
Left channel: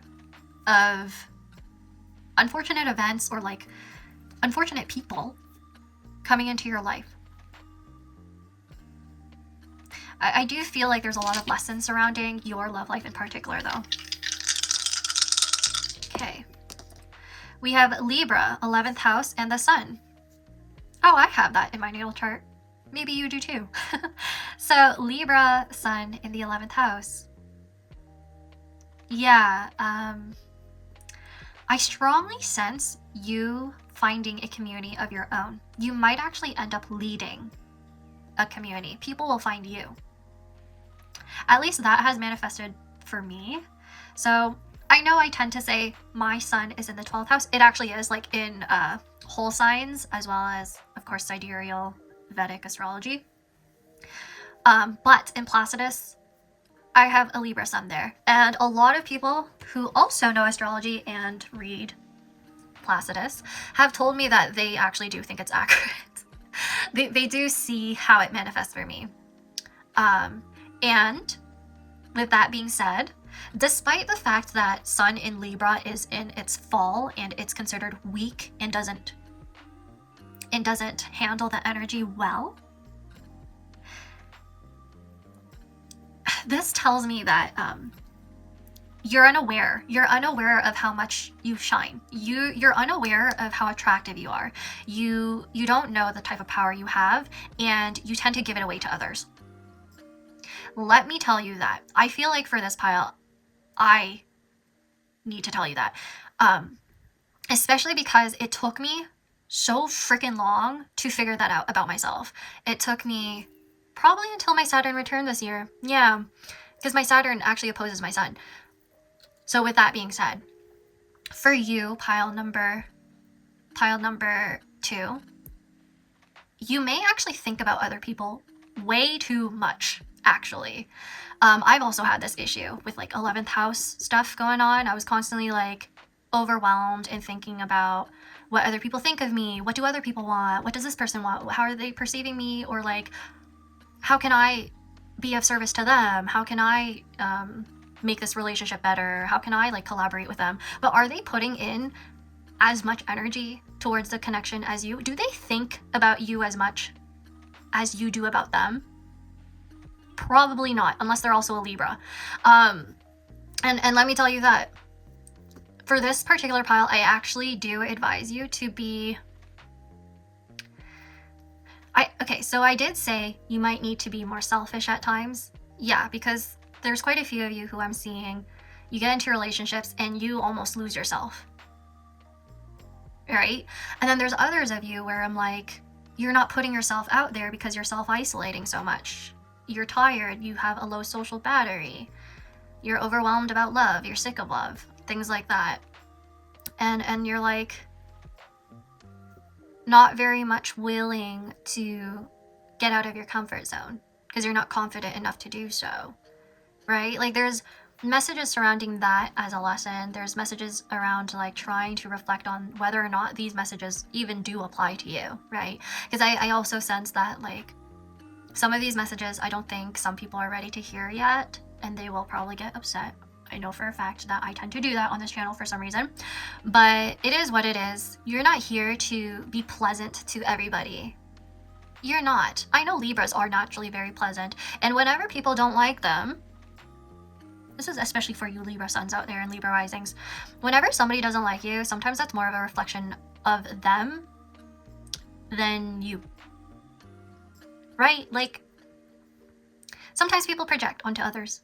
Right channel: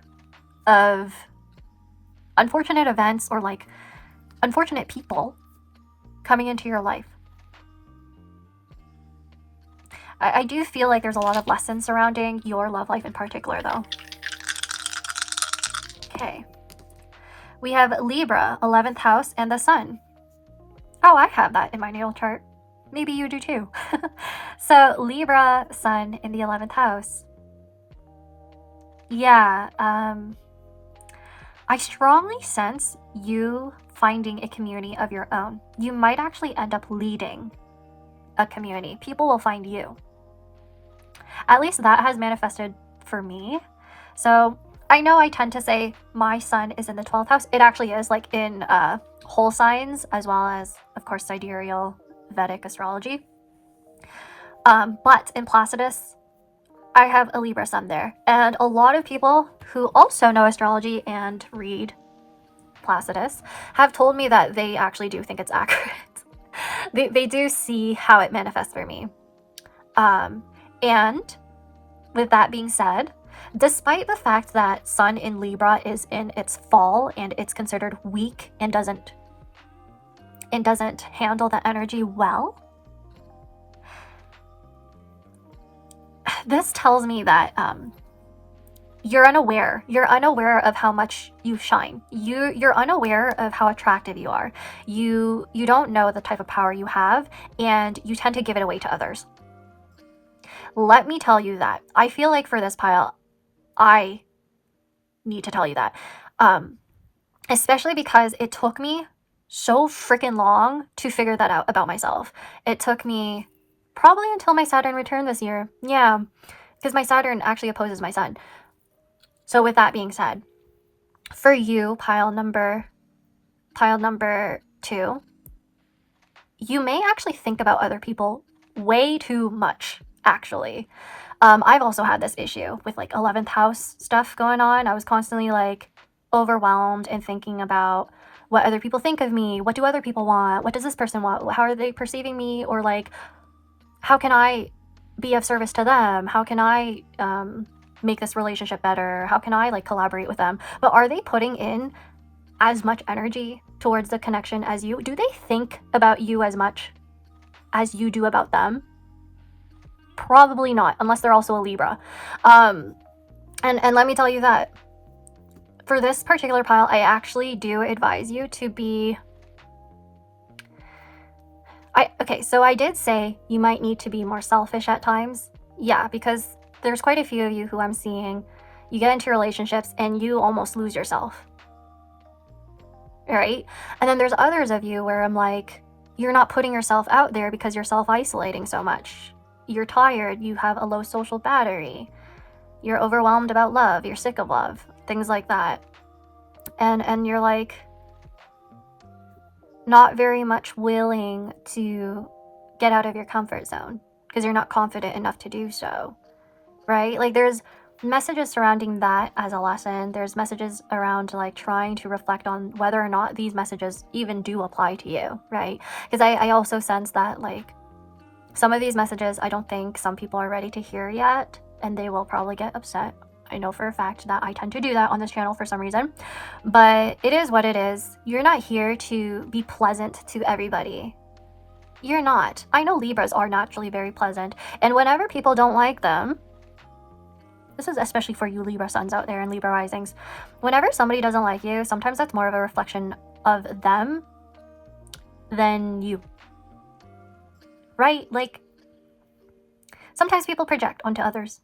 of unfortunate events or like unfortunate people coming into your life. I do feel like there's a lot of lessons surrounding your love life in particular, though. Okay. We have Libra, 11th house, and the sun. Oh, I have that in my natal chart. Maybe you do too. So Libra, sun in the 11th house. Yeah, I strongly sense you finding a community of your own. You might actually end up leading a community. People will find you. At least that has manifested for me. So I know I tend to say my sun is in the 12th house. It actually is, like in whole signs, as well as, of course, sidereal Vedic astrology. But in Placidus, I have a Libra sun there. And a lot of people who also know astrology and read Placidus have told me that they actually do think it's accurate. They do see how it manifests for me. And with that being said, despite the fact that Sun in Libra is in its fall and it's considered weak and doesn't handle the energy well, this tells me that you're unaware. You're unaware of how much you shine. You're unaware of how attractive you are. You don't know the type of power you have, and you tend to give it away to others. Let me tell you that. I feel like for this pile, I need to tell you that. Especially because it took me so freaking long to figure that out about myself. It took me probably until my Saturn returned this year. Yeah, because my Saturn actually opposes my sun. So with that being said, for you, pile number 2, you may actually think about other people way too much, actually. I've also had this issue with like 11th house stuff going on. I was constantly like overwhelmed and thinking about what other people think of me. What do other people want? What does this person want? How are they perceiving me? Or like, how can I be of service to them? How can I make this relationship better? How can I like collaborate with them? But are they putting in as much energy towards the connection as you? Do they think about you as much as you do about them? Probably not, unless they're also a Libra. And let me tell you that for this particular pile, I actually do advise you to be... Okay, so I did say you might need to be more selfish at times. Yeah, because there's quite a few of you who I'm seeing, you get into relationships and you almost lose yourself. Right? And then there's others of you where I'm like, you're not putting yourself out there because you're self-isolating so much. You're tired, you have a low social battery, you're overwhelmed about love, you're sick of love, things like that. And you're like not very much willing to get out of your comfort zone because you're not confident enough to do so, right? Like there's messages surrounding that as a lesson. There's messages around like trying to reflect on whether or not these messages even do apply to you, right? Because I also sense that like some of these messages I don't think some people are ready to hear yet, and they will probably get upset. I know for a fact that I tend to do that on this channel for some reason, but it is what it is. You're not here to be pleasant to everybody. You're not. I know Libras are naturally very pleasant, and whenever people don't like them, this is especially for you Libra suns out there and Libra risings, whenever somebody doesn't like you, sometimes that's more of a reflection of them than you. Right? Like, sometimes people project onto others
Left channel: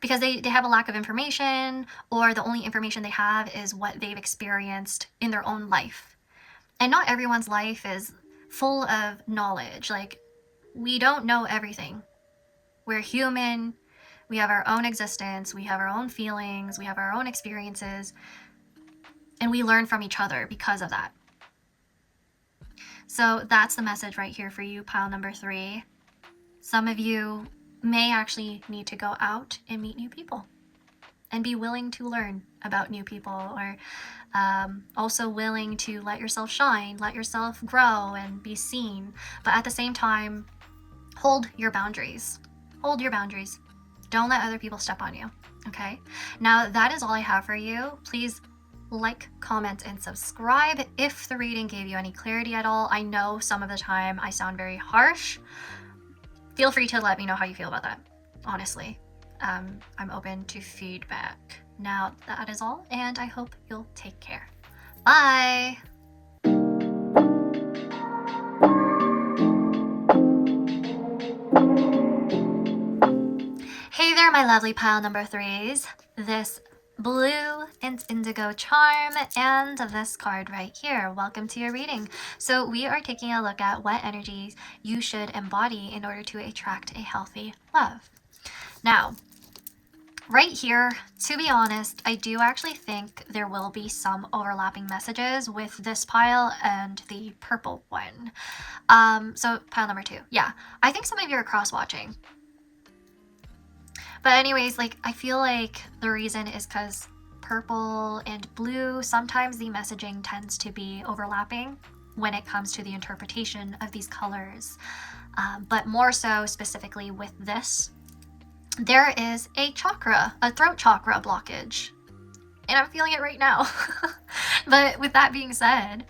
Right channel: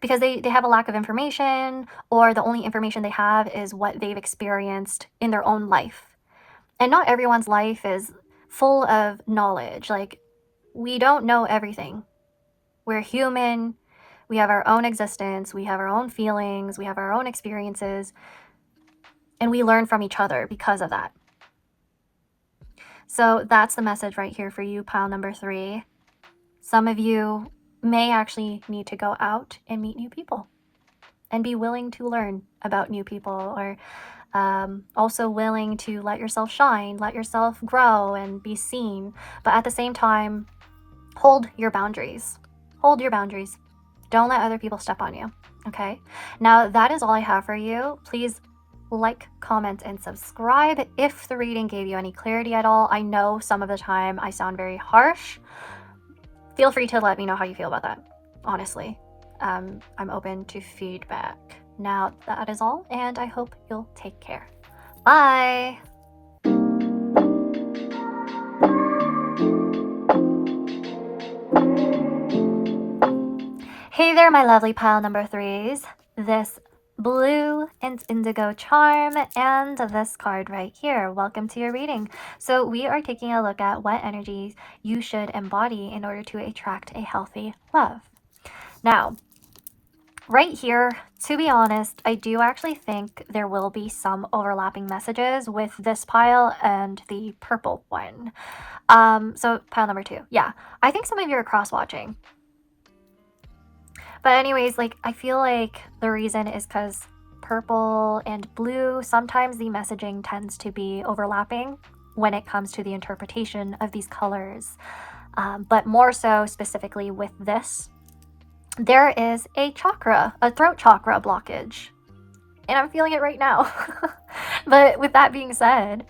because they have a lack of information, or the only information they have is what they've experienced in their own life. And not everyone's life is full of knowledge. Like, we don't know everything. We're human. We have our own existence. We have our own feelings. We have our own experiences. And we learn from each other because of that. So that's the message right here for you, pile number 3. Some of you may actually need to go out and meet new people and be willing to learn about new people, or also willing to let yourself shine, let yourself grow and be seen. But at the same time, hold your boundaries. Hold your boundaries. Don't let other people step on you. Okay? Now, that is all I have for you. Please like, comment, and subscribe if the reading gave you any clarity at all. I know some of the time I sound very harsh. Feel free to let me know how you feel about that. Honestly, I'm open to feedback. Now, that is all, and I hope you'll take care. Bye! Hey there, my lovely pile number 3s. This blue and indigo charm and this card right here. Welcome to your reading. So we are taking a look at what energies you should embody in order to attract a healthy love. Now, right here, to be honest, I do actually think there will be some overlapping messages with this pile and the purple one. So pile number 2. Yeah, I think some of you are cross-watching. But anyways, like, I feel like the reason is because purple and blue, sometimes the messaging tends to be overlapping when it comes to the interpretation of these colors. But more so specifically with this, there is a throat chakra blockage. And I'm feeling it right now. But with that being said,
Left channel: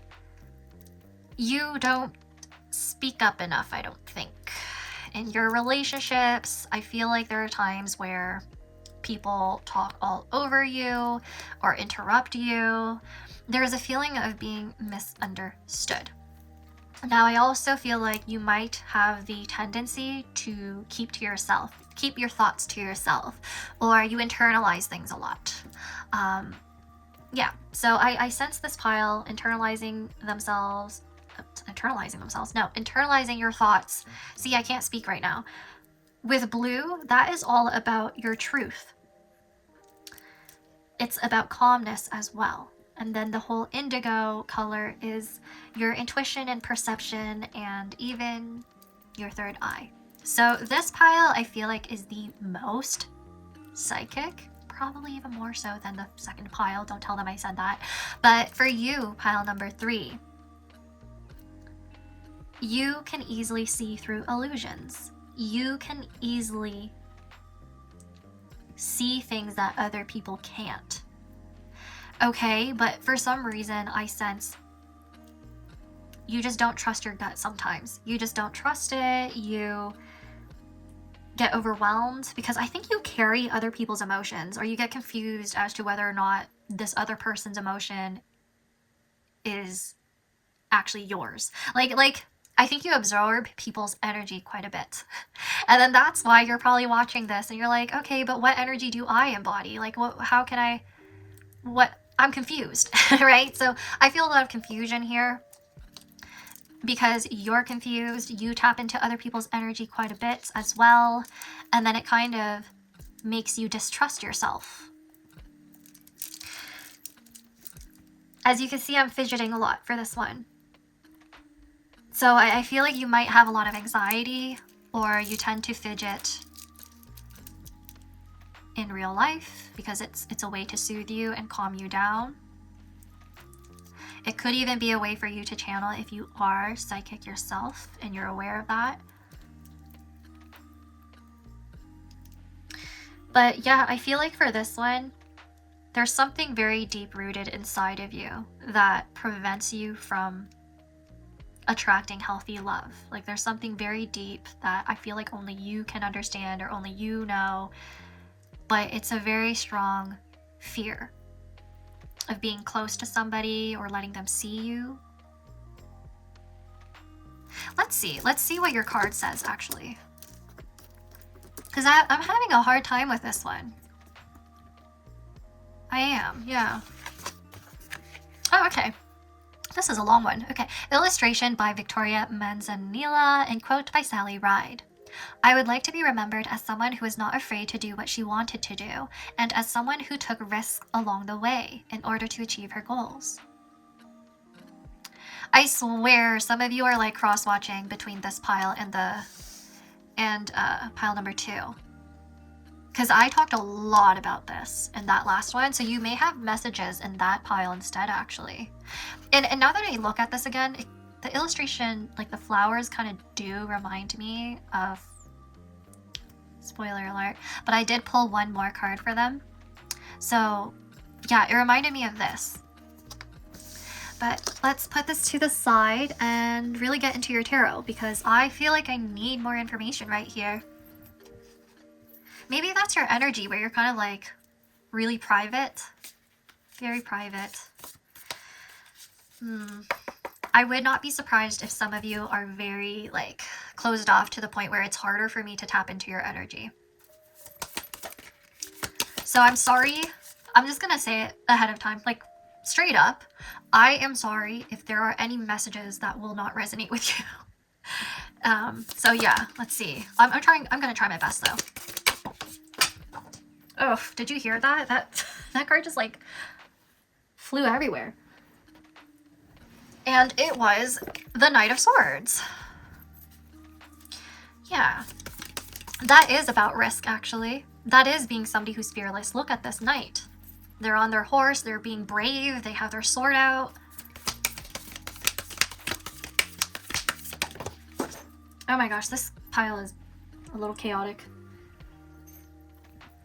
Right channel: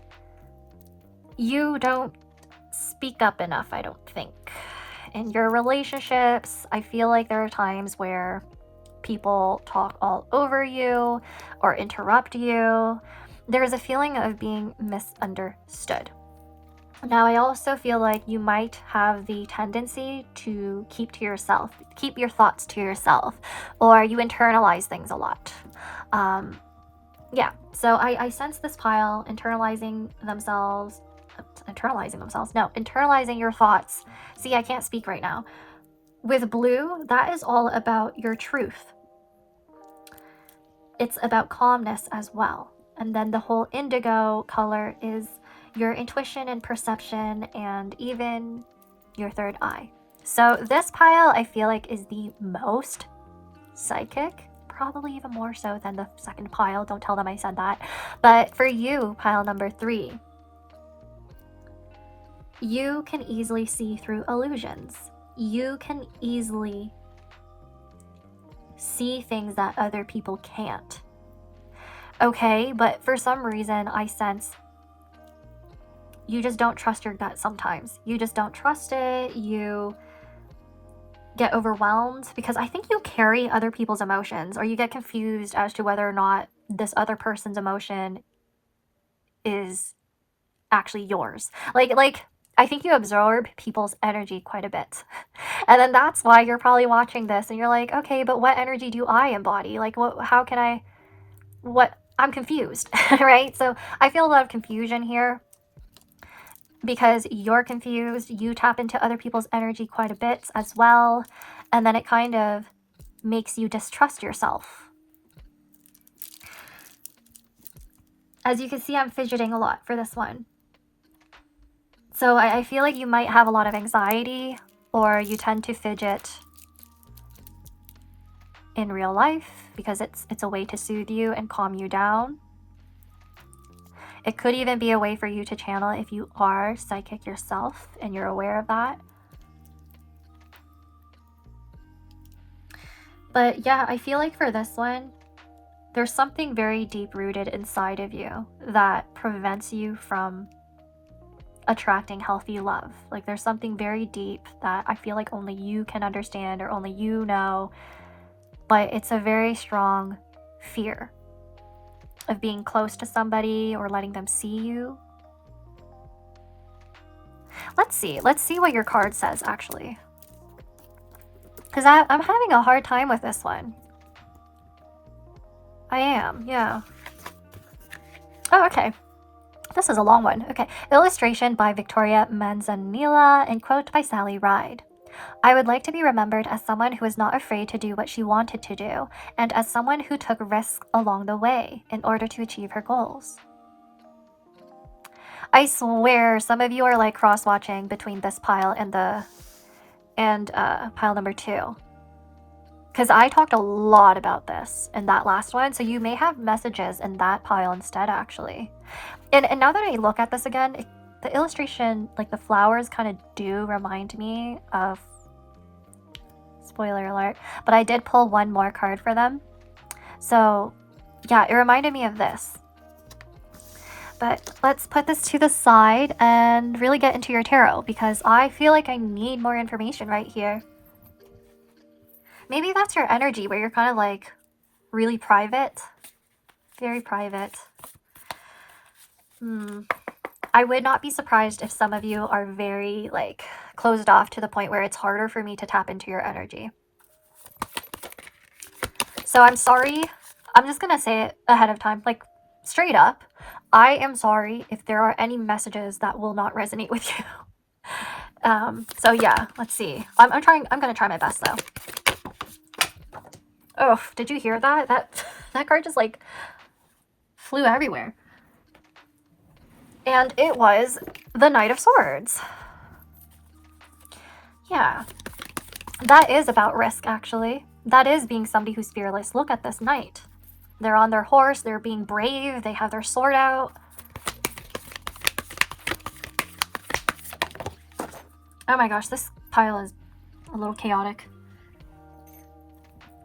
you don't speak up enough, I don't think. In your relationships, I feel like there are times where people talk all over you or interrupt you. There's a feeling of being misunderstood. Now, I also feel like you might have the tendency to keep your thoughts to yourself, or you internalize things a lot. Yeah, so I sense this pile internalizing your thoughts. See, I can't speak right now. With blue, that is all about your truth. It's about calmness as well. And then the whole indigo color is your intuition and perception, and even your third eye. So this pile, I feel like, is the most psychic, probably even more so than the second pile. Don't tell them I said that. But for you, pile number 3, you can easily see through illusions. You can easily see things that other people can't. Okay, but for some reason, I sense you just don't trust your gut sometimes. You just don't trust it. You get overwhelmed because I think you carry other people's emotions, or you get confused as to whether or not this other person's emotion is actually yours. Like I think you absorb people's energy quite a bit. And then that's why you're probably watching this and you're like, okay, but what energy do I embody? Like, I'm confused, right? So I feel a lot of confusion here because you're confused. You tap into other people's energy quite a bit as well. And then it kind of makes you distrust yourself. As you can see, I'm fidgeting a lot for this one. So I feel like you might have a lot of anxiety, or you tend to fidget in real life because it's a way to soothe you and calm you down. It could even be a way for you to channel if you are psychic yourself and you're aware of that. But yeah, I feel like for this one, there's something very deep-rooted inside of you that prevents you from attracting healthy love. Like, there's something very deep that I feel like only you can understand or only you know, but it's a very strong fear of being close to somebody or letting them see you. Let's see what your card says, actually, because I'm having a hard time with this one. I am, yeah. Oh, okay. This is a long one. Okay. Illustration by Victoria Manzanilla and quote by Sally Ride. I would like to be remembered as someone who was not afraid to do what she wanted to do, and as someone who took risks along the way in order to achieve her goals. I swear some of you are like cross-watching between this pile and pile number 2. Because I talked a lot about this in that last one, so you may have messages in that pile instead, actually. And now that I look at this again, the illustration, like the flowers kind of do remind me of, spoiler alert, but I did pull one more card for them. So yeah, it reminded me of this. But let's put this to the side and really get into your tarot, because I feel like I need more information right here. Maybe that's your energy where you're kind of like really private. Very private. I would not be surprised if some of you are very like closed off to the point where it's harder for me to tap into your energy. So I'm sorry. I'm just gonna say it ahead of time, like straight up. I am sorry if there are any messages that will not resonate with you. So yeah, let's see. I'm gonna try my best though. Oh, did you hear that? That card just like flew everywhere. And it was the Knight of Swords. Yeah. That is about risk, actually. That is being somebody who's fearless. Look at this knight. They're on their horse, they're being brave, they have their sword out. Oh my gosh, this pile is a little chaotic.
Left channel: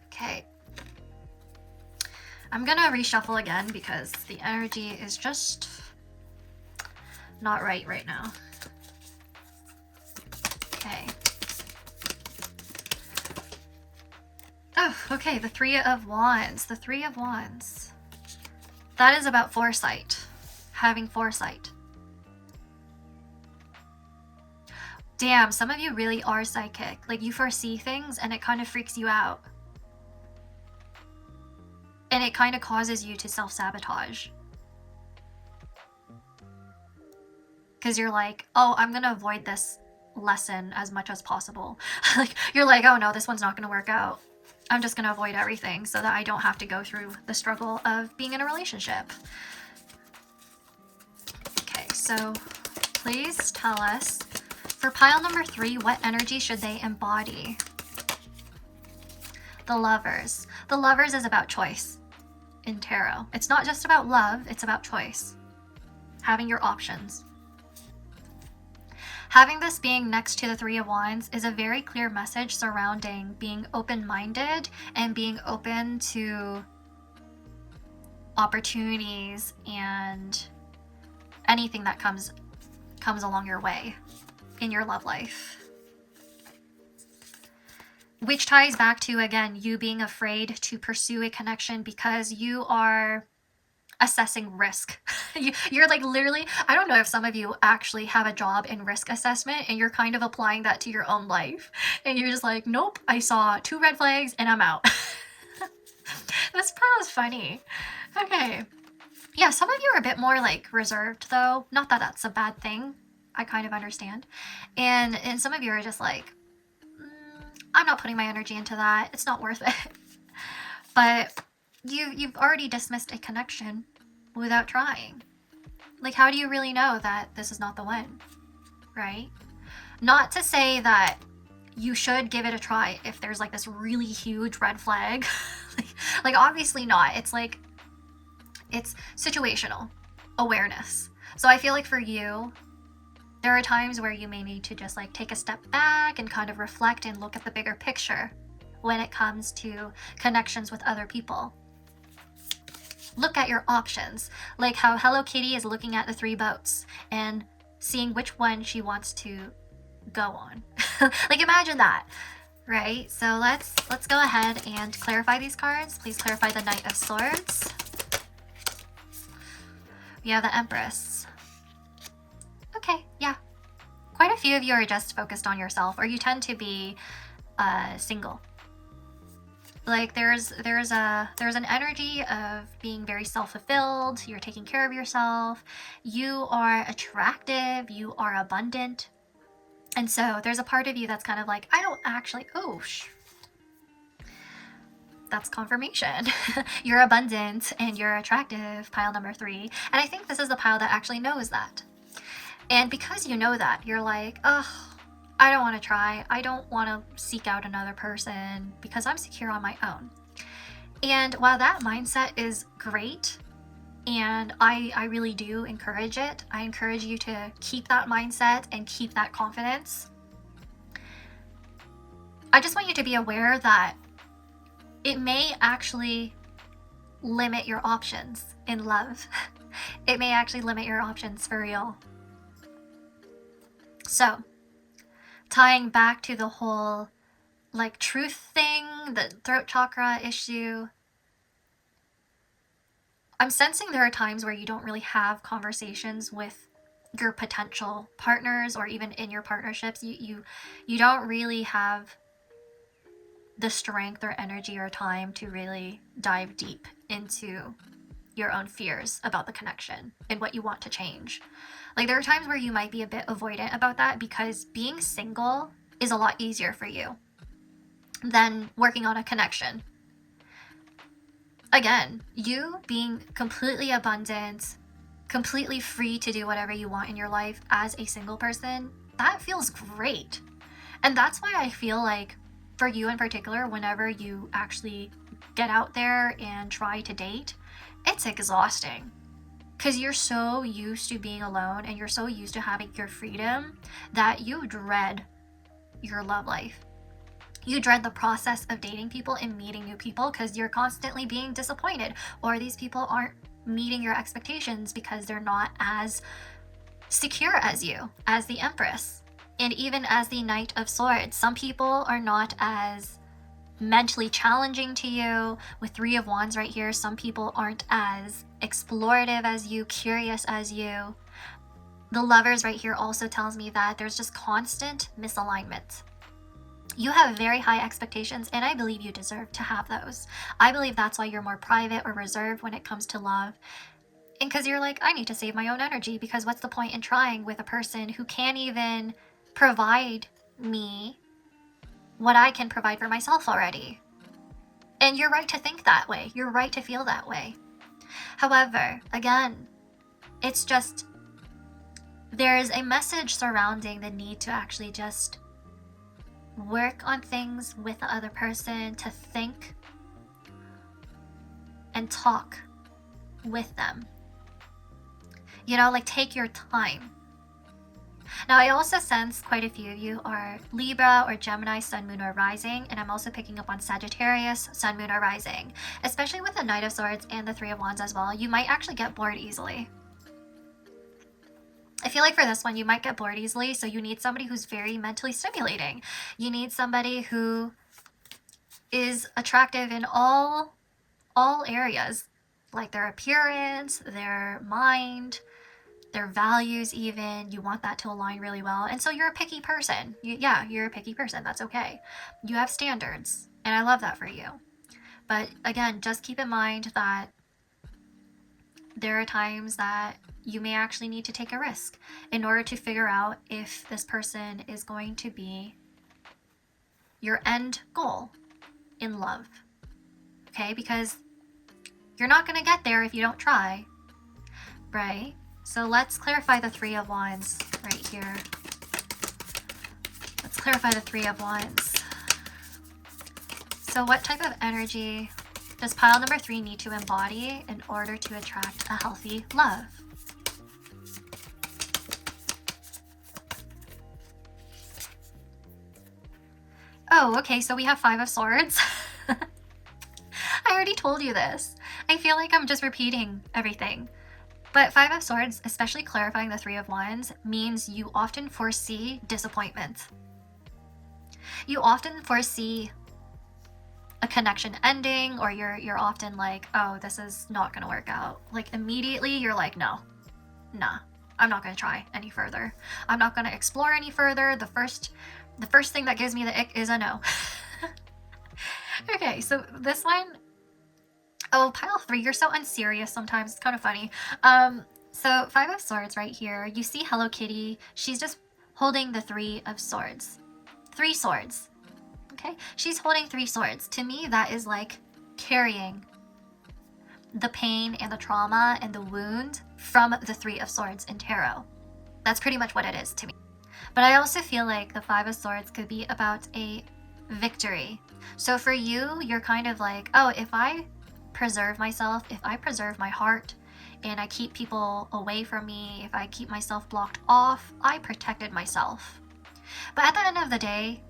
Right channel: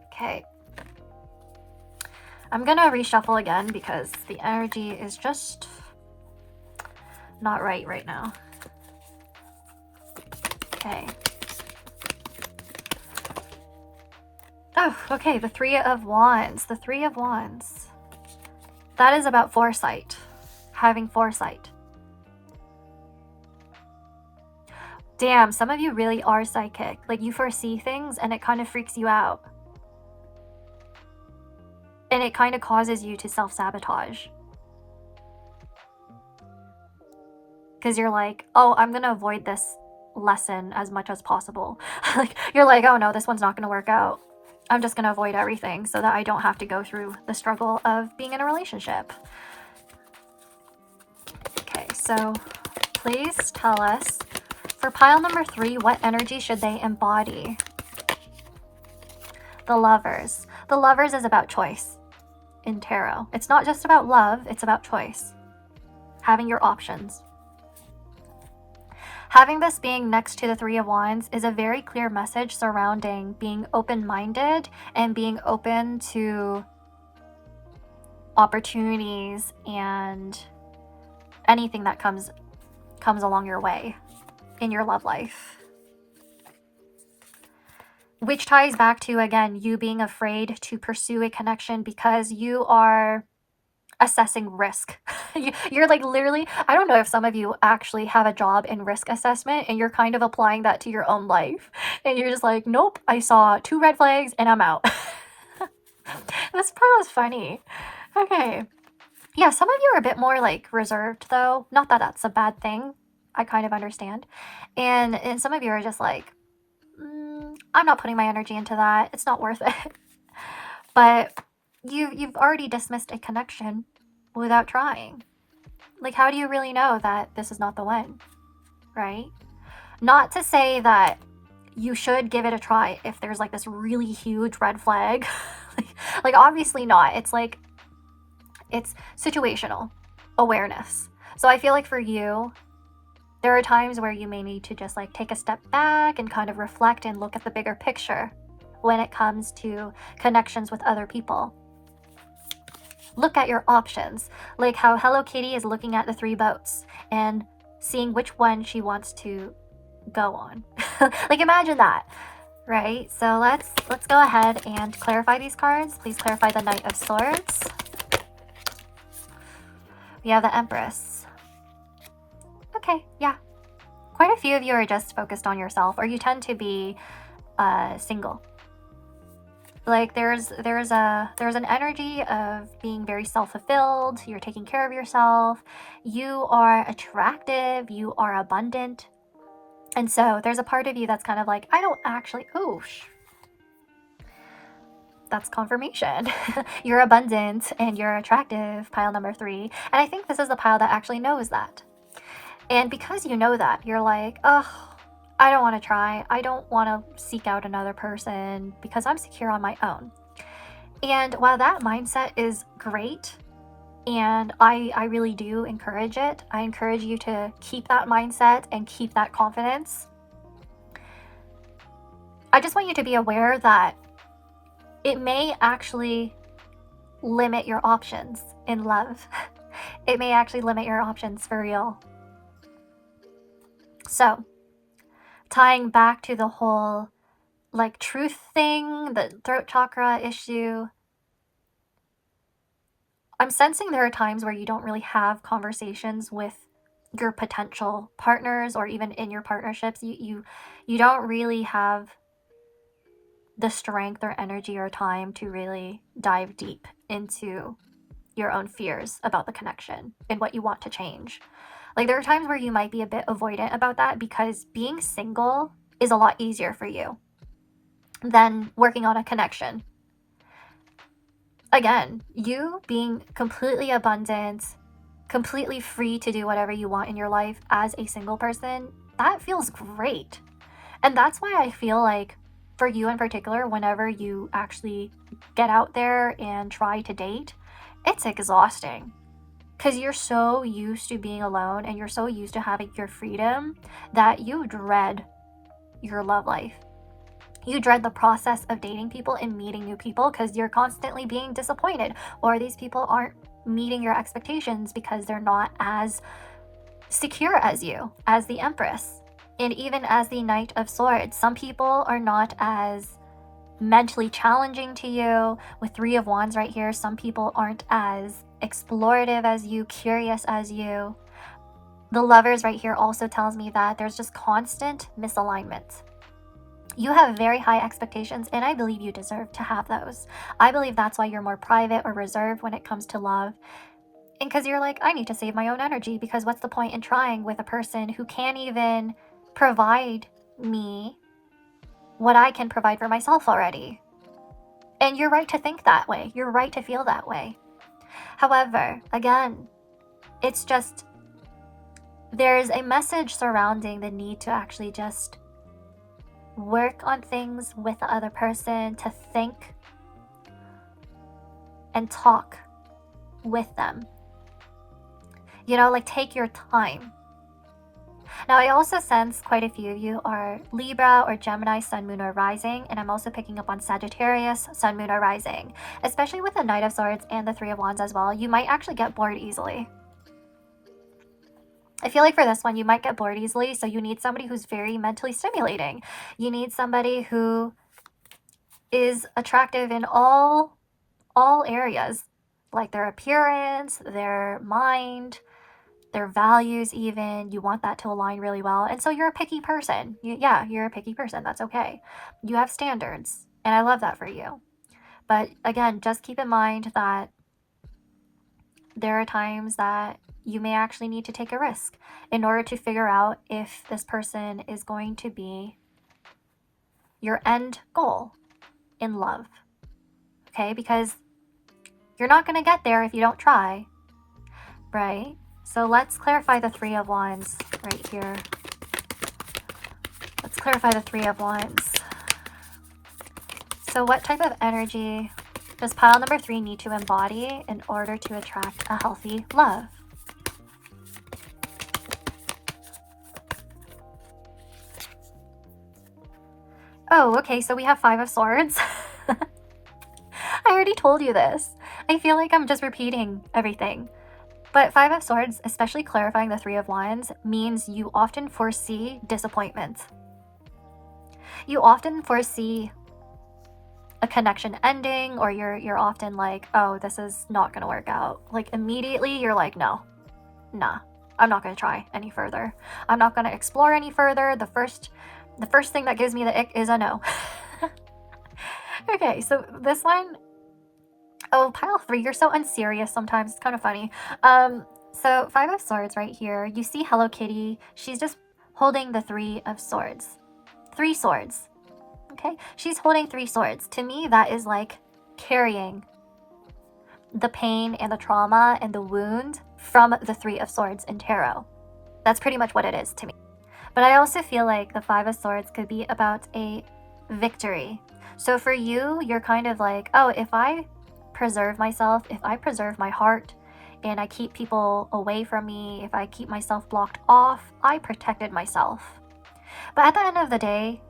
Okay. I'm gonna reshuffle again because the energy is just not right now. Okay. Oh, okay, the Three of Wands. The Three of Wands. That is about foresight. Having foresight. Damn, some of you really are psychic. Like, you foresee things and it kind of freaks you out. And it kind of causes you to self-sabotage. Because you're like, oh, I'm going to avoid this lesson as much as possible. Like, you're like, oh no, this one's not going to work out. I'm just going to avoid everything so that I don't have to go through the struggle of being in a relationship. Okay, so please tell us, for pile number 3, what energy should they embody? The Lovers. The Lovers is about choice in tarot. It's not just about love, it's about choice. Having your options. Having this being next to the Three of Wands is a very clear message surrounding being open-minded and being open to opportunities and anything that comes along your way in your love life. Which ties back to, again, you being afraid to pursue a connection because you are assessing risk. You're like literally, I don't know if some of you actually have a job in risk assessment and you're kind of applying that to your own life. And you're just like, nope, I saw 2 red flags and I'm out. This part was funny. Okay. Yeah, some of you are a bit more like reserved though. Not that that's a bad thing. I kind of understand. And some of you are just like, I'm not putting my energy into that. It's not worth it. But you've already dismissed a connection without trying. Like, how do you really know that this is not the one, right? Not to say that you should give it a try if there's like this really huge red flag. Like obviously not. It's like, it's situational awareness. So I feel like for you, there are times where you may need to just like take a step back and kind of reflect and look at the bigger picture when it comes to connections with other people. Look at your options, like how Hello Kitty is looking at the 3 boats and seeing which one she wants to go on. Like imagine that, right? So let's go ahead and clarify these cards. Please clarify the Knight of Swords. We have the Empress. Okay, yeah. Quite a few of you are just focused on yourself, or you tend to be single. Like there's an energy of being very self-fulfilled. You're taking care of yourself. You are attractive. You are abundant. And so there's a part of you that's kind of like, I don't actually, that's confirmation. You're abundant and you're attractive, pile number 3. And I think this is the pile that actually knows that. And because you know that, you're like, oh, I don't want to try. I don't want to seek out another person because I'm secure on my own. And while that mindset is great, and I really do encourage it, I encourage you to keep that mindset and keep that confidence. I just want you to be aware that it may actually limit your options in love. It may actually limit your options for real. So, tying back to the whole like truth thing, the throat chakra issue, I'm sensing there are times where you don't really have conversations with your potential partners, or even in your partnerships. You don't really have the strength or energy or time to really dive deep into your own fears about the connection and what you want to change. Like, there are times where you might be a bit avoidant about that because being single is a lot easier for you than working on a connection. Again, you being completely abundant, completely free to do whatever you want in your life as a single person, that feels great. And that's why I feel like for you in particular, whenever you actually get out there and try to date, it's exhausting because you're so used to being alone and you're so used to having your freedom that you dread your love life. You dread the process of dating people and meeting new people because you're constantly being disappointed, or these people aren't meeting your expectations because they're not as secure as you, as the Empress, and even as the Knight of Swords. Some people are not as mentally challenging to you. With Three of Wands right here, some people aren't as explorative as you, curious as you. The Lovers right here also tells me that there's just constant misalignment. You have very high expectations, and I believe you deserve to have those. I believe that's why you're more private or reserved when it comes to love. And because you're like, I need to save my own energy, because what's the point in trying with a person who can't even provide me what I can provide for myself already? And you're right to think that way. You're right to feel that way. However, again, it's just, there's a message surrounding the need to actually just work on things with the other person, to think and talk with them. You know, like, take your time. Now, I also sense quite a few of you are Libra or Gemini, Sun, Moon, or Rising, and I'm also picking up on Sagittarius, Sun, Moon, or Rising. Especially with the Knight of Swords and the Three of Wands as well, you might actually get bored easily. I feel like for this one, you might get bored easily, so you need somebody who's very mentally stimulating. You need somebody who is attractive in all areas, like their appearance, their mind, their values even. You want that to align really well. And so you're a picky person. You're a picky person. That's okay. You have standards, and I love that for you. But again, just keep in mind that there are times that you may actually need to take a risk in order to figure out if this person is going to be your end goal in love. Okay? Because you're not going to get there if you don't try, right? So let's clarify the Three of Wands right here. Let's clarify the Three of Wands. So what type of energy does pile number 3 need to embody in order to attract a healthy love? Oh, okay, so we have Five of Swords. I already told you this. I feel like I'm just repeating everything. But Five of Swords, especially clarifying the Three of Wands, means you often foresee disappointment. You often foresee a connection ending, or you're often like, oh, this is not gonna work out. Like, immediately you're like, nah, I'm not gonna try any further. I'm not gonna explore any further. The first thing that gives me the ick is a no. Okay, so this one, oh, pile 3, you're so unserious sometimes. It's kind of funny. So Five of Swords right here, you see Hello Kitty. She's just holding the Three of Swords. 3 swords. Okay, she's holding 3 swords. To me, that is like carrying the pain and the trauma and the wound from the Three of Swords in tarot. That's pretty much what it is to me. But I also feel like the Five of Swords could be about a victory. So for you, you're kind of like, oh, if I preserve myself, if I preserve my heart, and I keep people away from me, if I keep myself blocked off, I protected myself. But at the end of the day,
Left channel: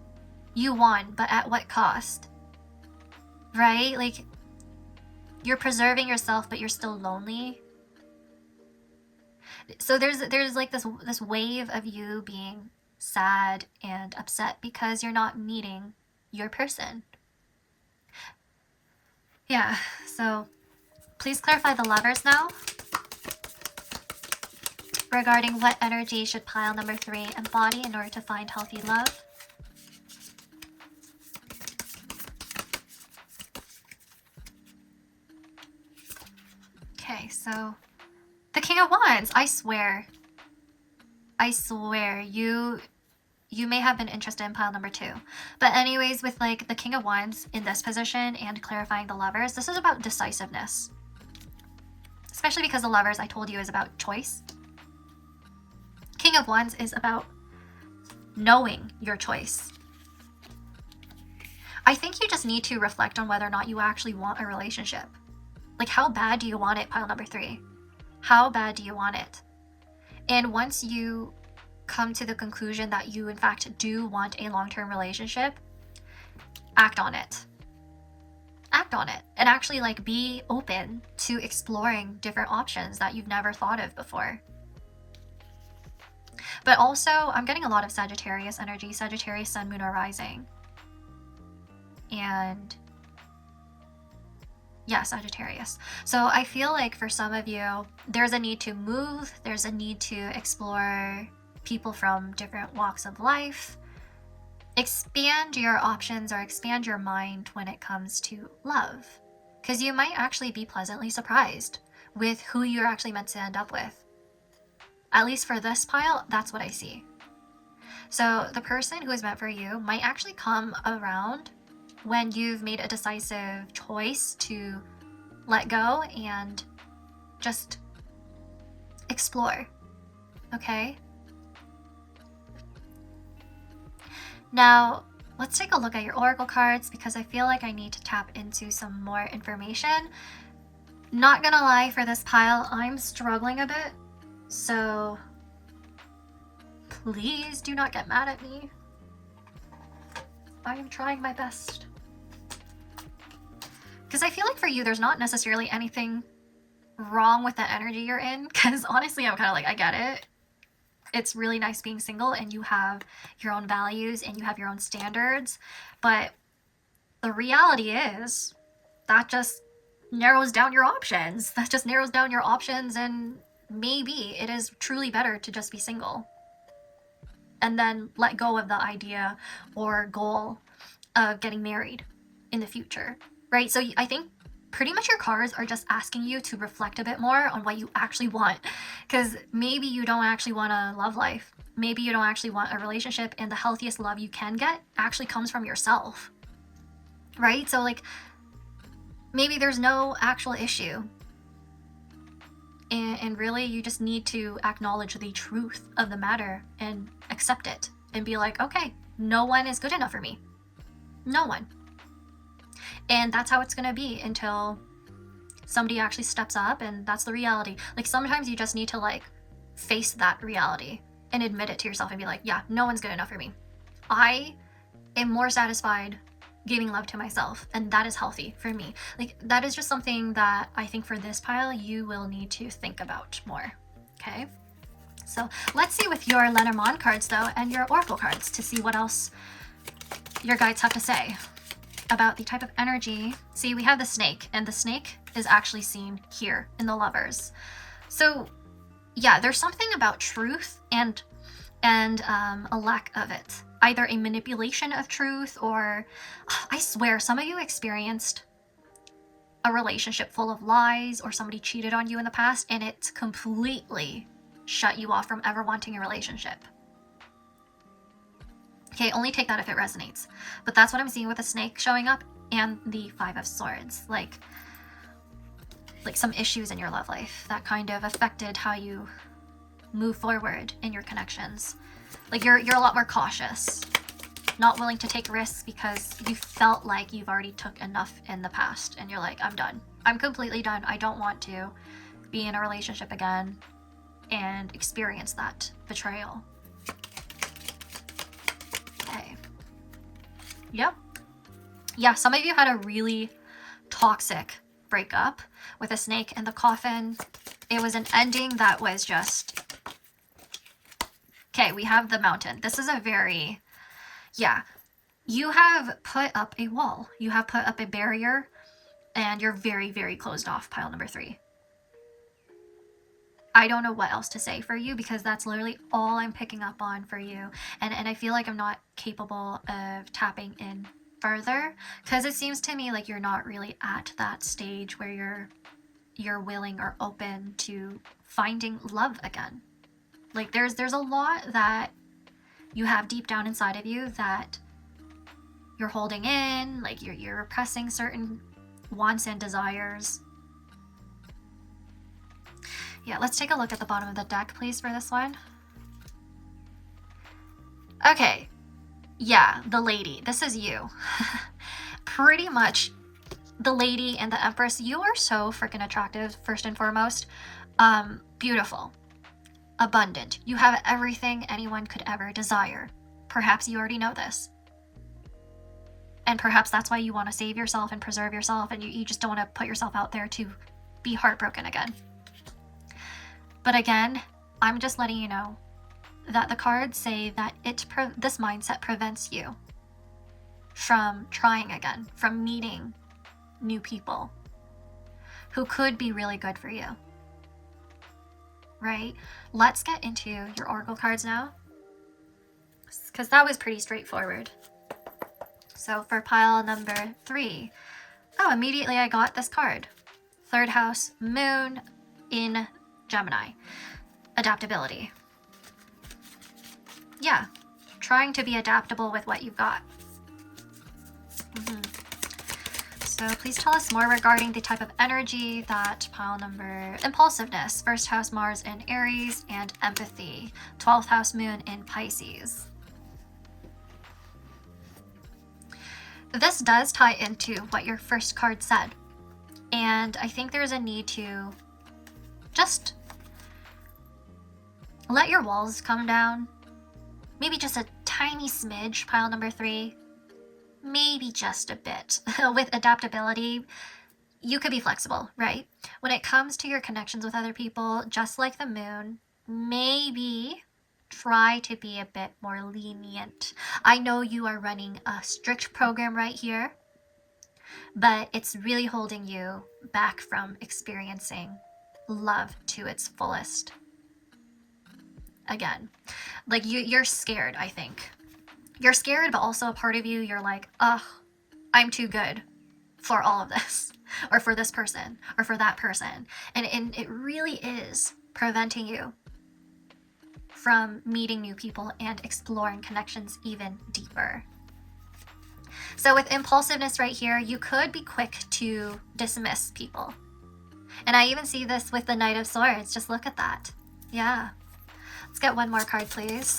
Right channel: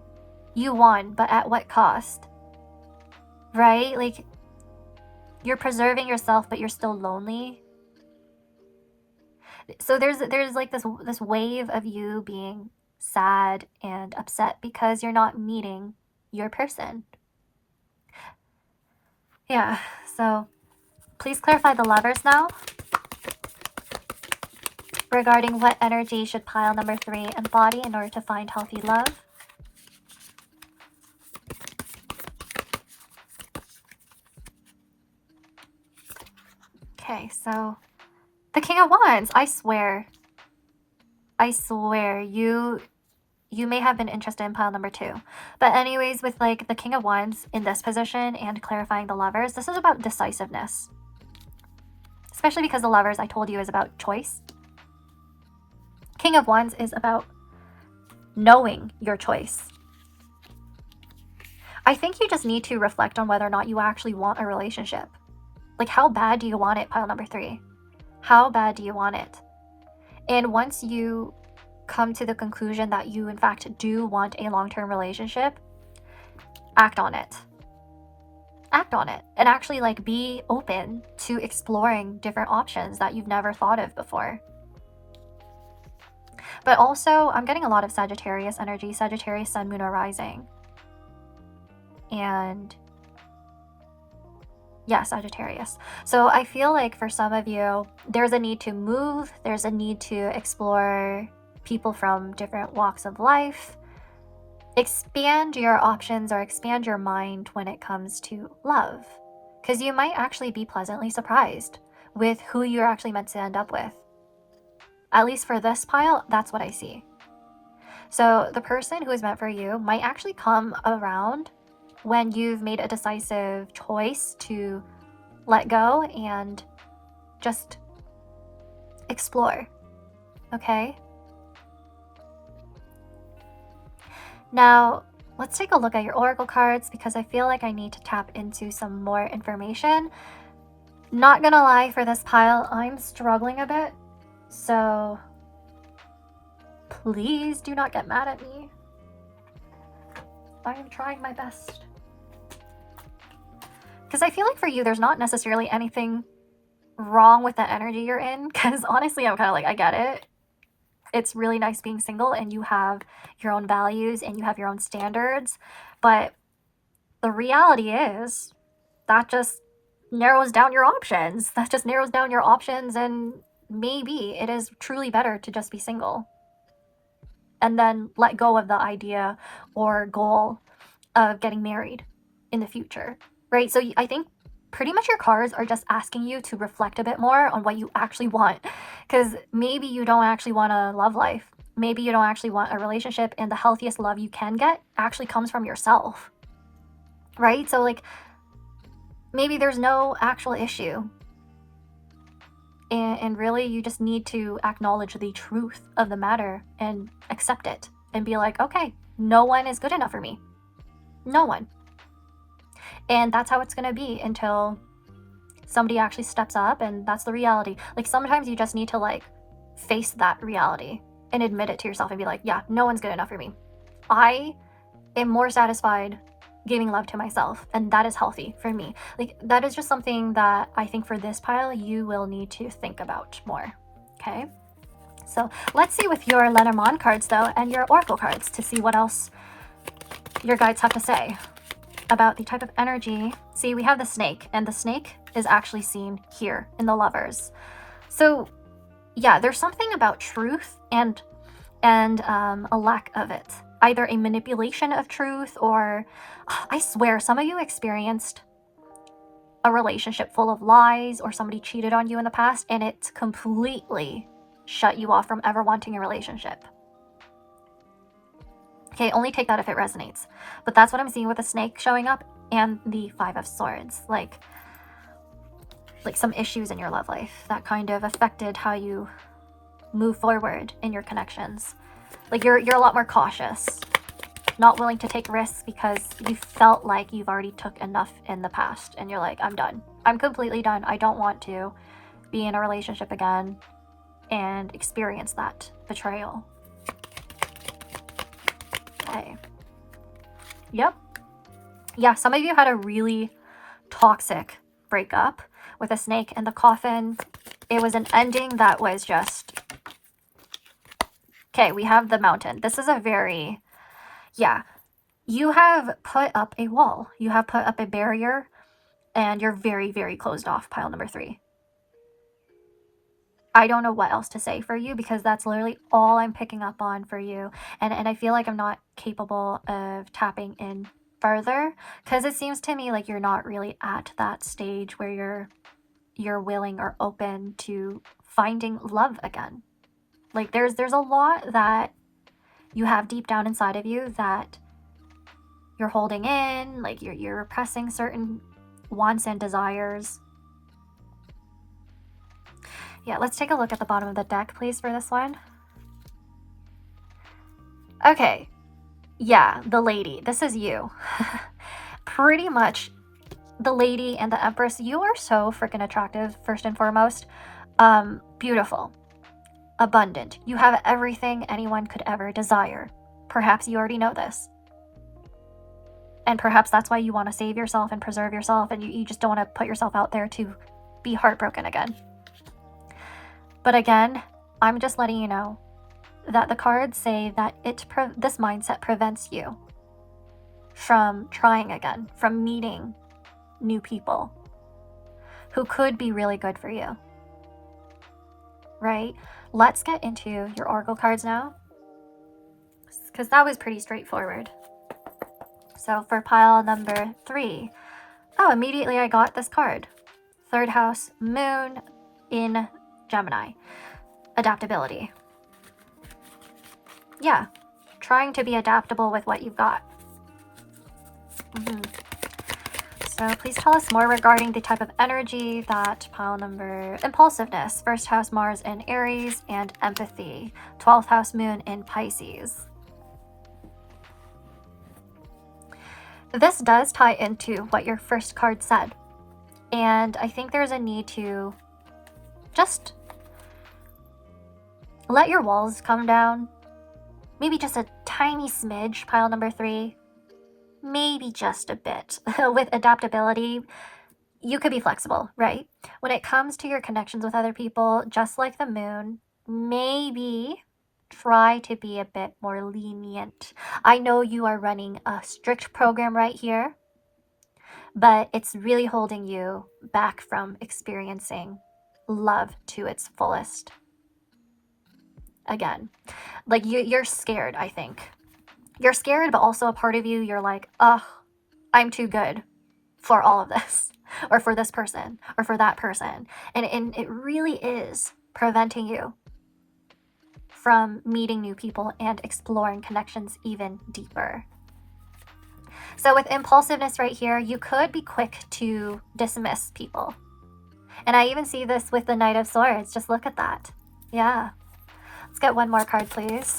you won, but at what cost? Right? Like, you're preserving yourself, but you're still lonely. So there's like this wave of you being sad and upset because you're not meeting your person. Yeah, so please clarify the Lovers now. Regarding what energy should pile number 3 embody in order to find healthy love. Okay, so the King of Wands. I swear, you may have been interested in pile number 2. But anyways, with like the King of Wands in this position and clarifying the Lovers, this is about decisiveness. Especially because the Lovers, I told you, is about choice. King of Wands is about knowing your choice. I think you just need to reflect on whether or not you actually want a relationship. Like, how bad do you want it, pile number 3? How bad do you want it? And once you come to the conclusion that you in fact do want a long-term relationship, act on it. Act on it. And actually like be open to exploring different options that you've never thought of before. But also, I'm getting a lot of Sagittarius energy. Sagittarius, Sun, Moon, or Rising. And yeah, Sagittarius. So I feel like for some of you, there's a need to move. There's a need to explore people from different walks of life. Expand your options or expand your mind when it comes to love. Because you might actually be pleasantly surprised with who you're actually meant to end up with. At least for this pile, that's what I see. So the person who is meant for you might actually come around when you've made a decisive choice to let go and just explore. Okay? Now, let's take a look at your oracle cards because I feel like I need to tap into some more information. Not gonna lie, for this pile, I'm struggling a bit. So please do not get mad at me. I am trying my best. Because I feel like for you, there's not necessarily anything wrong with the energy you're in. Because honestly, I'm kind of like, I get it. It's really nice being single and you have your own values and you have your own standards. But the reality is that just narrows down your options. That just narrows down your options, and maybe it is truly better to just be single and then let go of the idea or goal of getting married in the future, right? So I think pretty much your cards are just asking you to reflect a bit more on what you actually want, because maybe you don't actually want a love life. Maybe you don't actually want a relationship, and the healthiest love you can get actually comes from yourself, right? So like maybe there's no actual issue. And really, you just need to acknowledge the truth of the matter and accept it and be like, okay, no one is good enough for me. No one. And that's how it's going to be until somebody actually steps up, and that's the reality. Like, sometimes you just need to, like, face that reality and admit it to yourself and be like, yeah, no one's good enough for me. I am more satisfied giving love to myself, and that is healthy for me. Like, that is just something that I think for this pile you will need to think about more. Okay, so let's see with your Lenormand cards though and your oracle cards to see what else your guides have to say about the type of energy. See, we have the snake, and the snake is actually seen here in the Lovers. So yeah, there's something about truth and a lack of it. Either a manipulation of truth, or I swear some of you experienced a relationship full of lies, or somebody cheated on you in the past and it completely shut you off from ever wanting a relationship. Okay, only take that if it resonates. But that's what I'm seeing with the snake showing up and the Five of Swords. Like some issues in your love life that kind of affected how you move forward in your connections. Like you're a lot more cautious, not willing to take risks because you felt like you've already took enough in the past and you're like, I'm done. I'm completely done. I don't want to be in a relationship again and experience that betrayal. Okay. Yep. Yeah, some of you had a really toxic breakup with a snake in the coffin. It was an ending that was just... Okay, we have the mountain. This is a very... Yeah. You have put up a wall. You have put up a barrier, and you're very, very closed off, pile number 3. I don't know what else to say for you because that's literally all I'm picking up on for you. And I feel like I'm not capable of tapping in further because it seems to me like you're not really at that stage where you're willing or open to finding love again. Like there's a lot that you have deep down inside of you that you're holding in, like you're repressing certain wants and desires. Yeah, let's take a look at the bottom of the deck, please, for this one. Okay. Yeah, the lady. This is you. Pretty much the lady and the empress. You are so freaking attractive, first and foremost. Beautiful. Abundant. You have everything anyone could ever desire. Perhaps you already know this. And perhaps that's why you want to save yourself and preserve yourself, and you just don't want to put yourself out there to be heartbroken again. But again, I'm just letting you know that the cards say that this mindset prevents you from trying again, from meeting new people who could be really good for you. Right? Let's get into your oracle cards now, because that was pretty straightforward. So for pile number 3, oh, immediately I got this card. 3rd house, moon in Gemini. Adaptability. Yeah, trying to be adaptable with what you've got. So please tell us more regarding the type of energy that pile number... Impulsiveness, 1st house Mars in Aries, and empathy, 12th house moon in Pisces. This does tie into what your first card said. And I think there's a need to just let your walls come down. Maybe just a tiny smidge, pile number 3. Maybe just a bit. With adaptability, you could be flexible, right? When it comes to your connections with other people, just like the moon, maybe try to be a bit more lenient. I know you are running a strict program right here, but it's really holding you back from experiencing love to its fullest. Again, like you're scared, I think. You're scared, but also a part of you, you're like, oh, I'm too good for all of this, or for this person, or for that person. And it really is preventing you from meeting new people and exploring connections even deeper. So with impulsiveness right here, you could be quick to dismiss people. And I even see this with the Knight of Swords. Just look at that. Yeah. Let's get one more card, please.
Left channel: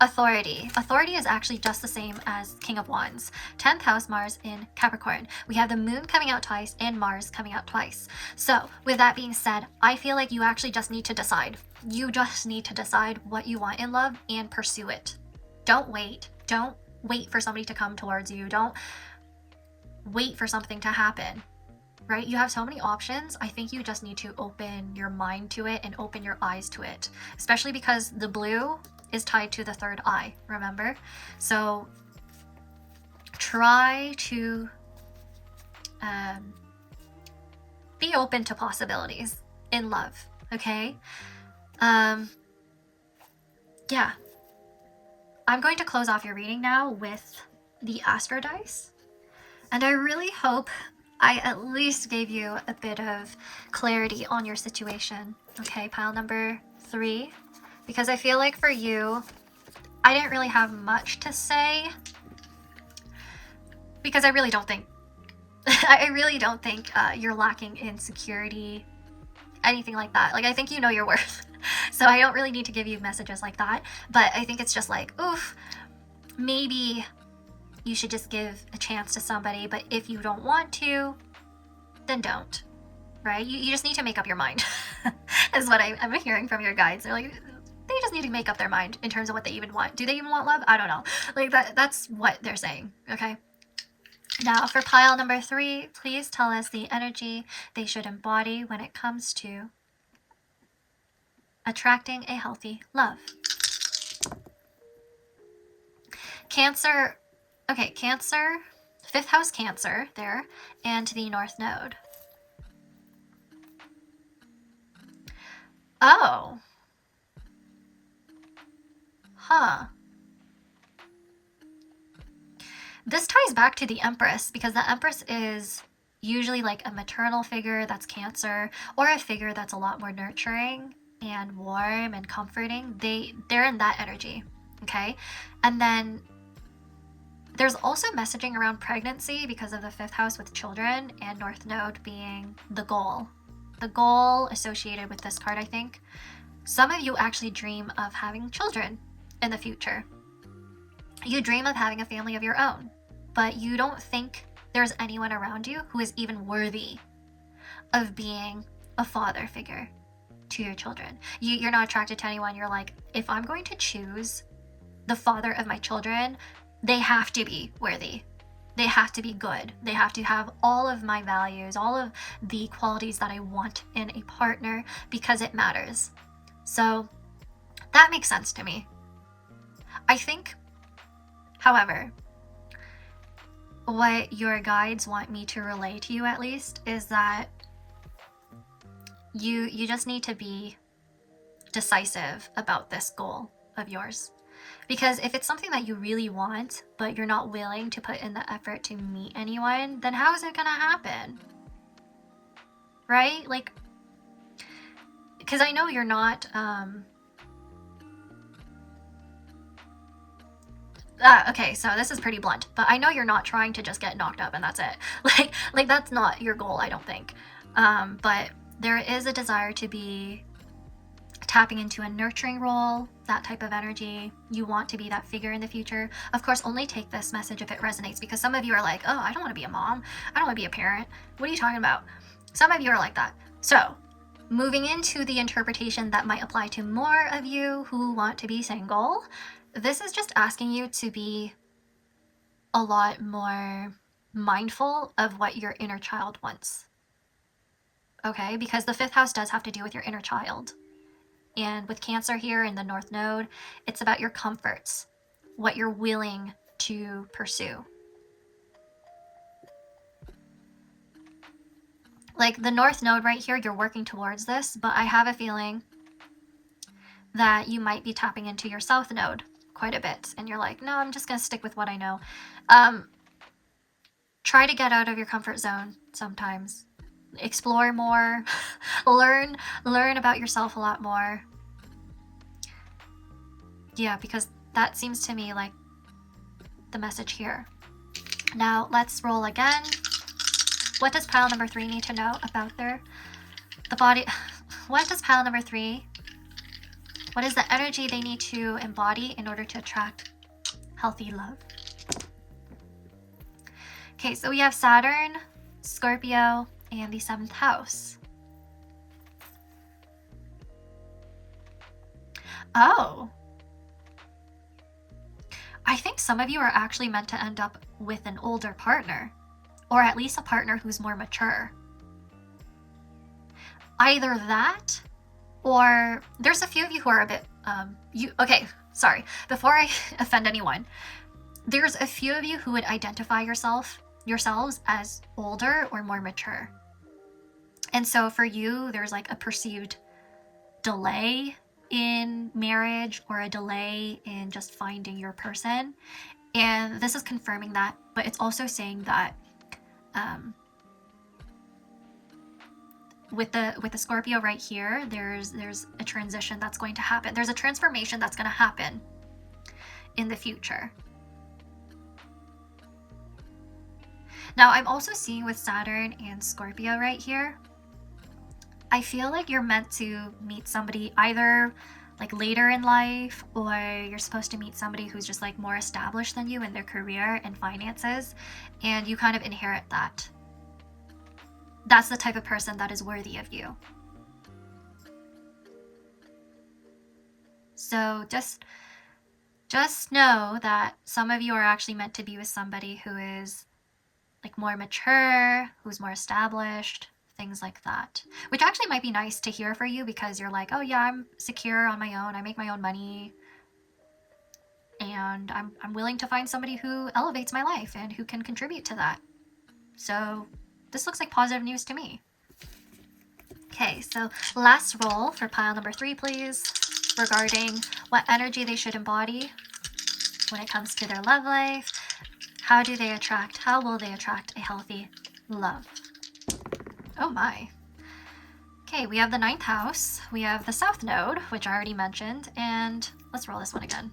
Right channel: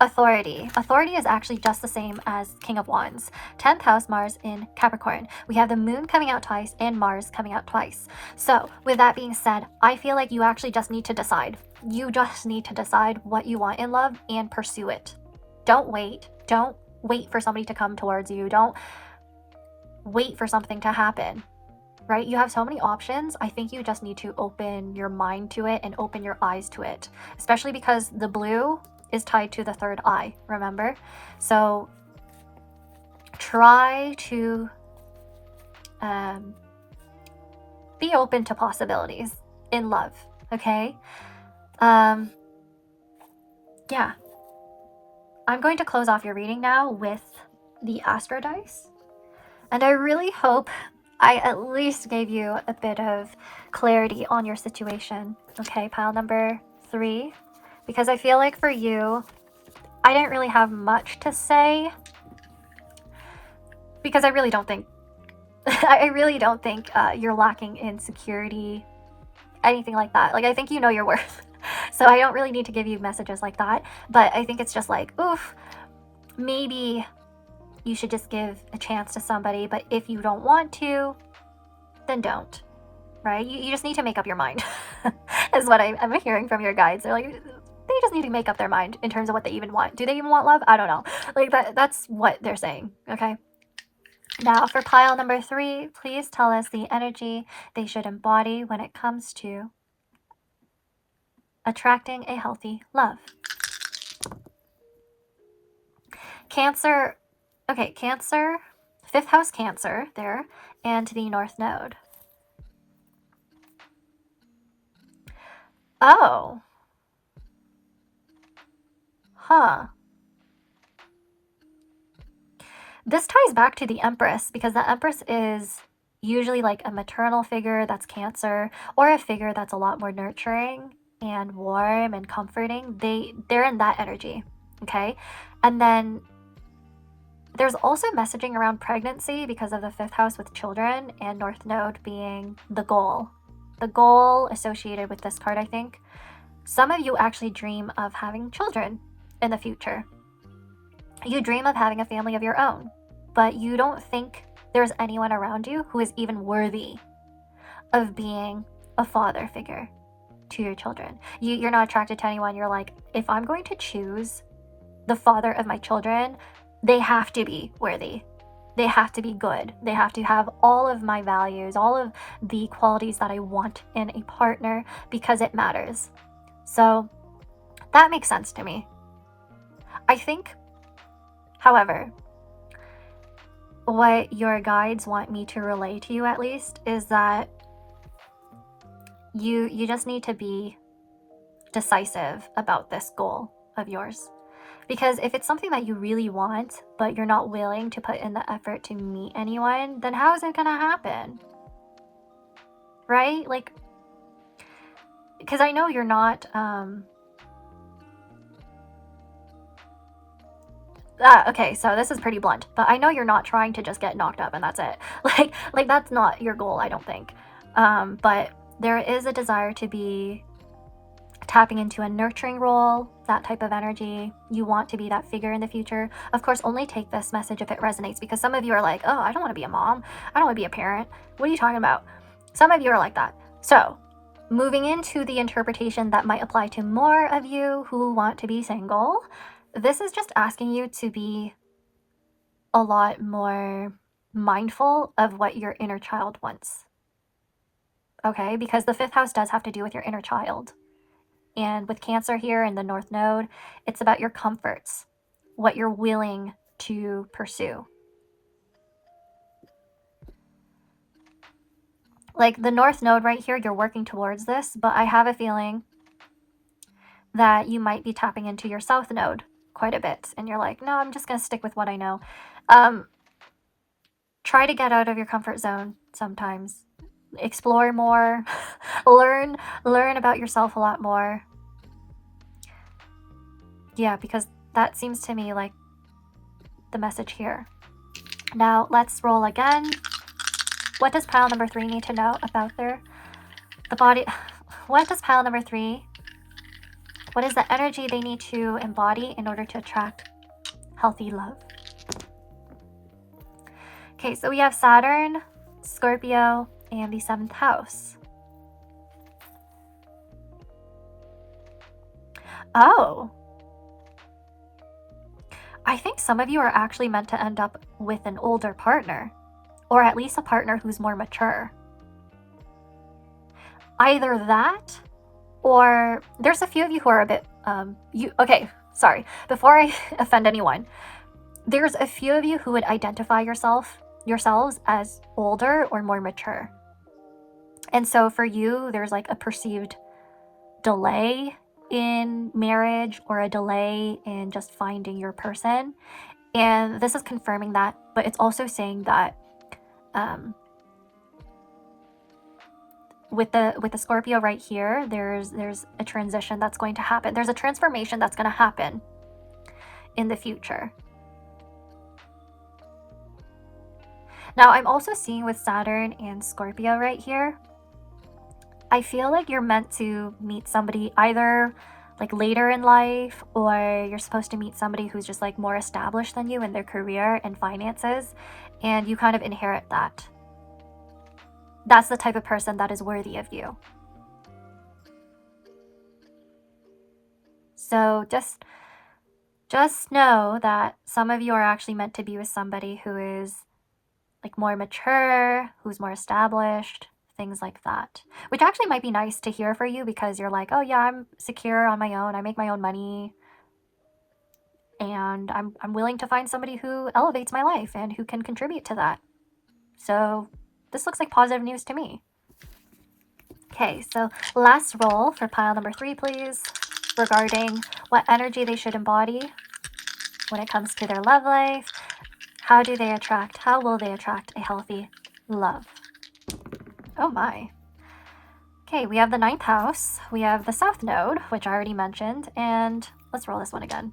Authority. Authority is actually just the same as King of Wands. 10th house Mars in Capricorn. We have the moon coming out twice and Mars coming out twice. So with that being said, I feel like you actually just need to decide. You just need to decide what you want in love and pursue it. Don't wait. Don't wait for somebody to come towards you. Don't wait for something to happen. Right? You have so many options. I think you just need to open your mind to it and open your eyes to it. Especially because the blue is tied to the 3rd eye, remember? So try to be open to possibilities in love, okay? Yeah. I'm going to close off your reading now with the Astro dice. And I really hope I at least gave you a bit of clarity on your situation. Okay, pile number 3. Because I feel like for you, I didn't really have much to say. Because I really don't think, you're lacking in security, anything like that. Like, I think you know your worth. So I don't really need to give you messages like that, but I think it's just like, oof, maybe you should just give a chance to somebody, but if you don't want to, then don't, right? You just need to make up your mind, is what I'm hearing from your guides. They're like, they just need to make up their mind in terms of what they even want. Do they even want love? I don't know. Like that's what they're saying, okay? Now for pile number 3, please tell us the energy they should embody when it comes to attracting a healthy love. Cancer, okay, Cancer, 5th house Cancer there, and the North Node. Oh. Huh. This ties back to the Empress, because the Empress is usually like a maternal figure that's Cancer, or a figure that's a lot more nurturing and warm and comforting. They're in that energy, okay? And then there's also messaging around pregnancy because of the 5th house with children and North Node being the goal. The goal associated with this card, I think. Some of you actually dream of having children in the future. You dream of having a family of your own, but you don't think there's anyone around you who is even worthy of being a father figure to your children. You're not attracted to anyone. You're like, if I'm going to choose the father of my children, they have to be worthy. They have to be good. They have to have all of my values, all of the qualities that I want in a partner, because it matters. So that makes sense to me. I think, however, what your guides want me to relay to you, at least, is that you just need to be decisive about this goal of yours. Because if it's something that you really want, but you're not willing to put in the effort to meet anyone, then how is it gonna happen? Right? Like, because I know you're not, okay, so this is pretty blunt, but I know you're not trying to just get knocked up and that's it. Like that's not your goal, I don't think. But there is a desire to be tapping into a nurturing role, that type of energy. You want to be that figure in the future. Of course, only take this message if it resonates, because some of you are like, oh, I don't want to be a mom. I don't want to be a parent. What are you talking about? Some of you are like that. So moving into the interpretation that might apply to more of you who want to be single, this is just asking you to be a lot more mindful of what your inner child wants. Okay? Because the 5th house does have to do with your inner child. And with Cancer here in the North Node, it's about your comforts, what you're willing to pursue. Like the North Node right here, you're working towards this, but I have a feeling that you might be tapping into your South Node quite a bit. And you're like, no, I'm just going to stick with what I know. Try to get out of your comfort zone sometimes. Explore more, learn about yourself a lot more. Yeah, because that seems to me like the message here. Now let's roll again. What does pile number 3 need to know about the body? What does pile number 3, what is the energy they need to embody in order to attract healthy love? Okay, so we have Saturn, Scorpio, and the 7th house. Oh. I think some of you are actually meant to end up with an older partner, or at least a partner who's more mature. Either that, or there's a few of you who are a bit, okay, sorry, before I offend anyone, there's a few of you who would identify yourselves as older or more mature. And so for you, there's like a perceived delay in marriage or a delay in just finding your person. And this is confirming that, but it's also saying that with the Scorpio right here, there's a transition that's going to happen. There's a transformation that's going to happen in the future. Now, I'm also seeing with Saturn and Scorpio right here, I feel like you're meant to meet somebody either like later in life, or you're supposed to meet somebody who's just like more established than you in their career and finances, and you kind of inherit that. That's the type of person that is worthy of you. So just know that some of you are actually meant to be with somebody who is like more mature, who's more established, things like that. Which actually might be nice to hear for you, because you're like, oh yeah, I'm secure on my own, I make my own money, and I'm willing to find somebody who elevates my life and who can contribute to that. So this looks like positive news to me. Okay, so last roll for pile number 3, please, regarding what energy they should embody when it comes to their love life. How will they attract a healthy love? Oh my. Okay, we have the 9th house, we have the South Node, which I already mentioned, and let's roll this one again.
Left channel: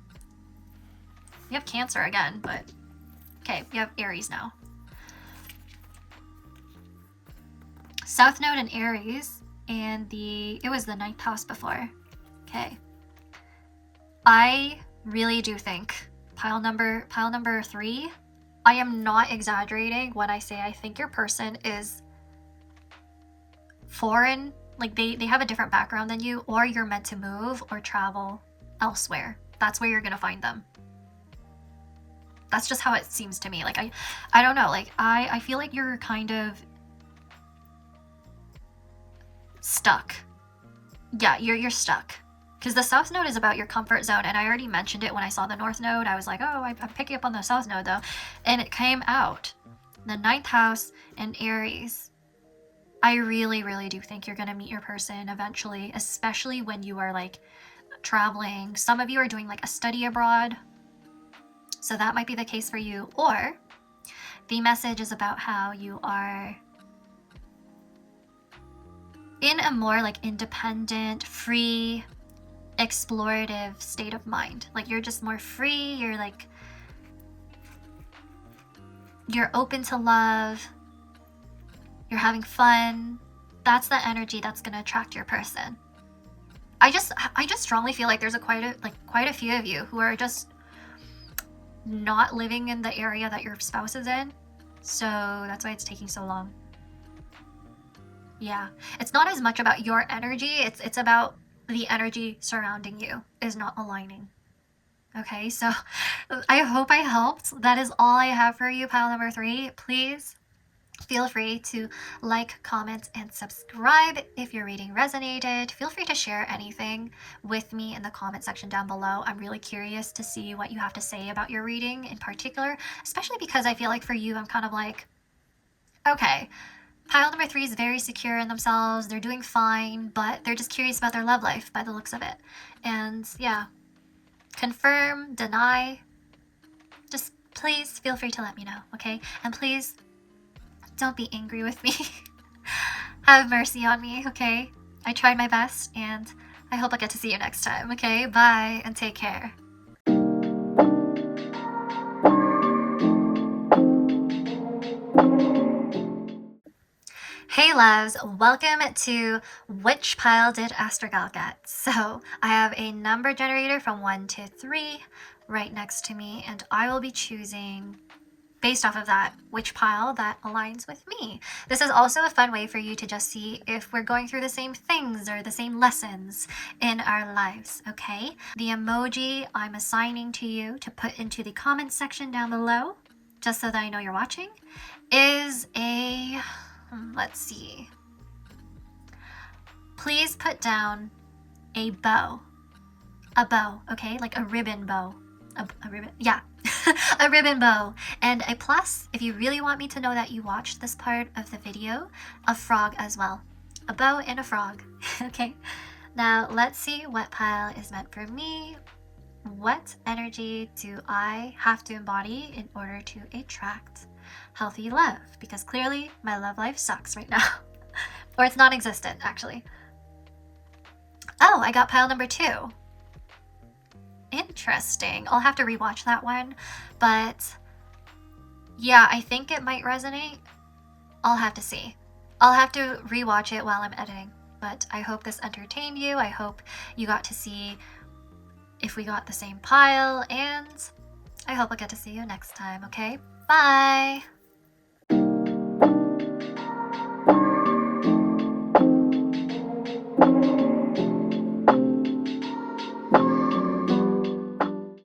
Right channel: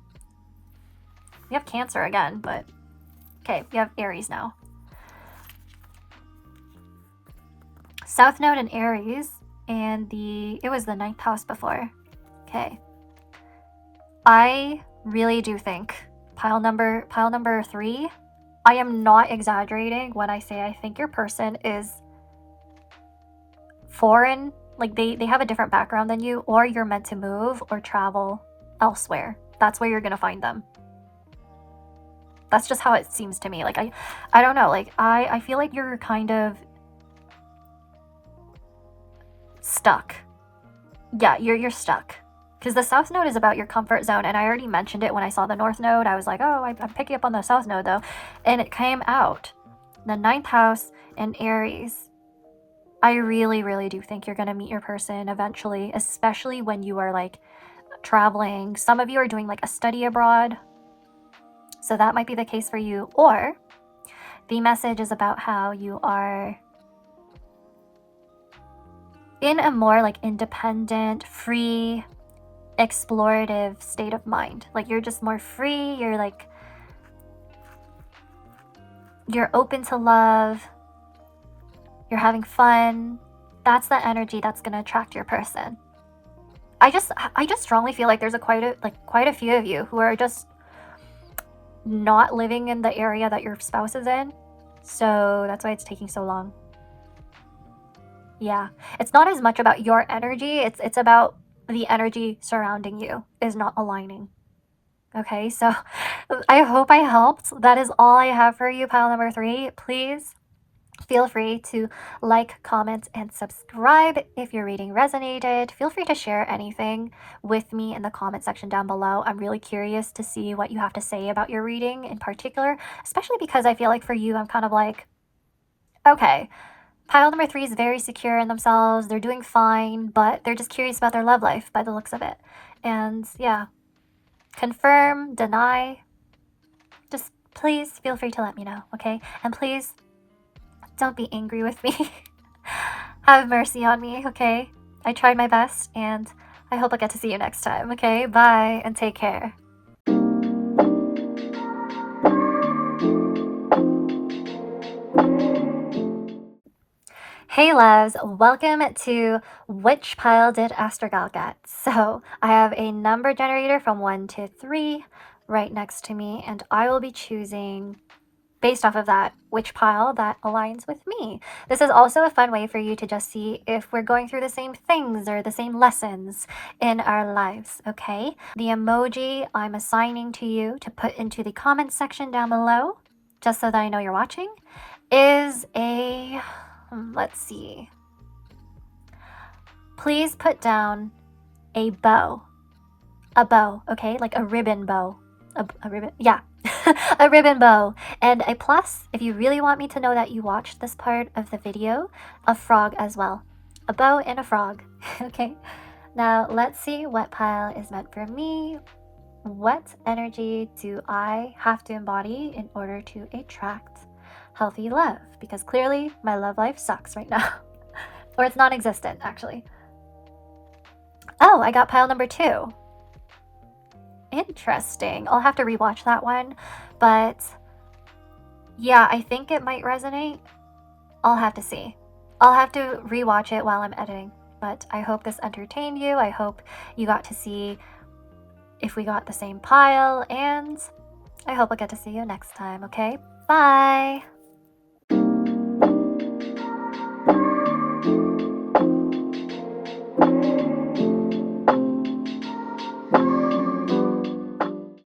We have Cancer again, but okay, we have Aries now. South Node and Aries, and it was the 9th house before. Okay. I really do think pile number 3, I am not exaggerating when I say I think your person is foreign, like they have a different background than you, or you're meant to move or travel elsewhere. That's where you're gonna find them. That's just how it seems to me. Like I don't know, like I feel like you're kind of stuck. Yeah, you're stuck. Because the South Node is about your comfort zone, and I already mentioned it when I saw the North Node. I was like, oh, I'm picking up on the South Node though. And it came out. The 9th house and Aries. I really, really do think you're going to meet your person eventually, especially when you are like traveling. Some of you are doing like a study abroad, so that might be the case for you. Or the message is about how you are in a more like independent, free, explorative state of mind. Like you're just more free, you're open to love, you're having fun. That's the energy that's going to attract your person. I just strongly feel like there's quite a few of you who are just not living in the area that your spouse is in. So that's why it's taking so long. Yeah, it's not as much about your energy, it's about the energy surrounding you is not aligning. Okay, so I hope I helped. That is all I have for you, pile number 3. Please feel free to like, comment, and subscribe if your reading resonated. Feel free to share anything with me in the comment section down below. I'm really curious to see what you have to say about your reading in particular, especially because I feel like for you, I'm kind of like, okay, pile number 3 is very secure in themselves. They're doing fine, but they're just curious about their love life by the looks of it. And yeah, confirm, deny, just please feel free to let me know, okay? And please don't be angry with me. Have mercy on me, okay? I tried my best, and I hope I get to see you next time, okay? Bye, and take care. Hey loves, welcome to Which Pile Did ASTROG L Get? So I have a number generator from 1 to 3 right next to me, and I will be choosing, based off of that, which pile that aligns with me. This is also a fun way for you to just see if we're going through the same things or the same lessons in our lives, okay? The emoji I'm assigning to you to put into the comment section down below, just so that I know you're watching, is a... let's see. Please put down a bow. A bow, okay? Like a ribbon bow. A ribbon, yeah. A ribbon bow. And a plus, if you really want me to know that you watched this part of the video, a frog as well. A bow and a frog, okay? Now, let's see what pile is meant for me. What energy do I have to embody in order to attract healthy love? Because clearly my love life sucks right now. Or it's non-existent, actually. Oh, I got pile number 2. Interesting. I'll have to rewatch that one. But yeah, I think it might resonate. I'll have to see. I'll have to rewatch it while I'm editing. But I hope this entertained you. I hope you got to see if we got the same pile, and I hope I'll get to see you next time, okay? Bye!